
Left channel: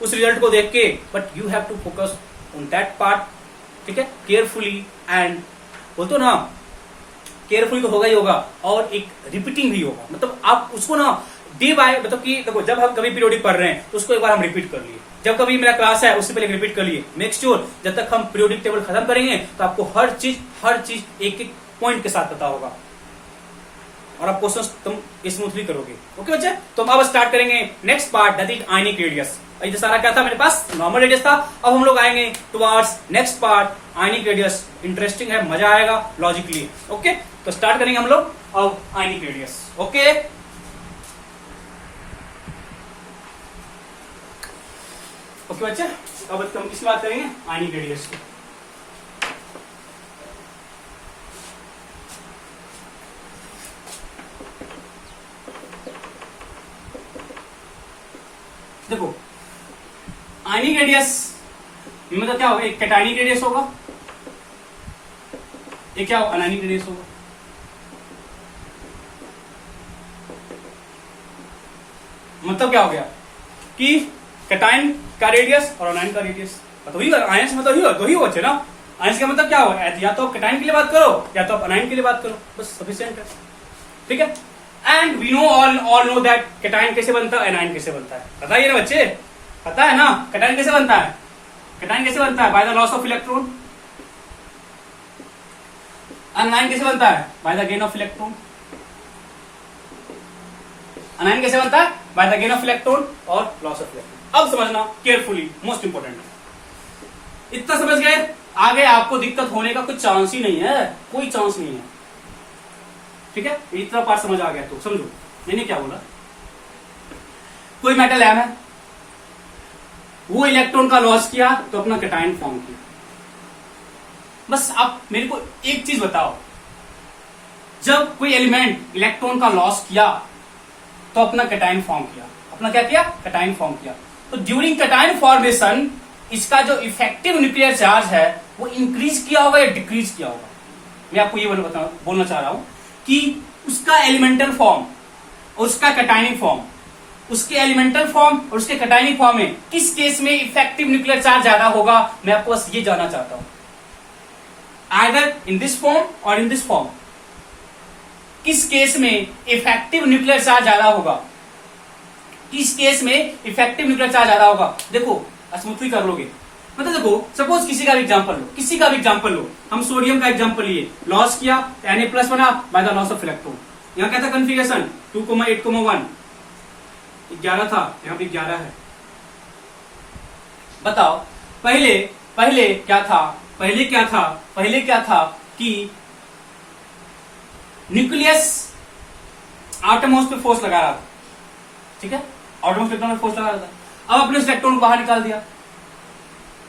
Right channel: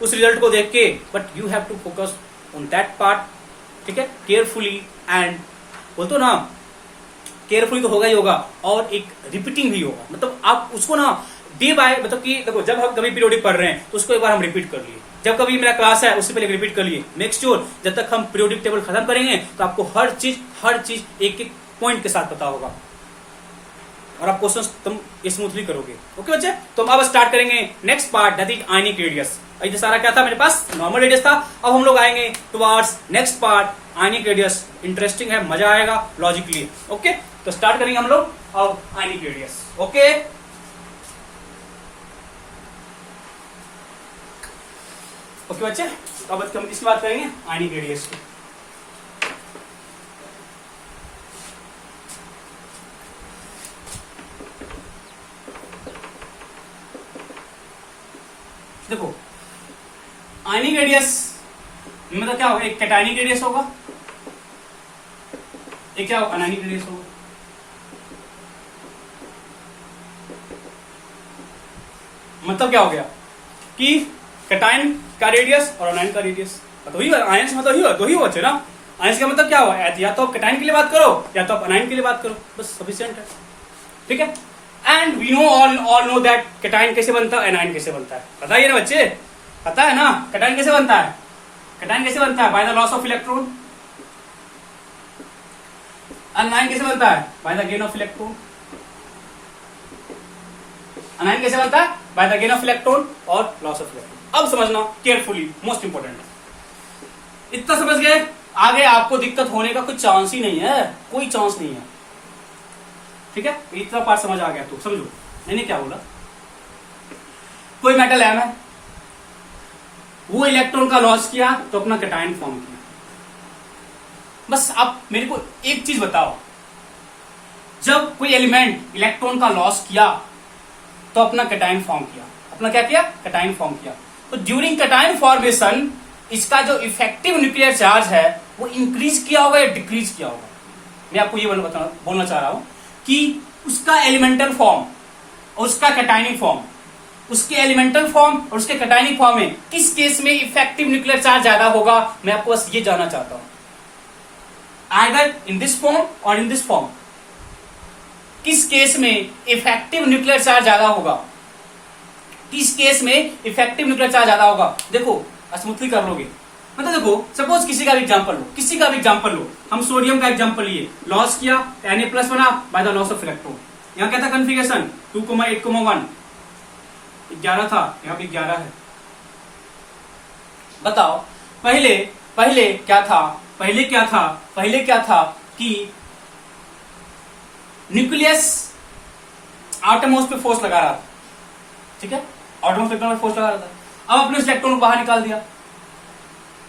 उस रिजल्ट को देख के, but you have to focus on that part, ठीक है, केयरफुली। एंड बोलते ना केयरफुली तो होगा ही होगा, और एक रिपीटिंग भी होगा। मतलब आप उसको ना डी बाय मतलब कि देखो जब हम कभी पीरियोडिक पढ़ रहे हैं तो उसको एक बार हम रिपीट कर लिए, जब कभी मेरा क्लास है उससे पहले रिपीट कर लिए। मेक श्योर जब तक हम पीरियोडिक टेबल खत्म करेंगे तो आपको हर चीज एक एक पॉइंट के साथ पता होगा और आप क्वेश्चन तुम स्मूथली करोगे। ओके बच्चे, तो हम अब स्टार्ट करेंगे next part that is ionic radius. ये सारा क्या था मेरे पास, नॉर्मल रेडियस था। अब हम लोग आएंगे towards next part ionic radius. Interesting है, मजा आएगा लॉजिकली। ओके, तो स्टार्ट करेंगे हम लोग अब आयनिक रेडियस। ओके, ओके बच्चे, अब हम किसकी बात करेंगे, आयनिक रेडियस की। देखो आयनिक रेडियस मतलब क्या होगा, एक कैटायनिक रेडियस होगा, एक क्या होगा, अनायनिक रेडियस होगा। मतलब क्या हो गया कि कैटायन का रेडियस और अनायन का रेडियस, तो ही आयन से मतलब ही हो बच्चे ना। आयन का मतलब क्या हुआ, या तो आप कैटायन के लिए बात करो या तो आप अनायन के लिए बात करो, बस सफिशिएंट है। ठीक है, and we know all know that cation कैसे बनता है, अनायन कैसे बनता है, पता ही है ना बच्चे, पता है ना कैटायन कैसे बनता है। कैटायन कैसे बनता है, by the loss of electron. अनायन कैसे बनता है, by the gain of electron. अनायन कैसे बनता है, by the gain of electron और लॉस ऑफ इलेक्ट्रॉन। अब समझना केयरफुली, मोस्ट इंपोर्टेंट है। इतना समझ गए, आगे आपको दिक्कत होने का कोई चांस ही नहीं है, कोई चांस नहीं है। ठीक है, इतना पार्ट समझ आ गया तो समझो मैंने क्या बोला। कोई मेटल एम है, वो इलेक्ट्रॉन का लॉस किया तो अपना कैटायन फॉर्म किया। बस आप मेरे को एक चीज बताओ, जब कोई एलिमेंट इलेक्ट्रॉन का लॉस किया तो अपना कैटायन फॉर्म किया, अपना क्या किया, कैटायन फॉर्म किया। तो ड्यूरिंग कैटायन फॉर्मेशन इसका जो इफेक्टिव न्यूक्लियर चार्ज है वो इंक्रीज किया होगा या डिक्रीज किया होगा। मैं आपको ये बोलना चाह रहा हूं कि उसका एलिमेंटल फॉर्म और उसका कैटायनिक फॉर्म, उसके एलिमेंटल फॉर्म और उसके कैटायनिक फॉर्म में किस केस में इफेक्टिव न्यूक्लियर चार्ज ज्यादा होगा। मैं आपको बस ये जानना चाहता हूं, आइदर इन दिस फॉर्म और इन दिस फॉर्म, किस केस में इफेक्टिव न्यूक्लियर चार्ज ज्यादा होगा, किस केस में इफेक्टिव न्यूक्लियर चार्ज ज्यादा होगा। देखो स्मूथली कर लोगे, मतलब देखो सपोज किसी का भी एग्जांपल लो, किसी का भी एग्जांपल लो, हम सोडियम का एग्जांपल लिए, लॉस किया Na+ बना by the loss of electron. यहां क्या था कन्फिगरेशन 2,8,1 11 था, यहां पे 11 है। बताओ पहले क्या था, पहले क्या था कि न्यूक्लियस आटमोस पे फोर्स लगा रहा था। ठीक है, आटमोस इलेक्ट्रॉन पे फोर्स लगा रहा था। अब अपने इलेक्ट्रॉन को बाहर निकाल दिया,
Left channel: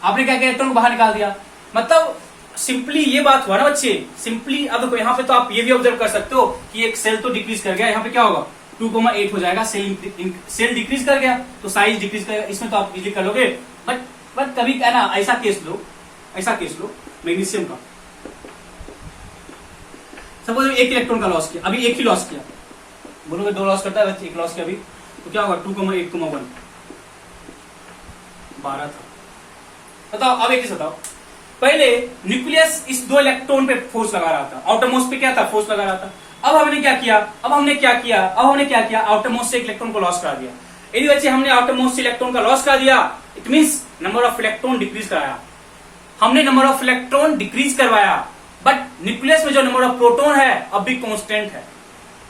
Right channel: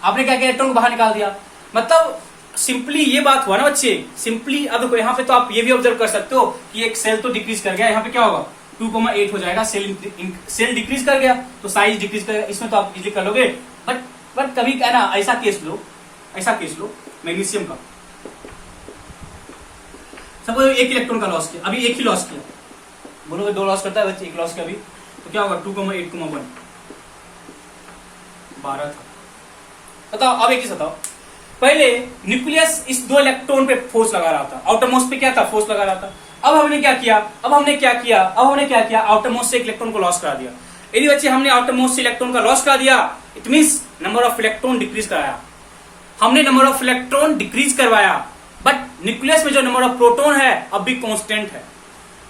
आपने क्या किया, इलेक्ट्रॉन को बाहर निकाल दिया। मतलब सिंपली ये बात हुआ ना बच्चे, सिंपली। अब देखो यहाँ पे तो आप ये भी ऑब्जर्व कर सकते हो कि एक सेल तो डिक्रीज कर गया, यहाँ पे क्या होगा 2,8 हो जाएगा, सेल डिक्रीज कर गया तो साइज डिक्रीज कर गया। इसमें तो आप इजीली कर लोगे, बट कभी क्या ना, ऐसा केस लो मैग्नीशियम का, सपोज एक इलेक्ट्रॉन का लॉस किया, अभी एक ही लॉस किया, बोलोगे 2 लॉस करता है बच्चे, एक लॉस किया अभी, तो क्या होगा 2,8,1 12 था। बताओ अब एक चीज बताओ, पहले न्यूक्लियस इस 2 इलेक्ट्रॉन पे फोर्स लगा रहा था, आउटरमोस्ट पे क्या था, फोर्स लगा रहा था। अब हमने क्या किया, आउटरमोस्ट से एक इलेक्ट्रॉन को लॉस करा दिया। यदि बच्चे हमने आउटरमोस्ट से इलेक्ट्रॉन का लॉस करा दिया, it means number of electron decrease कराया, हमने नंबर ऑफ इलेक्ट्रॉन डिक्रीज करवाया। बट न्यूक्लियस में जो नंबर ऑफ प्रोटॉन है अब भी कांस्टेंट है,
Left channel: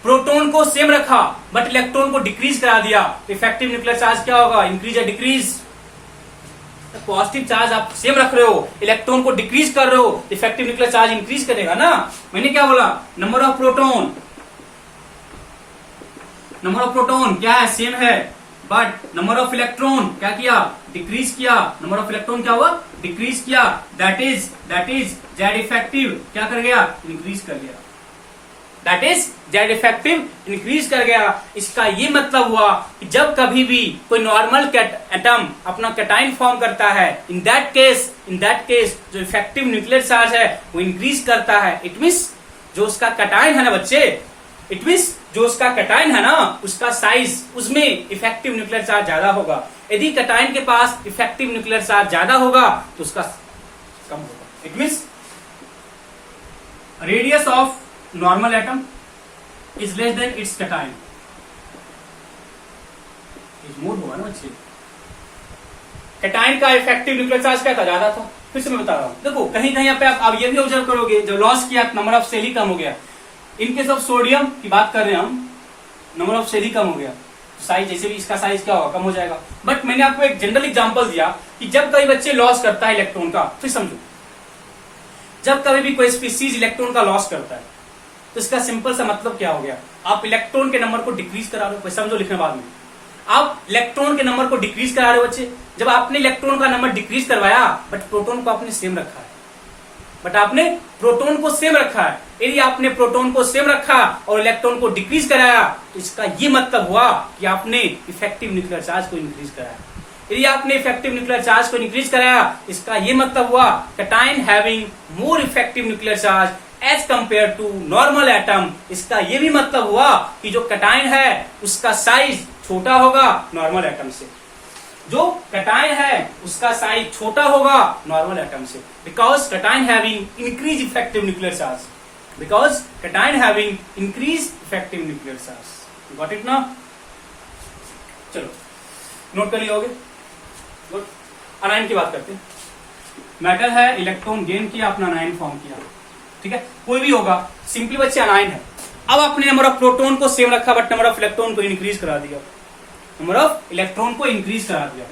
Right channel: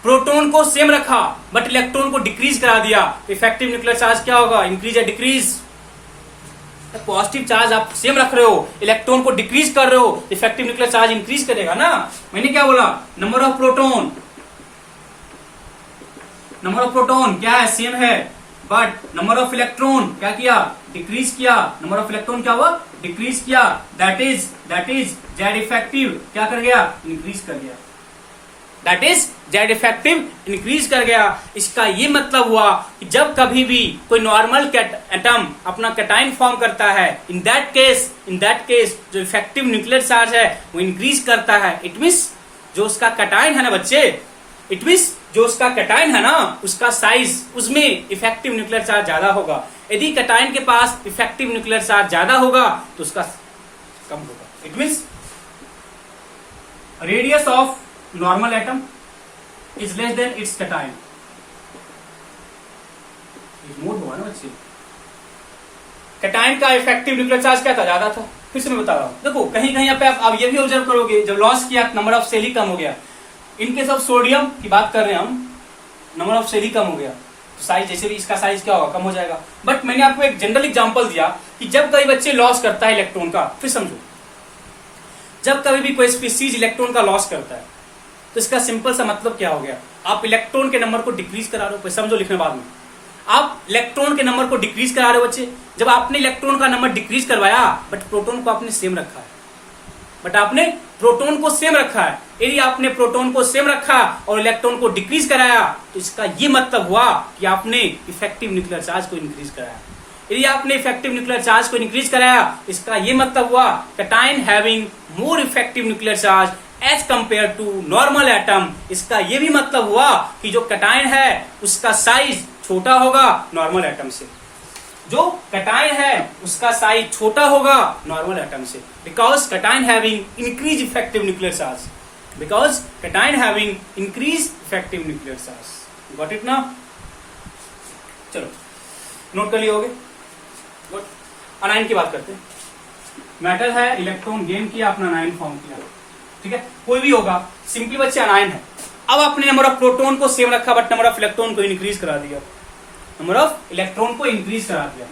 प्रोटॉन को सेम रखा बट इलेक्ट्रॉन को डिक्रीज करा दिया, इफेक्टिव न्यूक्लियर चार्ज क्या होगा, इंक्रीज या डिक्रीज। पॉजिटिव चार्ज आप सेम रख रहे हो, इलेक्ट्रॉन को डिक्रीज कर रहे हो, इफेक्टिव न्यूक्लियर चार्ज इंक्रीज करेगा ना। मैंने क्या बोला, नंबर ऑफ प्रोटॉन क्या है, सेम है, बट नंबर ऑफ इलेक्ट्रॉन क्या किया, डिक्रीज किया। नंबर ऑफ इलेक्ट्रॉन क्या हुआ, डिक्रीज किया। दैट इज जेड इफेक्टिव क्या कर गया, इंक्रीज कर गया। That is Z effective increase कर गया। इसका ये मतलब हुआ कि जब कभी भी कोई नॉर्मल एटम अपना कैटायन फॉर्म करता है, इन दैट केस जो इफेक्टिव न्यूक्लियर चार्ज है वो इंक्रीज करता है। इट मींस जो उसका कैटायन है ना बच्चे, उसका साइज, उसमें इफेक्टिव न्यूक्लियर चार्ज ज्यादा होगा। यदि कैटायन के पास इफेक्टिव न्यूक्लियर चार्ज ज्यादा होगा तो उसका कम होगा। It means radius of normal atom is less than its cation, ignore हुआ ना बच्चे। कैटायन का इफेक्टिव न्यूक्लियर चार्ज क्या था, ज्यादा था। फिर से मैं बता रहा हूं, देखो कहीं कहीं पे आप ये भी ऑब्जर्व करोगे, जब लॉस किया नंबर ऑफ सेल ही कम हो गया। इनकेस ऑफ सोडियम की बात कर रहे हैं हम, नंबर ऑफ सेल ही कम हो गया, साइज जैसे भी इसका साइज क्या होगा, कम हो जाएगा। बट मैंने आपको एक जनरल एग्जांपल दिया कि जब कभी बच्चे लॉस करता है इलेक्ट्रॉन का, फिर समझो, जब कभी भी कोई स्पीसीज इलेक्ट्रॉन का लॉस करता है तो इसका सिंपल सा मतलब क्या हो गया, आप इलेक्ट्रॉन के नंबर को डिक्रीज करा रहे हो। समझो लिखने बाद में, आप इलेक्ट्रॉन के नंबर को डिक्रीज करा रहे हो बच्चे। जब आपने इलेक्ट्रॉन का नंबर डिक्रीज करवाया, बट प्रोटॉन को आपने सेम रखा है, बट आपने प्रोटॉन को सेम रखा है। यदि आपने प्रोटॉन को सेम रखा और इलेक्ट्रॉन को डिक्रीज कराया, तो इसका ये मतलब हुआ कि आपने इफेक्टिव न्यूक्लियर चार्ज को इंक्रीज कराया। यदि आपने इफेक्टिव न्यूक्लियर चार्ज को इंक्रीज कराया, इसका ये मतलब हुआ cation having more effective nuclear charge as compare to normal atom. इसका ये भी मतलब हुआ कि जो कैटायन है उसका साइज छोटा होगा नॉर्मल एटम से, जो कैटायन है उसका साइज छोटा होगा नॉर्मल एटम से, because cation having increase effective nuclear charge, because cation having increase effective nuclear charge. Got it ना? चलो नोट कर लिया होगे। गुड। अनायन की बात करते हैं। मेटल है, इलेक्ट्रॉन गेन किया, अपना अनायन फॉर्म किया, ठीक है, कोई भी होगा, सिंपली बच्चे अनायन है। अब आपने नंबर ऑफ प्रोटॉन को सेम रखा, बट नंबर ऑफ इलेक्ट्रॉन को इंक्रीज करा दिया, नंबर ऑफ इलेक्ट्रॉन को इंक्रीज करा दिया।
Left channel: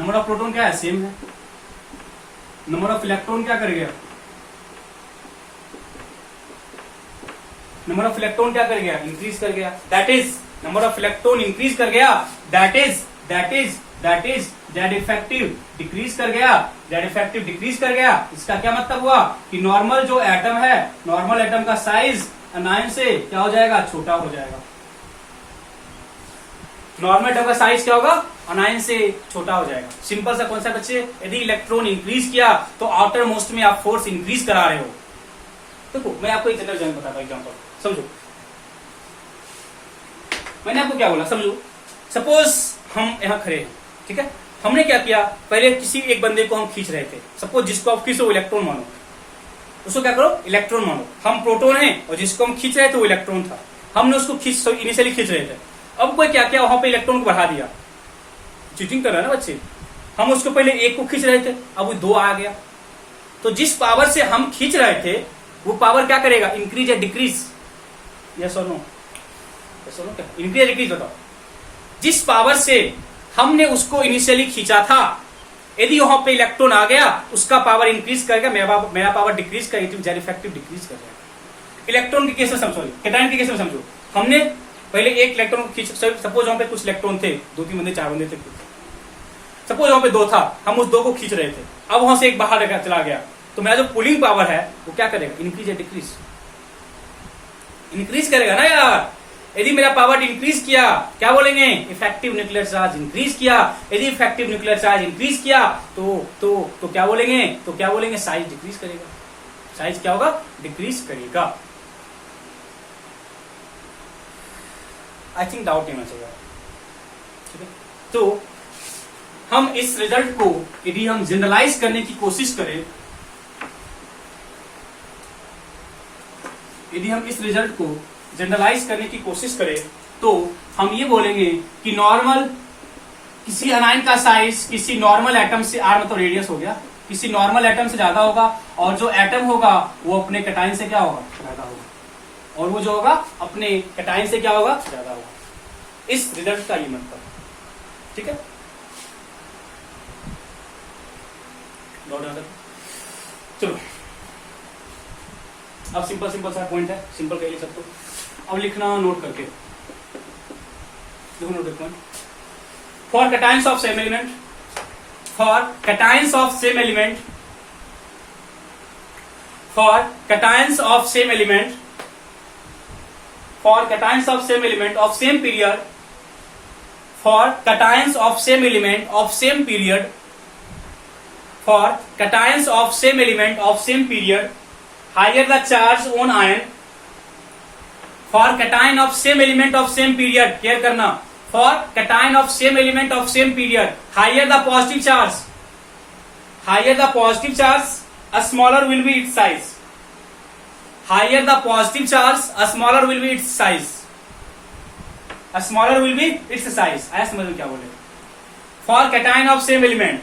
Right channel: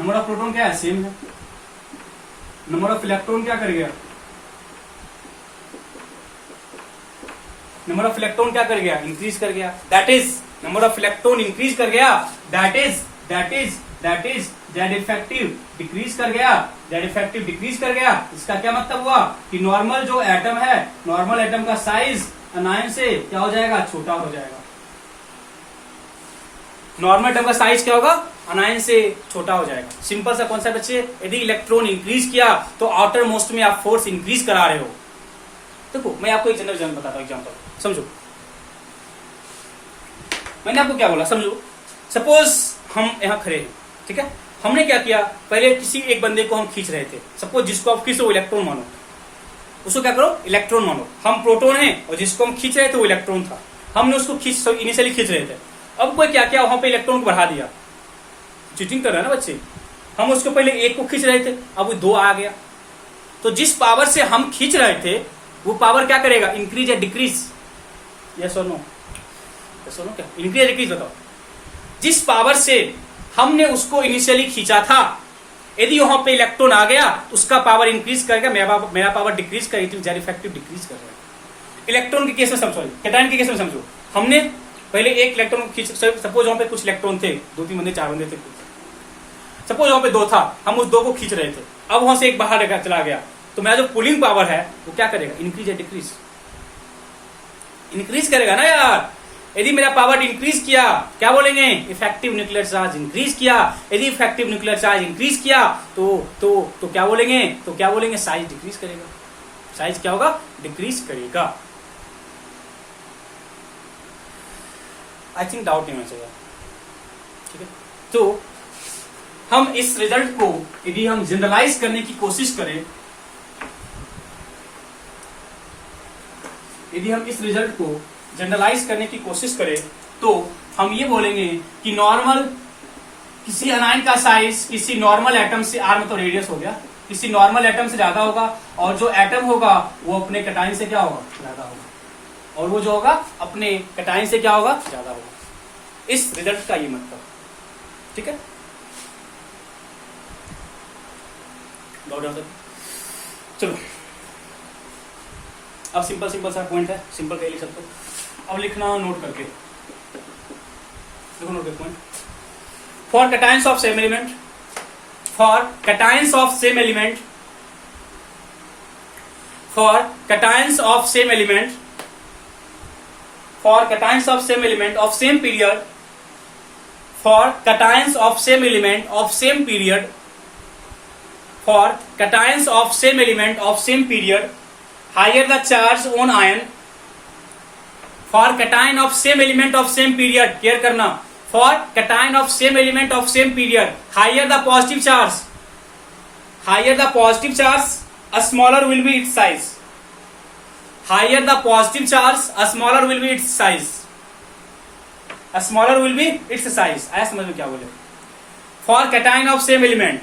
नंबर ऑफ प्रोटॉन क्या है, सेम है, नंबर ऑफ इलेक्ट्रॉन क्या कर गया, नंबर ऑफ इलेक्ट्रॉन क्या कर गया, इंक्रीज कर गया। That is number of electron increase कर गया, that is Z effective decrease कर गया, जेड इफेक्टिव डिक्रीज कर गया। इसका क्या मतलब हुआ कि नॉर्मल जो एटम है, नॉर्मल एटम का साइज अनायन से क्या हो जाएगा, छोटा हो जाएगा। नॉर्मल एटम का साइज क्या होगा, अनायन से छोटा हो जाएगा। सिंपल सा कॉन्सेप्ट बच्चे। यदि इलेक्ट्रॉन इंक्रीज किया तो आउटर मोस्ट में आप फोर्स इंक्रीज करा रहे हो। देखो मैं आपको एक जनरल एग्जांपल बताता हूं, एग्जांपल समझो। मैंने आपको क्या बोला, समझो। सपोज हम यहां खड़े हैं, ठीक है, हमने क्या किया, पहले किसी एक बंदे को हम खींच रहे थे। सपोज जिसको आप खींचो वो इलेक्ट्रॉन मानो, उसको क्या करो, इलेक्ट्रॉन मानो। हम प्रोटॉन हैं और जिसको हम खींच रहे थे वो इलेक्ट्रॉन था। हमने उसको इनिशियली खींच रहे थे। अब कोई क्या किया, वहां पे इलेक्ट्रॉन को बढ़ा दिया। चीटिंग कर रहा है ना बच्चे। हम उसको पहले एक को खींच रहे थे, अब वो दो आ गया। तो जिस पावर से हम खींच रहे थे वो पावर क्या करेगा, इंक्रीज या डिक्रीज? यस और नो? यस और नो? क्या इंक्रीज या डिक्रीज बताओ। जिस पावर से हमने उसको इनिशियली खींचा था, यदि वहां पे इलेक्ट्रॉन आ गया, उसका पावर इंक्रीज करेगा, मेरा पावर डिक्रीज करेगा, जेड इफेक्टिव डिक्रीज करेगा। इलेक्ट्रॉन के केस में समझो, कैटायन के केस में समझो। हमने पहले एक इलेक्ट्रॉन खींच, सपोज वहां पे कुछ इलेक्ट्रॉन थे, 2-3 बंदे 4 बंदे थे, सपोज वहां पे 2 था, हम उस 2 को खींच रहे थे। अब वहां से एक बाहर चला गया, तो मेरा जो पुलिंग पावर है वो क्या करेगा, इंक्रीज या डिक्रीज? इंक्रीज करेगा ना यार। यदि मेरा पावर इंक्रीज किया, क्या बोलेंगे, इफेक्टिव न्यूक्लियर चार्ज इंक्रीज किया। यदि इफेक्टिव न्यूक्लियर चार्ज इंक्रीज किया तो क्या बोलेंगे, साइज डिक्रीज करेगा। साइज क्या होगा, डिक्रीज करेगा। आई थिंक डाउट नहीं होना, ठीक है। तो हम इस रिजल्ट को यदि हम जनरलाइज करने की कोशिश करें, यदि हम इस रिजल्ट को जनरलाइज करने की कोशिश करें, तो हम ये बोलेंगे कि नॉर्मल किसी अनायन का साइज किसी नॉर्मल एटम से, आर मतलब रेडियस हो गया, किसी नॉर्मल एटम से ज्यादा होगा, और जो एटम होगा वो अपने कैटायन से क्या होगा, ज्यादा होगा, और वो जो होगा अपने कैटायन से क्या होगा, ज्यादा होगा। इस रिजल्ट का ये मतलब, ठीक है। चलो अब सिंपल सा पॉइंट है, सिंपल कह लिख सकते हो। अब लिखना नोट करके, देखो note point. For cations of same element, for cations of same element, for cations of same element, for cations of same element of same period, for cations of same element of same period, for cations of same element of same period, higher the charge on ion, for cation of same element of same period, care करना, for cation of same element of same period, higher the positive charge, a smaller will be its size, higher the positive charge, a smaller will be its size, smaller will be its size. आया समझ में क्या बोले? For cation of same element,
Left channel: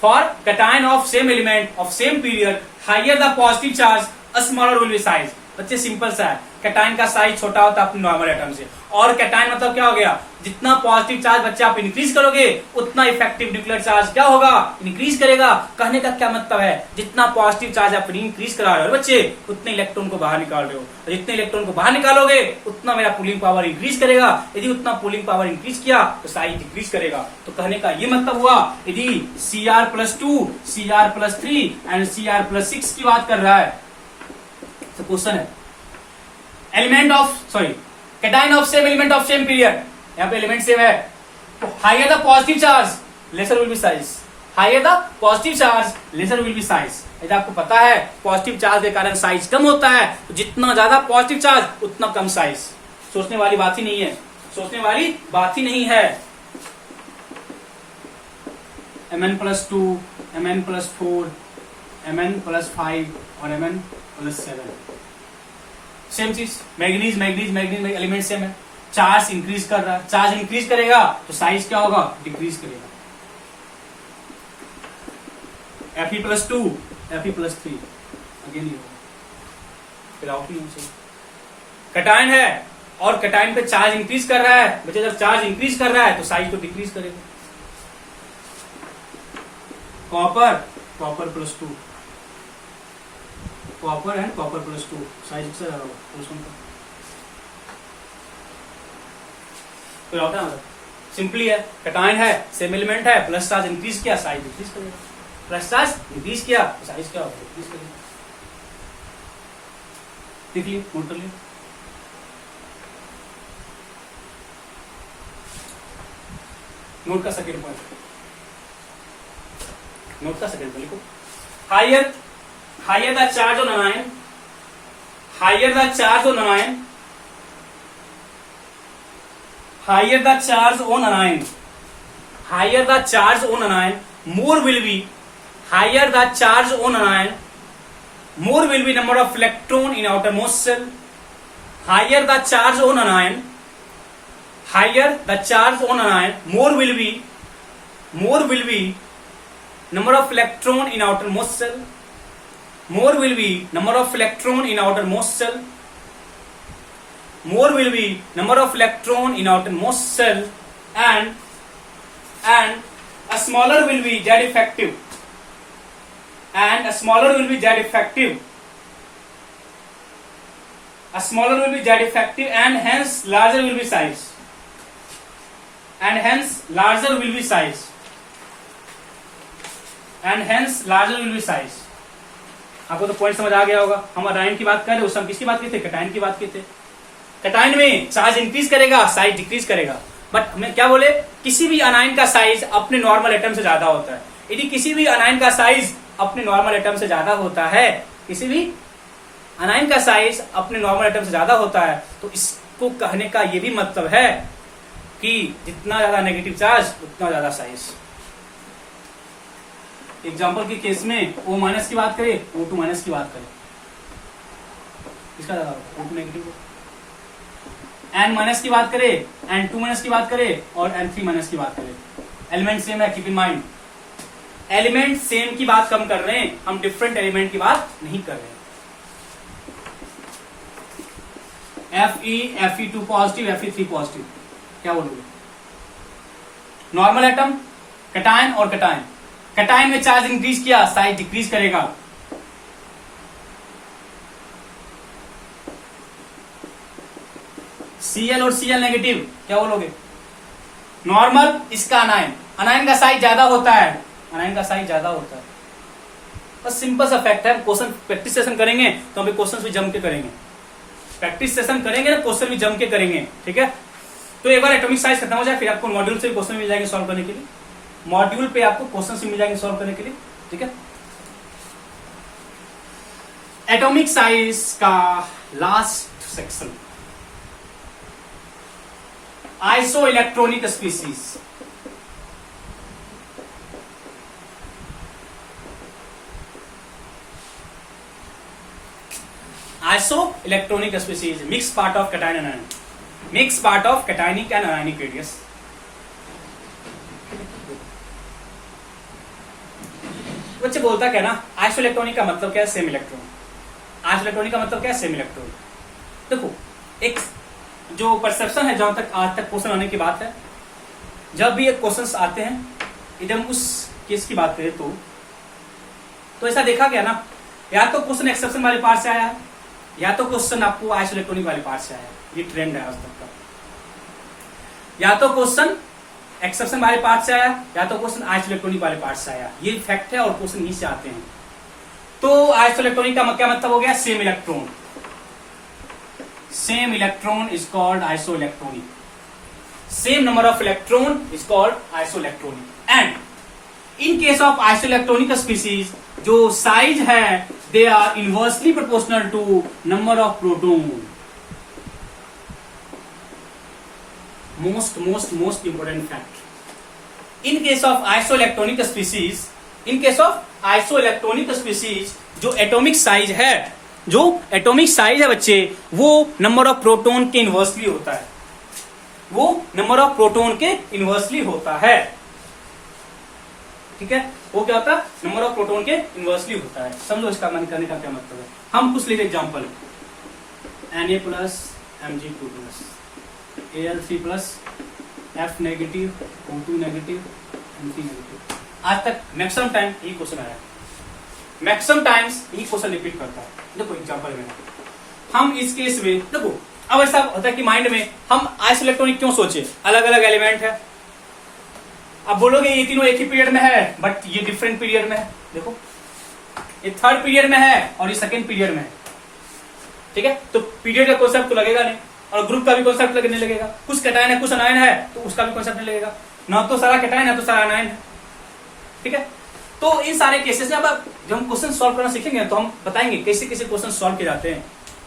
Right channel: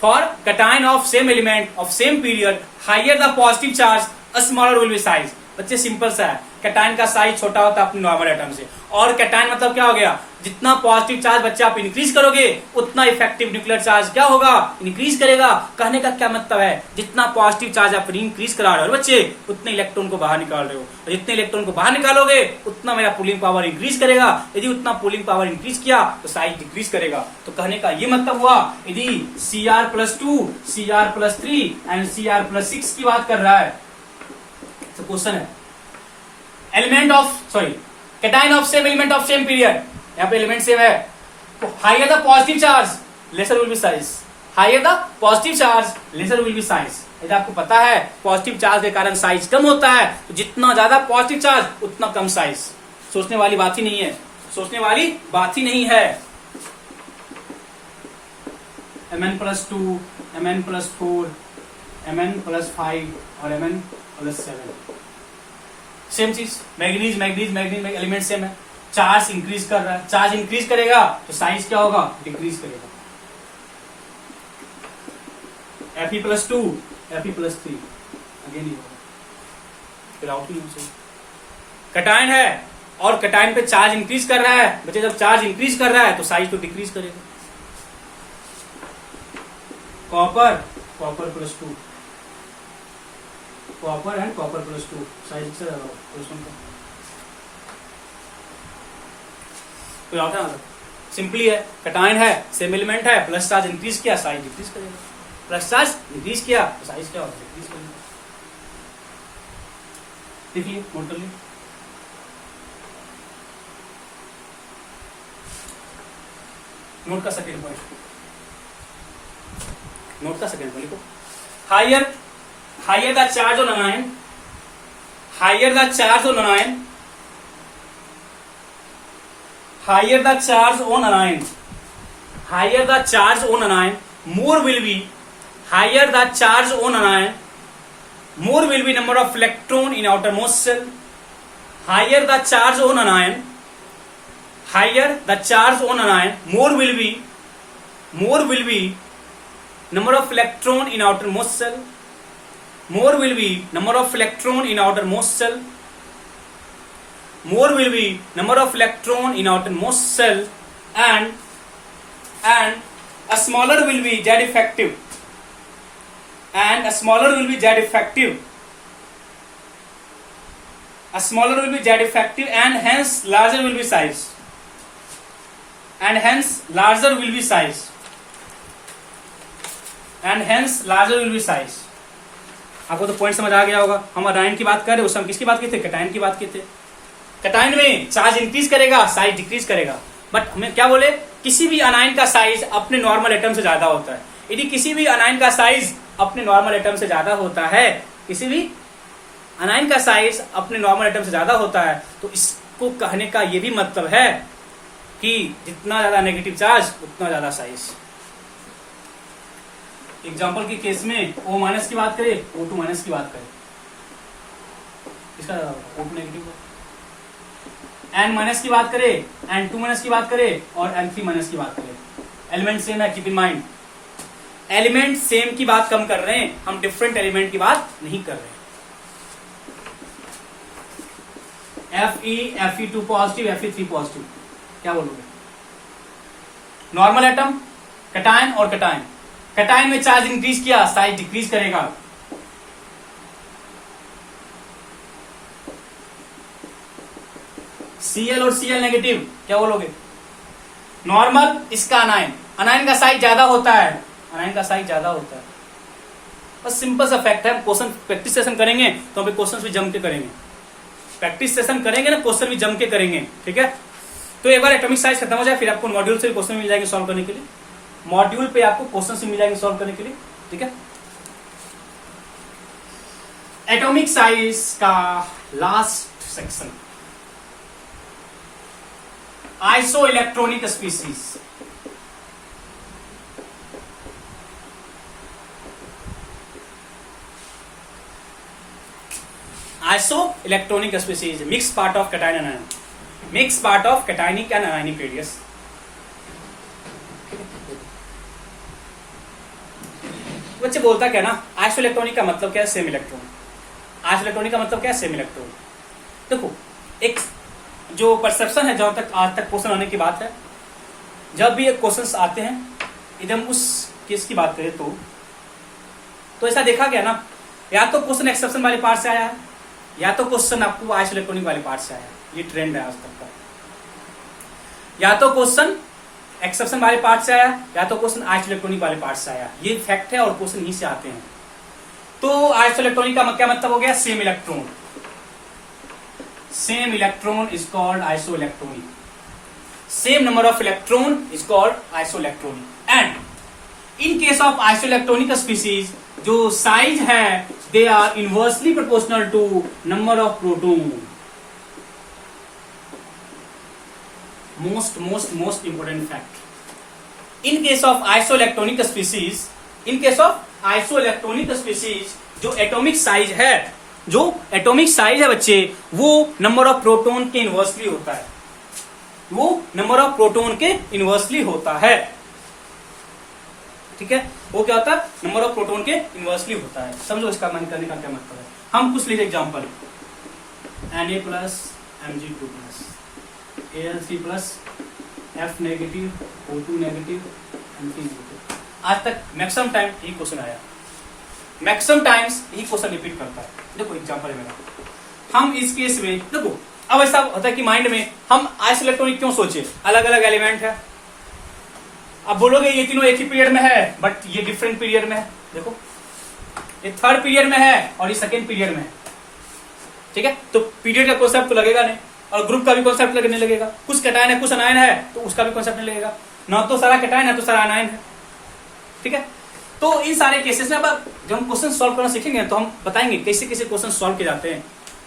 for cation of same element of same period higher the positive charge smaller will be size. बच्चे simple सा है, cation का size छोटा होता है अपने नॉर्मल एटम से, और कैटायन मतलब क्या हो गया, जितना पॉजिटिव चार्ज बच्चे आप इंक्रीज करोगे उतना इफेक्टिव न्यूक्लियर चार्ज क्या होगा, इंक्रीज करेगा। कहने का क्या मतलब है, जितना पॉजिटिव चार्ज आप इंक्रीज करा रहे हो बच्चे उतने इलेक्ट्रॉन को बाहर निकाल रहे हो, और जितने इलेक्ट्रॉन को बाहर निकालोगे उतना मेरा पुलिंग पावर इंक्रीज करेगा। यदि उतना पुलिंग पावर इंक्रीज किया तो साइज डिक्रीज करेगा। तो कहने का ये मतलब हुआ, यदि Cr+2, Cr+3 एंड Cr+6 की बात कर रहा है तो क्वेश्चन है element of cation of same element of same period, यहाँ पे एलिमेंट सेम है, तो higher the positive charge lesser will be size, higher the positive charge lesser will be size. यदि आपको पता है पॉजिटिव चार्ज के कारण साइज कम होता है, तो जितना ज्यादा पॉजिटिव चार्ज उतना कम साइज। सोचने वाली बात ही नहीं है, सोचने वाली बात ही नहीं है। Mn+2, Mn+4, Mn+5 और Mn+7 सेम चीज। मैग्नीज एलिमेंट सेम है, चार्ज इंक्रीज कर रहा है, चार्ज इंक्रीज करेगा तो साइज क्या होगा, डिक्रीज करेगा। Fe+2, Fe+3 अगेन ही होगा, फिर आउट नहीं होगा। कैटायन है और कैटायन पे चार्ज इंक्रीज कर रहा है बच्चे, जब चार्ज इंक्रीज कर रहा है तो साइज तो डिक्रीज करेगा। कॉपर+2, कॉपर एंड कॉपर+2 साइज से ज्यादा होगा। फिर आता है सिंपली है, कैटायन है सेम एलिमेंट है, प्लस चार्ज इंक्रीज किया साइज डिक्रीज करेगा, प्लस चार्ज इंक्रीज किया तो साइज क्या होगा, डिक्रीज करेगा। लिख लिए, नोट कर लिए। नोट का सेकेंड पॉइंट, नोट का सेकेंड पॉइंट लिखो। Higher the charge on anion, higher the charge on anion, higher the charge on anion, higher the charge on anion, more will be, higher the charge on anion, more will be number of electron in outermost cell. Higher the charge on anion, higher the charge on anion, more will be number of electron in outermost cell, more will be number of electron in outermost cell, more will be number of electron in outermost cell, and a smaller will be Z effective, and a smaller will be Z effective, a smaller will be Z effective, and hence larger will be size, and hence larger will be size, and hence larger will be size. आपको तो point समझ आ गया होगा। हम अनायन की बात कर रहे, उस हम किसकी बात करते, कैटायन की बात करते। कैटायन में चार्ज इंक्रीज करेगा साइज डिक्रीज करेगा, बट हमें क्या बोले, किसी भी अनायन का साइज अपने नॉर्मल एटम से ज्यादा होता है। यदि किसी भी अनायन का साइज अपने नॉर्मल एटम से ज्यादा होता है, किसी भी अनायन का साइज अपने नॉर्मल एटम से ज्यादा होता है, तो इसको कहने का यह भी मतलब है कि जितना ज्यादा नेगेटिव चार्ज उतना ज्यादा साइज। एग्जांपल के केस में O- की बात करें, O2- की बात करें, इसका ज्यादा होगा, O2 नेगेटिव, N- की बात करें, N2- की बात करें और N3- की बात करें, एलिमेंट सेम है, keep in mind. Element same की बात कम कर रहे हैं, हम डिफरेंट एलिमेंट की बात नहीं कर रहे हैं। Fe, Fe2 positive, Fe3 positive, क्या बोलोगे? नॉर्मल एटम, कैटायन और कैटायन, कैटायन में चार्ज इंक्रीज किया साइज डिक्रीज करेगा। Cl और Cl नेगेटिव, क्या बोलोगे? नॉर्मल, इसका अनायन, अनायन का साइज ज्यादा होता है, अनायन का साइज ज्यादा होता है। बस सिंपल सा फैक्ट है। क्वेश्चन प्रैक्टिस सेशन करेंगे तो अभी क्वेश्चन भी जम के करेंगे, प्रैक्टिस सेशन करेंगे ना, क्वेश्चन भी जम के करेंगे, ठीक है। तो एक बार एटॉमिक साइज खत्म हो जाए, फिर आपको मॉड्यूल से क्वेश्चन मिल जाएंगे सॉल्व करने के लिए, मॉड्यूल पे आपको क्वेश्चन से मिल जाएंगे सॉल्व करने के लिए, ठीक है। एटॉमिक साइज का last section, iso electronic species. Iso electronic species, mix part of cation and ion. makes part of cationic and anionic radius. बच्चे बोलता क्या ना, आइसोइलेक्ट्रॉनिक का मतलब क्या है, सेम इलेक्ट्रॉन। आइसोइलेक्ट्रॉनिक का मतलब क्या है, सेम इलेक्ट्रॉन। देखो एक जो परसेप्शन है, जहां तक आज तक क्वेश्चन आने की बात है, जब भी एक क्वेश्चन आते हैं, एकदम उस केस की बात करें तो ऐसा देखा गया ना, या तो क्वेश्चन एक्सेप्शन वाले पार्ट से आया है, या तो क्वेश्चन आपको आइसोइलेक्ट्रॉनिक वाले पार्ट से आया है। ये ट्रेंड है आज तक का। या तो क्वेश्चन एक्सेप्शन वाले पार्ट से आया, या तो क्वेश्चन आइसोइलेक्ट्रॉनिक वाले पार्ट से आया। ये फैक्ट है और क्वेश्चन यहीं से आते हैं। तो आइसोइलेक्ट्रॉनिक का क्या मतलब हो गया, same electron. Same electron is called isoelectronic. Same number of electron is called isoelectronic. And in case of isoelectronic species, जो साइज है, they are inversely proportional to number of proton. most important fact. In case of isoelectronic species, जो atomic size है, बच्चे, वो number of proton के inversely होता है। वो नंबर ऑफ प्रोटॉन के इनवर्सली होता है। ठीक है, वो क्या होता है, नंबर ऑफ प्रोटॉन के इनवर्सली होता है। समझो इसका मान करने का क्या मतलब है। हम कुछ लिखे example, Na plus Mg2 plus Al3 plus F negative O2 negative Mg negative. आज तक मैक्सिमम टाइम यही क्वेश्चन आया, मैक्सिमम टाइम्स यही क्वेश्चन रिपीट करता है। देखो एग्जांपल है मेरा, हम इस केस में देखो, अब ऐसा होता है कि माइंड में हम आइसोइलेक्ट्रॉनिक क्यों सोचे, अलग अलग एलिमेंट है। अब बोलोगे ये तीनों एक ही पीरियड में है, बट ये डिफरेंट पीरियड में है। देखो ये थर्ड पीरियड में है और ये सेकेंड पीरियड में है। ठीक है, तो पीरियड का कॉन्सेप्ट तो लगेगा नहीं, और ग्रुप का भी कॉन्सेप्ट लगने लगेगा। कुछ कैटायन है, कुछ अनायन है, तो उसका भी कॉन्सेप्ट नहीं लगेगा। ना तो सारा कैटायन है, तो सारा अनायन है। ठीक है, तो इन सारे केसेस में अब जब हम क्वेश्चन सॉल्व करना सीखेंगे तो हम बताएंगे कैसे कैसे क्वेश्चन सॉल्व किए जाते हैं।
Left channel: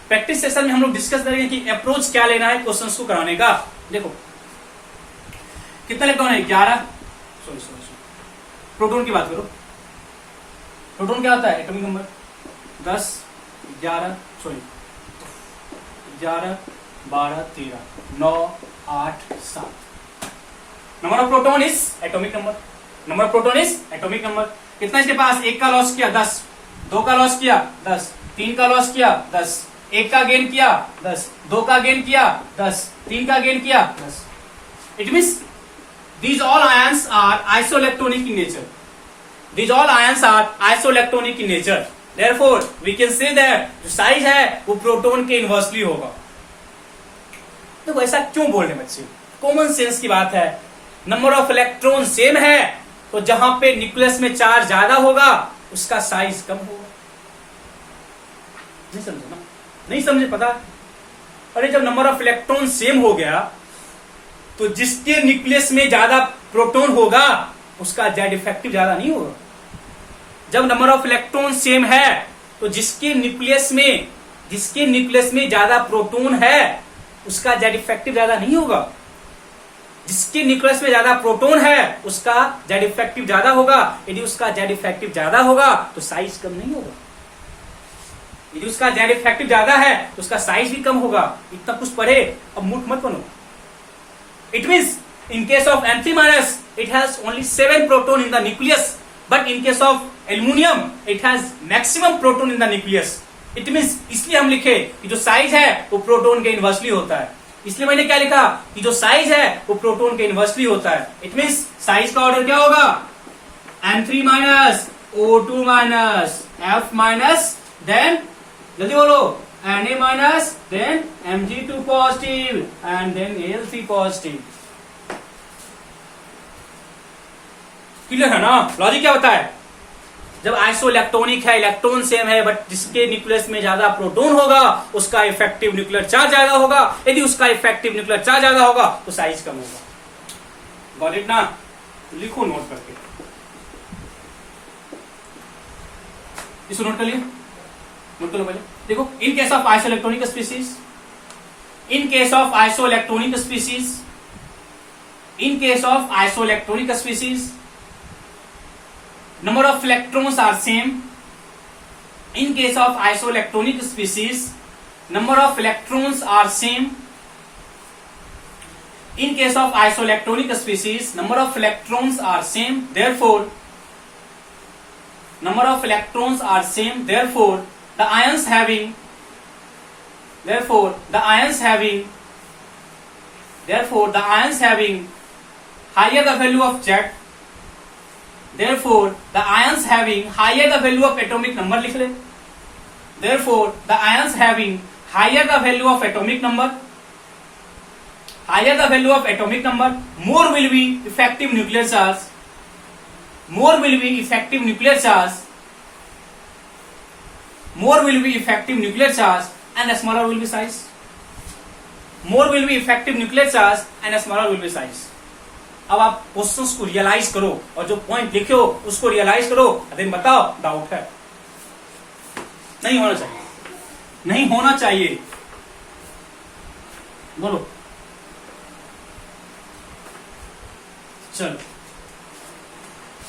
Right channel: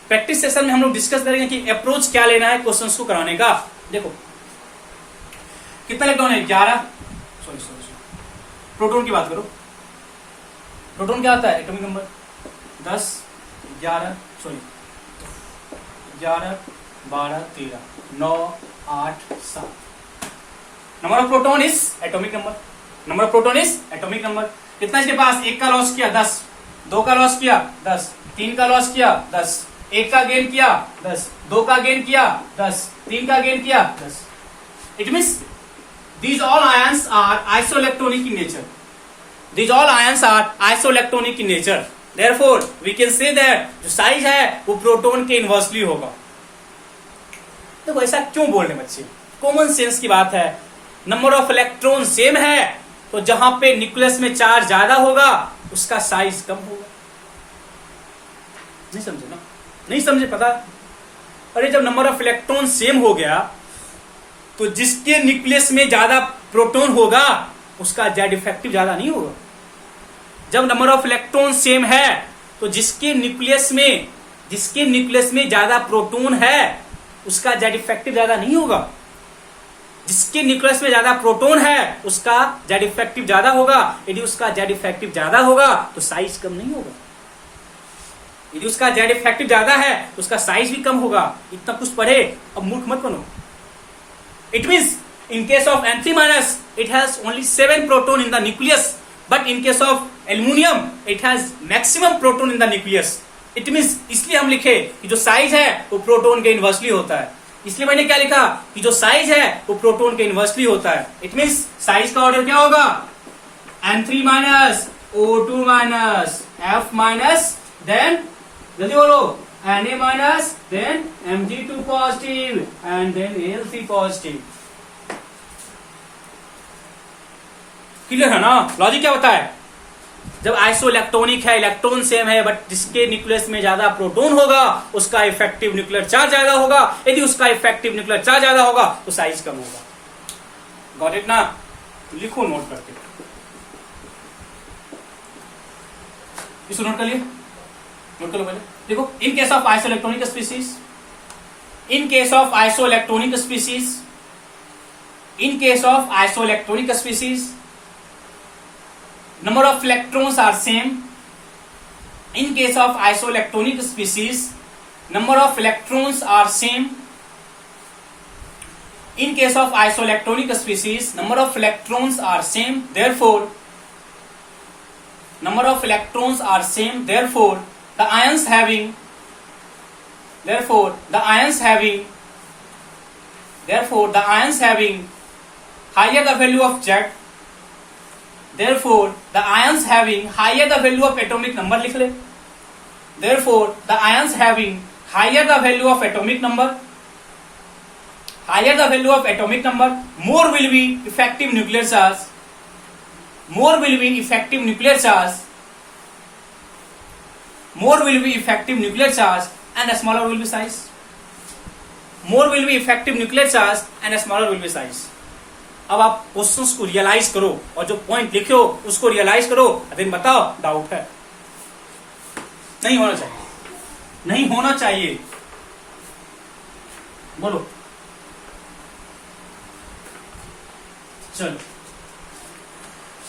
प्रैक्टिस सेशन में हम लोग डिस्कस करेंगे कि अप्रोच क्या लेना है क्वेश्चन को कराने का। देखो कितना इलेक्ट्रॉन है, 11। सॉरी प्रोटॉन की बात करो, प्रोटॉन क्या होता है, atomic number 10, 11, 12, 13, 9, 8, 7। Number of proton is atomic number. Number of proton is atomic number. कितना इसके पास, एक का लॉस किया 10, 2 का लॉस किया 10, 3 का लॉस किया 10, 1 का गेन किया 10, 2 का गेन किया 10, 3 का गेन किया 10। It means these all ions are isoelectronic in nature. These all ions are isoelectronic in nature. Therefore, we can say that जो साइज है वो प्रोटॉन के इनवर्सली होगा। तो ऐसा क्यों बोल रहे बच्चे, कॉमन सेंस की बात है। नंबर ऑफ इलेक्ट्रॉन सेम है, तो जहां पे न्यूक्लियस में चार्ज ज्यादा होगा उसका साइज कम होगा। नहीं समझे ना, नहीं समझे, पता। और जब नंबर ऑफ इलेक्ट्रॉन सेम हो गया तो जिसके न्यूक्लियस में ज्यादा प्रोटॉन होगा उसका जेड इफेक्टिव ज्यादा नहीं होगा। जब नंबर ऑफ इलेक्ट्रॉन सेम है तो जिसके न्यूक्लियस में ज्यादा प्रोटॉन है उसका जेड इफेक्टिव ज्यादा नहीं होगा। जिसके न्यूक्लियस में ज्यादा प्रोटॉन है उसका जेड इफेक्टिव ज्यादा होगा। यदि उसका जेड इफेक्टिव ज्यादा होगा तो साइज कम नहीं होगा। यदि उसका जेड इफेक्टिव ज्यादा है तो उसका साइज भी कम होगा। इतना कुछ पढ़े, अब मूर्ख मत बनो। It means in case of N3-, it has only 7 proton in the nucleus, but in case of aluminium, it has maximum proton in the nucleus. It means इसलिए हम लिखे कि जो साइज है वो प्रोटॉन के इनवर्सली होता है। इसलिए मैंने क्या लिखा कि जो साइज है वो प्रोटॉन के इनवर्सली होता है। It means साइज का ऑर्डर क्या होगा, N3-, O2-, F-, then जल्दी बोलो, Na-, then Mg2 positive and then Al3 positive। Clear है ना, लॉजिक क्या होता है। जब आइसोइलेक्ट्रॉनिक है, इलेक्ट्रॉन सेम है, बट जिसके न्यूक्लियस में ज्यादा प्रोटॉन होगा उसका इफेक्टिव न्यूक्लियर चार्ज ज्यादा होगा। यदि उसका इफेक्टिव न्यूक्लियर चार्ज ज्यादा होगा तो साइज कम होगा। गॉट इट ना, लिखो नोट करके, इसको नोट कर लिया, नोट करो पहले। देखो, इन case of isoelectronic species, in case of isoelectronic species, in case of isoelectronic species, number of electrons are same. In case of isoelectronic species, number of electrons are same. In case of isoelectronic species, number of electrons are same, therefore number of electrons are same, therefore the ions having higher the value of Z, therefore the ions having higher the value of atomic number, लिख ले, therefore the ions having higher the value of atomic number, more will be effective nuclear charge, more will be effective nuclear charge and a smaller will be size, more will be effective nuclear charge and a smaller will be size. अब आप questions को realise करो और जो point लिखे हो उसको realise करो, अभी बताओ डाउट है? नहीं होना चाहिए, बोलो। चलो,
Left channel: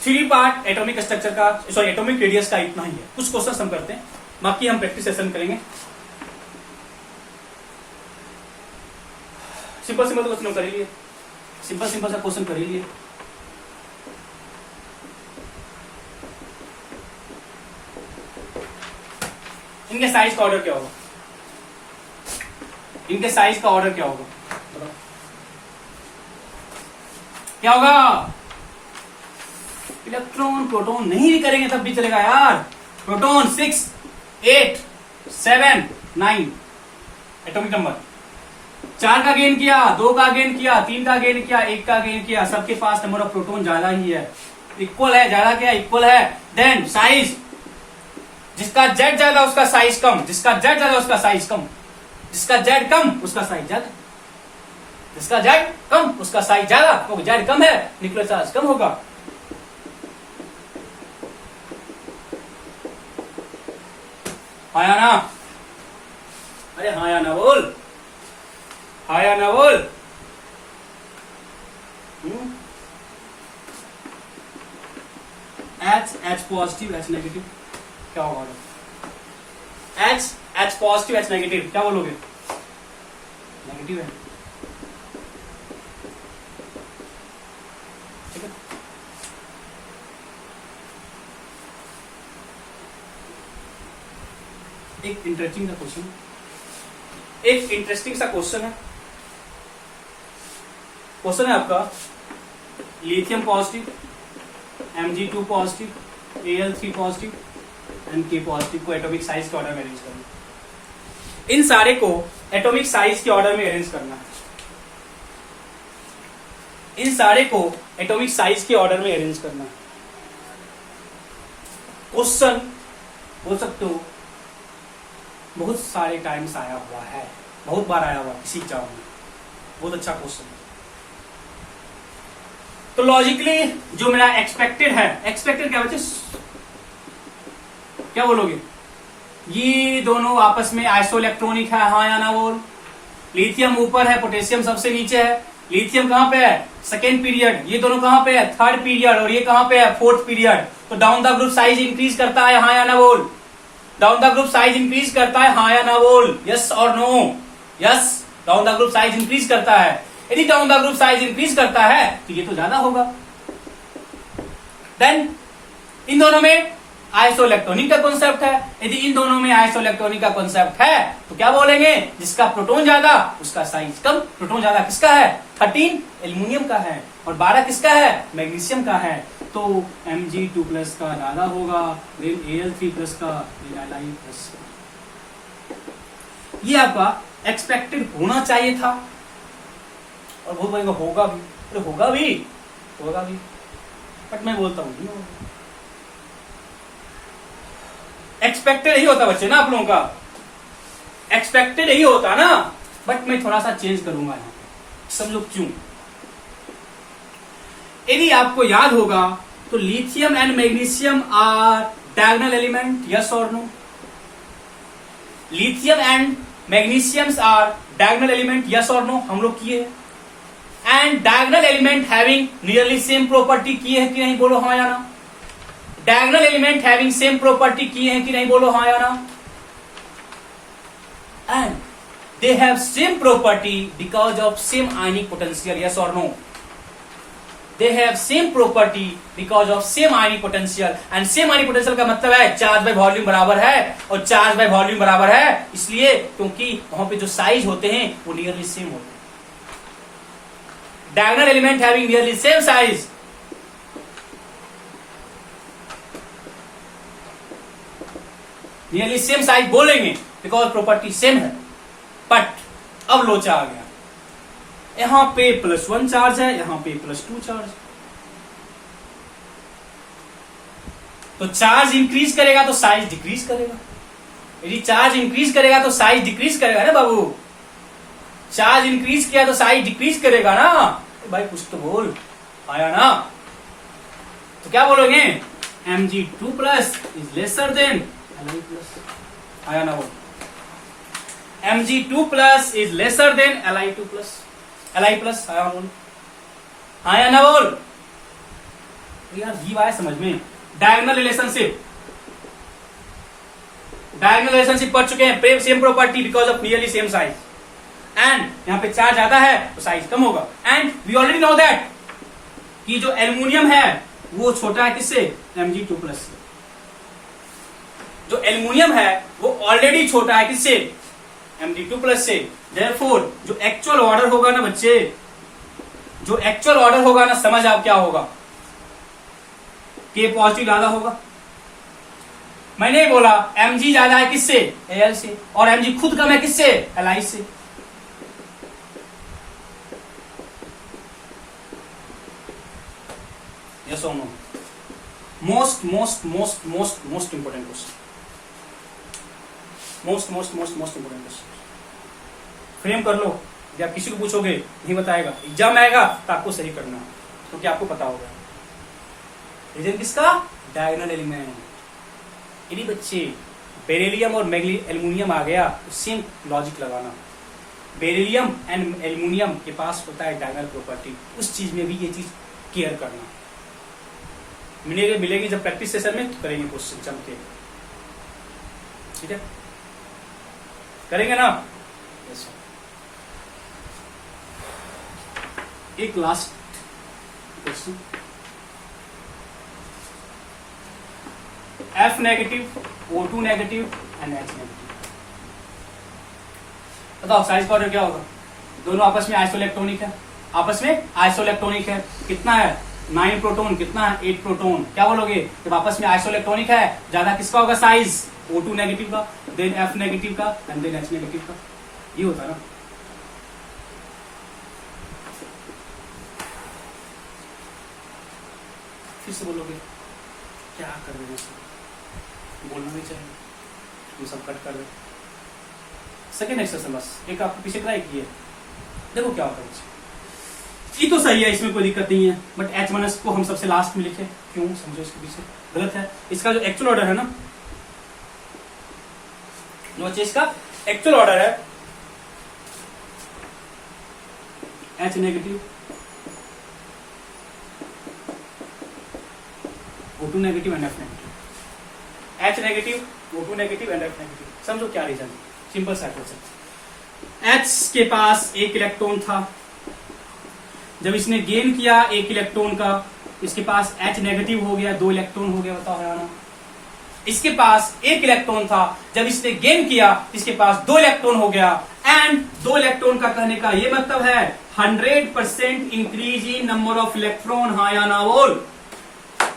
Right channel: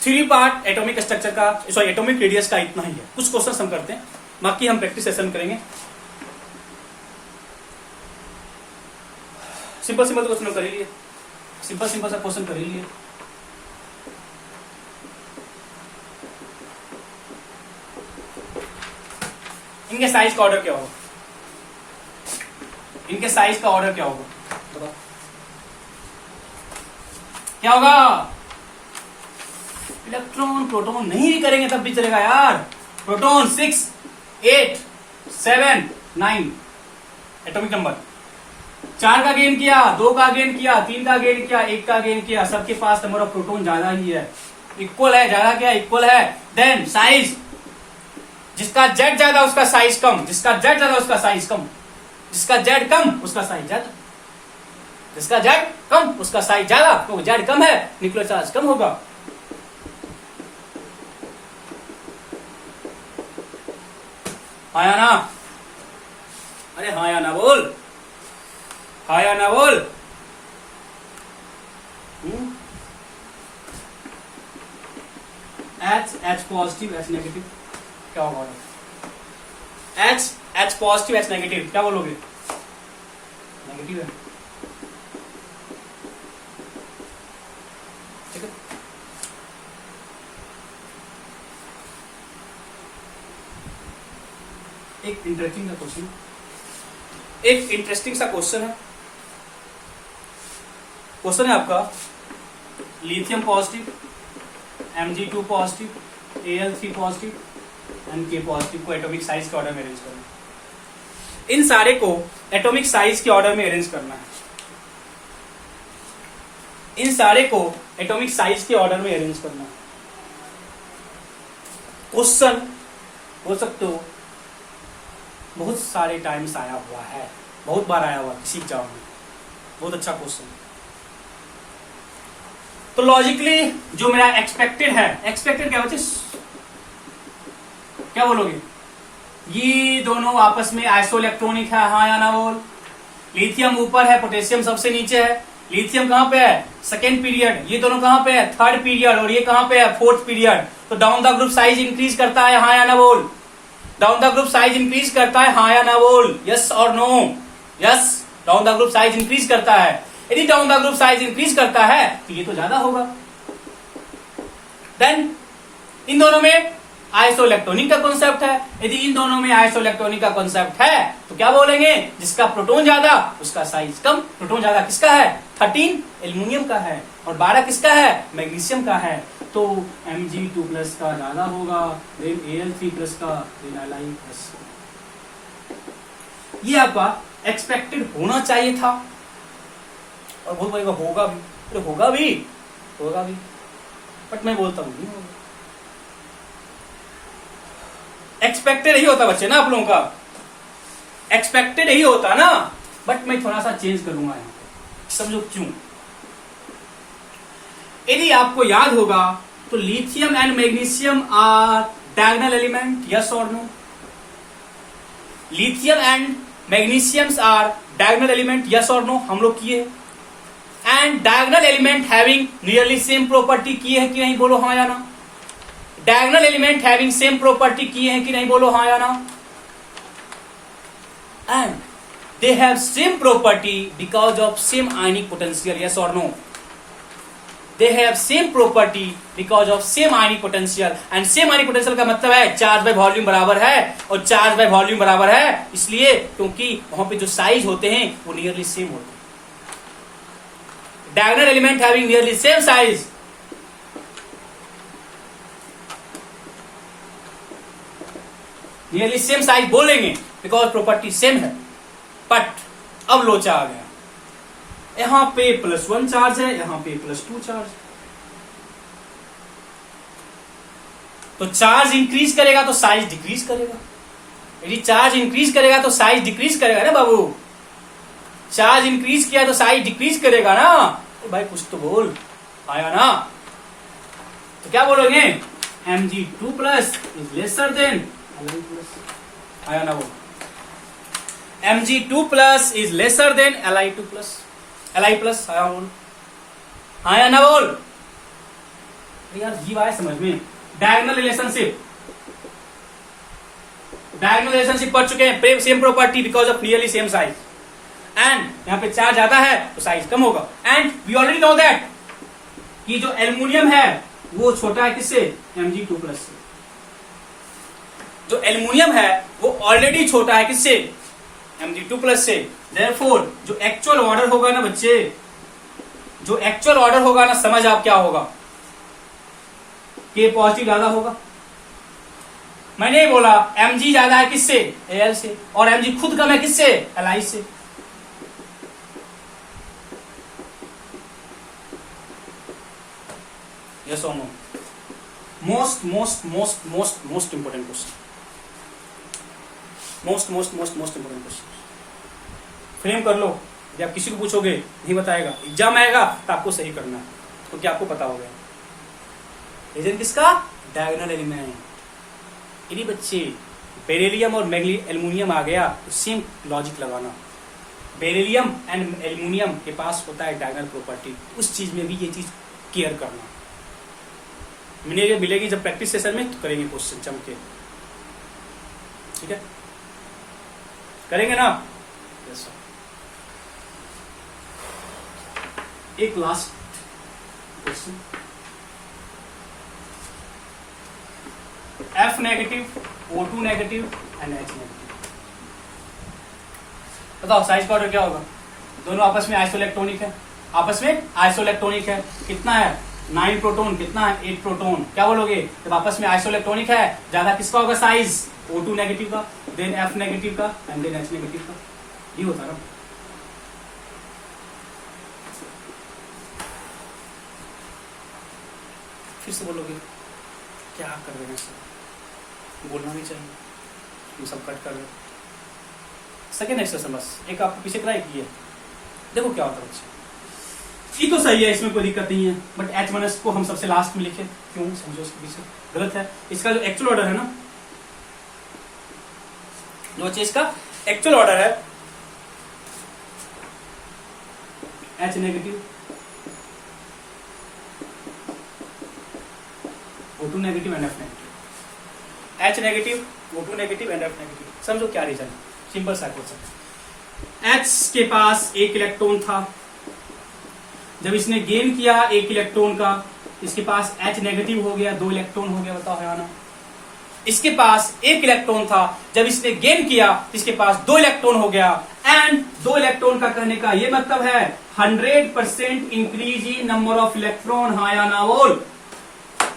3 पार्ट एटॉमिक स्ट्रक्चर का, सॉरी एटॉमिक रेडियस का इतना ही है। कुछ क्वेश्चन हम करते हैं, बाकी हम प्रैक्टिस सेशन करेंगे। सिंपल तो क्वेश्चन कर लिए, सिंपल सा क्वेश्चन कर लिए। इनके साइज का ऑर्डर क्या होगा? क्या होगा? इलेक्ट्रॉन प्रोटॉन नहीं भी करेंगे तब भी चलेगा यार। प्रोटॉन 6, 8, 7, 9 एटॉमिक नंबर, 4 का गेन किया, 2 का गेन किया, 3 का गेन किया, 1 का गेन किया, सबके पास नंबर ऑफ प्रोटॉन ज्यादा ही है, इक्वल है, ज्यादा क्या इक्वल है। देन साइज, जिसका जेड ज्यादा उसका साइज कम, जिसका जेड ज्यादा उसका साइज कम, जिसका जेड कम उसका साइज ज्यादा, जिसका जेड कम उसका साइज ज्यादा, तो जेड कम है न्यूक्लियर चार्ज कम होगा। हाँ या ना? अरे हाँ या ना बोल, हाँ या ना बोल। H पॉजिटिव H नेगेटिव क्या होगा? H पॉजिटिव H नेगेटिव क्या बोलोगे? नेगेटिव है, ठीक है। एक इंटरेस्टिंग सा क्वेश्चन है, क्वेश्चन है आपका, lithium positive, Mg2 positive, Al3 positive and K positive को एटॉमिक साइज के ऑर्डर में अरेंज करना है। इन सारे को एटॉमिक साइज के ऑर्डर में अरेंज करना है, इन सारे को एटॉमिक साइज के ऑर्डर में अरेंज करना है। क्वेश्चन बोल सकते हो बहुत सारे टाइम्स आया हुआ है, बहुत बार आया हुआ किसी एग्जाम में, बहुत अच्छा क्वेश्चन। तो लॉजिकली जो मेरा एक्सपेक्टेड है, एक्सपेक्टेड क्या बच्चे, क्या बोलोगे? ये दोनों आपस में आइसोइलेक्ट्रॉनिक है, हाँ या ना बोल। लिथियम ऊपर है, पोटेशियम सबसे नीचे है। लिथियम कहां पे है? Second period. ये दोनों कहां पे है? Third period. और ये कहां पे है? Fourth period. तो down the group size increase करता है, हाँ या ना बोल। Down the group size increase करता है, हाँ या ना बोल। यस और no? Yes, down the group size increase करता है। यदि down the group size increase करता है तो ये तो ज्यादा होगा। देन इन दोनों में आइसोइलेक्ट्रॉनिक का कॉन्सेप्ट है। यदि इन दोनों में आइसोइलेक्ट्रॉनिक का कॉन्सेप्ट है तो क्या बोलेंगे? जिसका प्रोटॉन ज्यादा उसका साइज कम। प्रोटॉन ज्यादा किसका है? 13 एल्यूमिनियम का है और 12 किसका है? मैग्नीशियम का है। तो Mg2+ का ज्यादा होगा, देन Al3+ का, देन Li+। ये आपका एक्सपेक्टेड होना चाहिए था और बहुत बड़ी होगा भी, तो होगा भी बट मैं बोलता हूं नहीं होगा। एक्सपेक्टेड ही होता बच्चे ना, आप लोगों का एक्सपेक्टेड ही होता ना, बट मैं थोड़ा सा चेंज करूंगा यहाँ पे, समझो क्यों। यदि आपको याद होगा तो lithium and magnesium are diagonal element, yes और no? Lithium and magnesium are diagonal element, yes और नो? हम लोग किए। And diagonal element having nearly same property किए हैं कि नहीं? बोलो हाँ या ना। Diagonal element having same property किए हैं कि नहीं? बोलो हाँ या ना। And they have same property because of same ionic potential, yes or no? They have same property because of same ionic potential, and same ionic potential का मतलब है चार्ज बाय वॉल्यूम बराबर है, और चार्ज बाय वॉल्यूम बराबर है इसलिए क्योंकि वहां पे जो साइज होते हैं वो नियरली सेम होते हैं. Diagonal element having nearly same size, nearly same size बोलेंगे बिकॉज प्रॉपर्टी सेम है. बट अब लोचा आ गया, यहां पे +1 चार्ज है, यहां पे +2 चार्ज. तो चार्ज इंक्रीज करेगा तो साइज डिक्रीज करेगा. यदि चार्ज इंक्रीज करेगा तो साइज डिक्रीज करेगा ना बाबू. चार्ज इंक्रीज किया तो साइज डिक्रीज करेगा ना. तो भाई कुछ तो बोल, आया ना. तो क्या बोलोगे, Mg2+ is lesser than Li+. आया ना वो, Mg2+ is lesser than Li2+. Li+, आया ना बोल. यार जीव आया समझ में. डायगोनल रिलेशनशिप, डायगोनल रिलेशनशिप पढ़ चुके हैं. Same property because of nearly same size, and यहां पे चार्ज ज्यादा है तो साइज कम होगा. And we already know that कि जो एल्यूमिनियम है वो छोटा है किससे, Mg2+ से. जो एल्यूमिनियम है वो ऑलरेडी छोटा है किससे, Mg2+ से. देयरफॉर जो एक्चुअल ऑर्डर होगा ना बच्चे, जो एक्चुअल ऑर्डर होगा ना, समझ आप क्या होगा, K पॉजिटिव ज्यादा होगा. मैंने बोला Mg ज्यादा है किससे, Al से, और Mg खुद कम है किससे, Li से. यस और no. Most important question, most important question. Frame कर लो, या किसी को पूछोगे नहीं बताएगा, एग्जाम आएगा तो आपको सही करना है, तो क्या आपको पता होगा. रीजन किसका, डायगोनल एलिमेंट. यदि बच्चे बेरिलियम और एल्यूमिनियम आ गया तो सेम लॉजिक लगाना. बेरिलियम एंड एल्यूमिनियम के पास होता है डायगोनल प्रॉपर्टी, उस चीज में भी ये चीज केयर करना. मिलेगी जब प्रैक्टिस सेशन में तो करेंगे क्वेश्चन चमके. ठीक है, करेंगे ना. यस. एक last question, F negative, O2 negative and H negative. बताओ साइज का ऑर्डर क्या होगा. दोनों आपस में आइसोइलेक्ट्रॉनिक है, आपस में आइसोइलेक्ट्रॉनिक है. कितना है, 9 प्रोटॉन. कितना है, 8 प्रोटॉन. क्या बोलोगे, जब आपस में आइसोइलेक्ट्रॉनिक है ज्यादा किसका होगा साइज, O2 नेगेटिव का, देन F नेगेटिव का एंड देन H नेगेटिव का. ये होता ना. फिर से बोलोगे क्या कर रहे हो, बोलना भी चाहिए, ये सब कट कर दो. सेकेंड एक्सरसाइज बस एक आपको पीछे ट्राई किए, देखो क्या होता है. ये तो सही है, इसमें कोई दिक्कत नहीं है, बट H1S को हम सबसे लास्ट में लिखे क्यों, समझो इसके पीछे गलत है. इसका जो एक्चुअल ऑर्डर है ना, जो चीज का एक्चुअल ऑर्डर है, H negative, O2 negative and F negative. H negative, O2 negative and F negative. समझो क्या रीजन, सिंपल सा क्वेश्चन. H के पास एक इलेक्ट्रॉन था, जब इसने गेन किया एक इलेक्ट्रॉन का, इसके पास H नेगेटिव हो गया, 2 इलेक्ट्रॉन हो गया. बताओ है ना. इसके पास एक इलेक्ट्रॉन था, जब इसने गेन किया इसके पास 2 इलेक्ट्रॉन हो गया. एंड 2 इलेक्ट्रॉन का कहने का ये मतलब है 100% increase in number of electron. हाँ या ना बोल.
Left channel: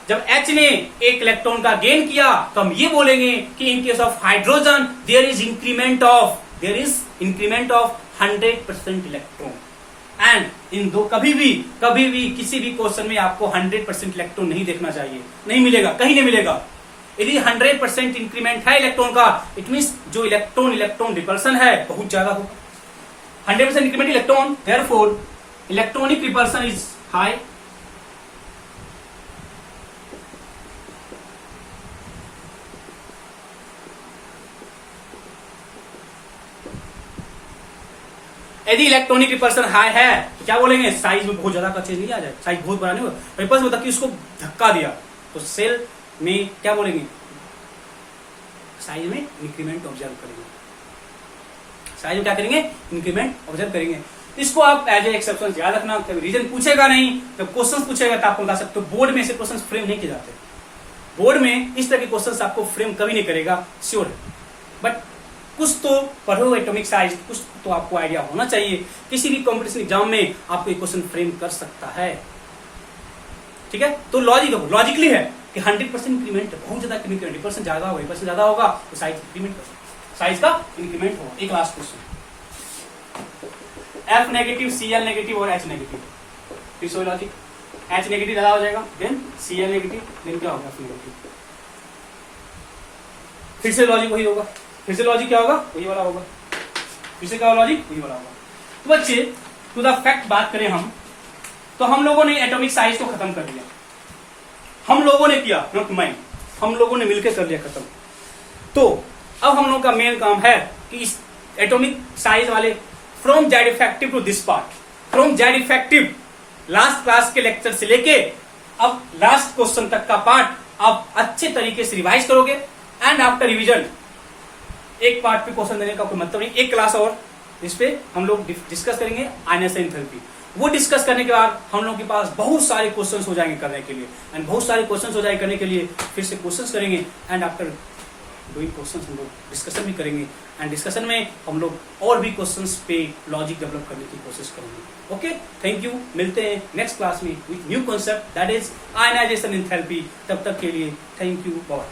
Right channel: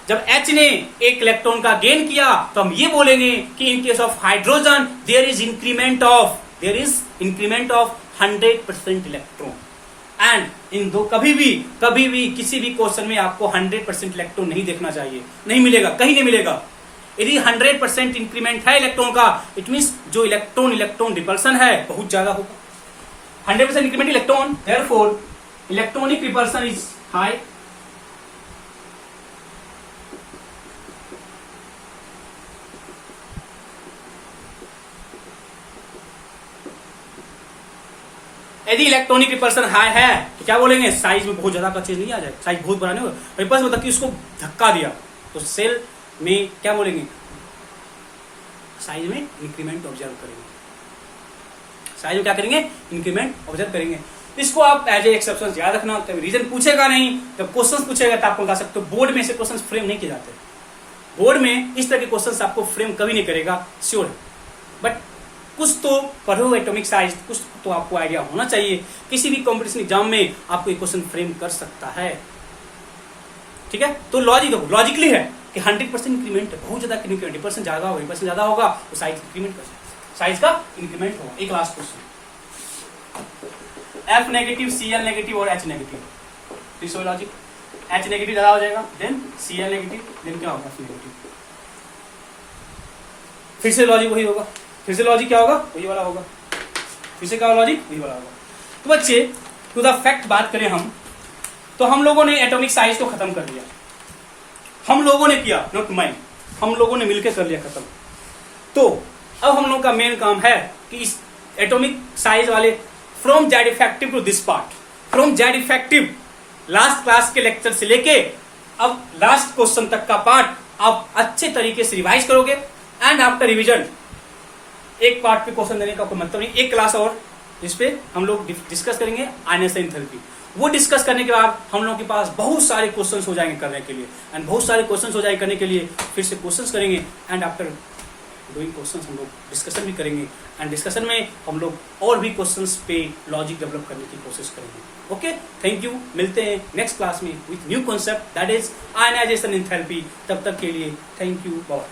जब H ने एक इलेक्ट्रॉन का गेन किया तो हम ये बोलेंगे कि in case of hydrogen there is increment of 100% electron. And इन दो कभी भी किसी भी क्वेश्चन में आपको 100% इलेक्ट्रॉन नहीं देखना चाहिए, नहीं मिलेगा, कहीं नहीं मिलेगा. यदि 100% इंक्रीमेंट है इलेक्ट्रॉन का, इट मीन जो इलेक्ट्रॉन रिपल्सन है बहुत ज्यादा होगा. 100% increment electron, therefore electronic repulsion is high. यदि इलेक्ट्रॉनिक रिपल्सन हाई है तो क्या बोलेंगे, साइज में बहुत ज्यादा का चेंज नहीं आ जाए, साइज बहुत बड़ा नहीं होगा. रिपल्स मतलब कि उसको धक्का दिया तो सेल में क्या बोलेंगे, साइज में इंक्रीमेंट ऑब्जर्व करेंगे. साइज में क्या करेंगे, इंक्रीमेंट ऑब्जर्व करेंगे। इसको आप एज ए एक्सेप्शन याद रखना, कभी रीजन पूछेगा नहीं, जब क्वेश्चन पूछेगा तो आपको बता सकते हो बोर्ड में से क्वेश्चन फ्रेम नहीं किए जाते, बोर्ड में इस तरह के क्वेश्चन आपको फ्रेम कभी नहीं करेगा, श्योर है। बट कुछ तो पढ़ो एटॉमिक साइज, कुछ तो आपको आइडिया होना चाहिए, किसी भी कॉम्पिटिशन एग्जाम में आपको एक क्वेश्चन फ्रेम कर सकता है, ठीक है। तो लॉजिकली है कि 100% इंक्रीमेंट है, बहुत ज्यादा 20% ज्यादा होगा, 20% ज्यादा होगा तो साइज इंक्रीमेंट, साइज का इंक्रीमेंट होगा। एक last question, F negative, Cl negative और H नेगेटिव, तो लॉजिक H नेगेटिव ज्यादा हो जाएगा, देन Cl नेगेटिव, देन क्या होगा F नेगेटिव, फिर से लॉजिक वही होगा, फिर से लॉजिक क्या होगा, वही वाला होगा, फिर से क्या लॉजिक वही वाला होगा। तो बच्चे टू द फैक्ट बात करें हम, तो हम लोगों ने एटॉमिक साइज को खत्म कर दिया, हम लोगों ने किया, नॉट माइंड, हम लोगों ने मिलकर कर लिया खत्म। तो अब हम लोग का मेन काम है कि इस एटॉमिक साइज वाले from Z effective to this part, from Z effective last class के लेक्चर से लेके अब लास्ट क्वेश्चन तक का पार्ट आप अच्छे तरीके से रिवाइज करोगे, एंड आफ्टर रिविजन एक पार्ट पे क्वेश्चन देने का कोई मतलब नहीं, एक क्लास और इस पे हम लोग डिस्कस करेंगे आयनियन एंथैल्पी। वो डिस्कस करने के बाद हम लोगों के पास बहुत सारे क्वेश्चंस हो जाएंगे करने के लिए, एंड बहुत सारे क्वेश्चंस हो जाएंगे करने के लिए फिर से क्वेश्चंस करेंगे, एंड आफ्टर डूइंग क्वेश्चंस हम लोग डिस्कशन भी करेंगे, एंड डिस्कशन में हम लोग और भी क्वेश्चंस पे लॉजिक डेवलप करने की कोशिश करेंगे। ओके, थैंक यू, मिलते हैं नेक्स्ट क्लास में with new concept that is ionization enthalpy. तब तक के लिए थैंक यू, बाय।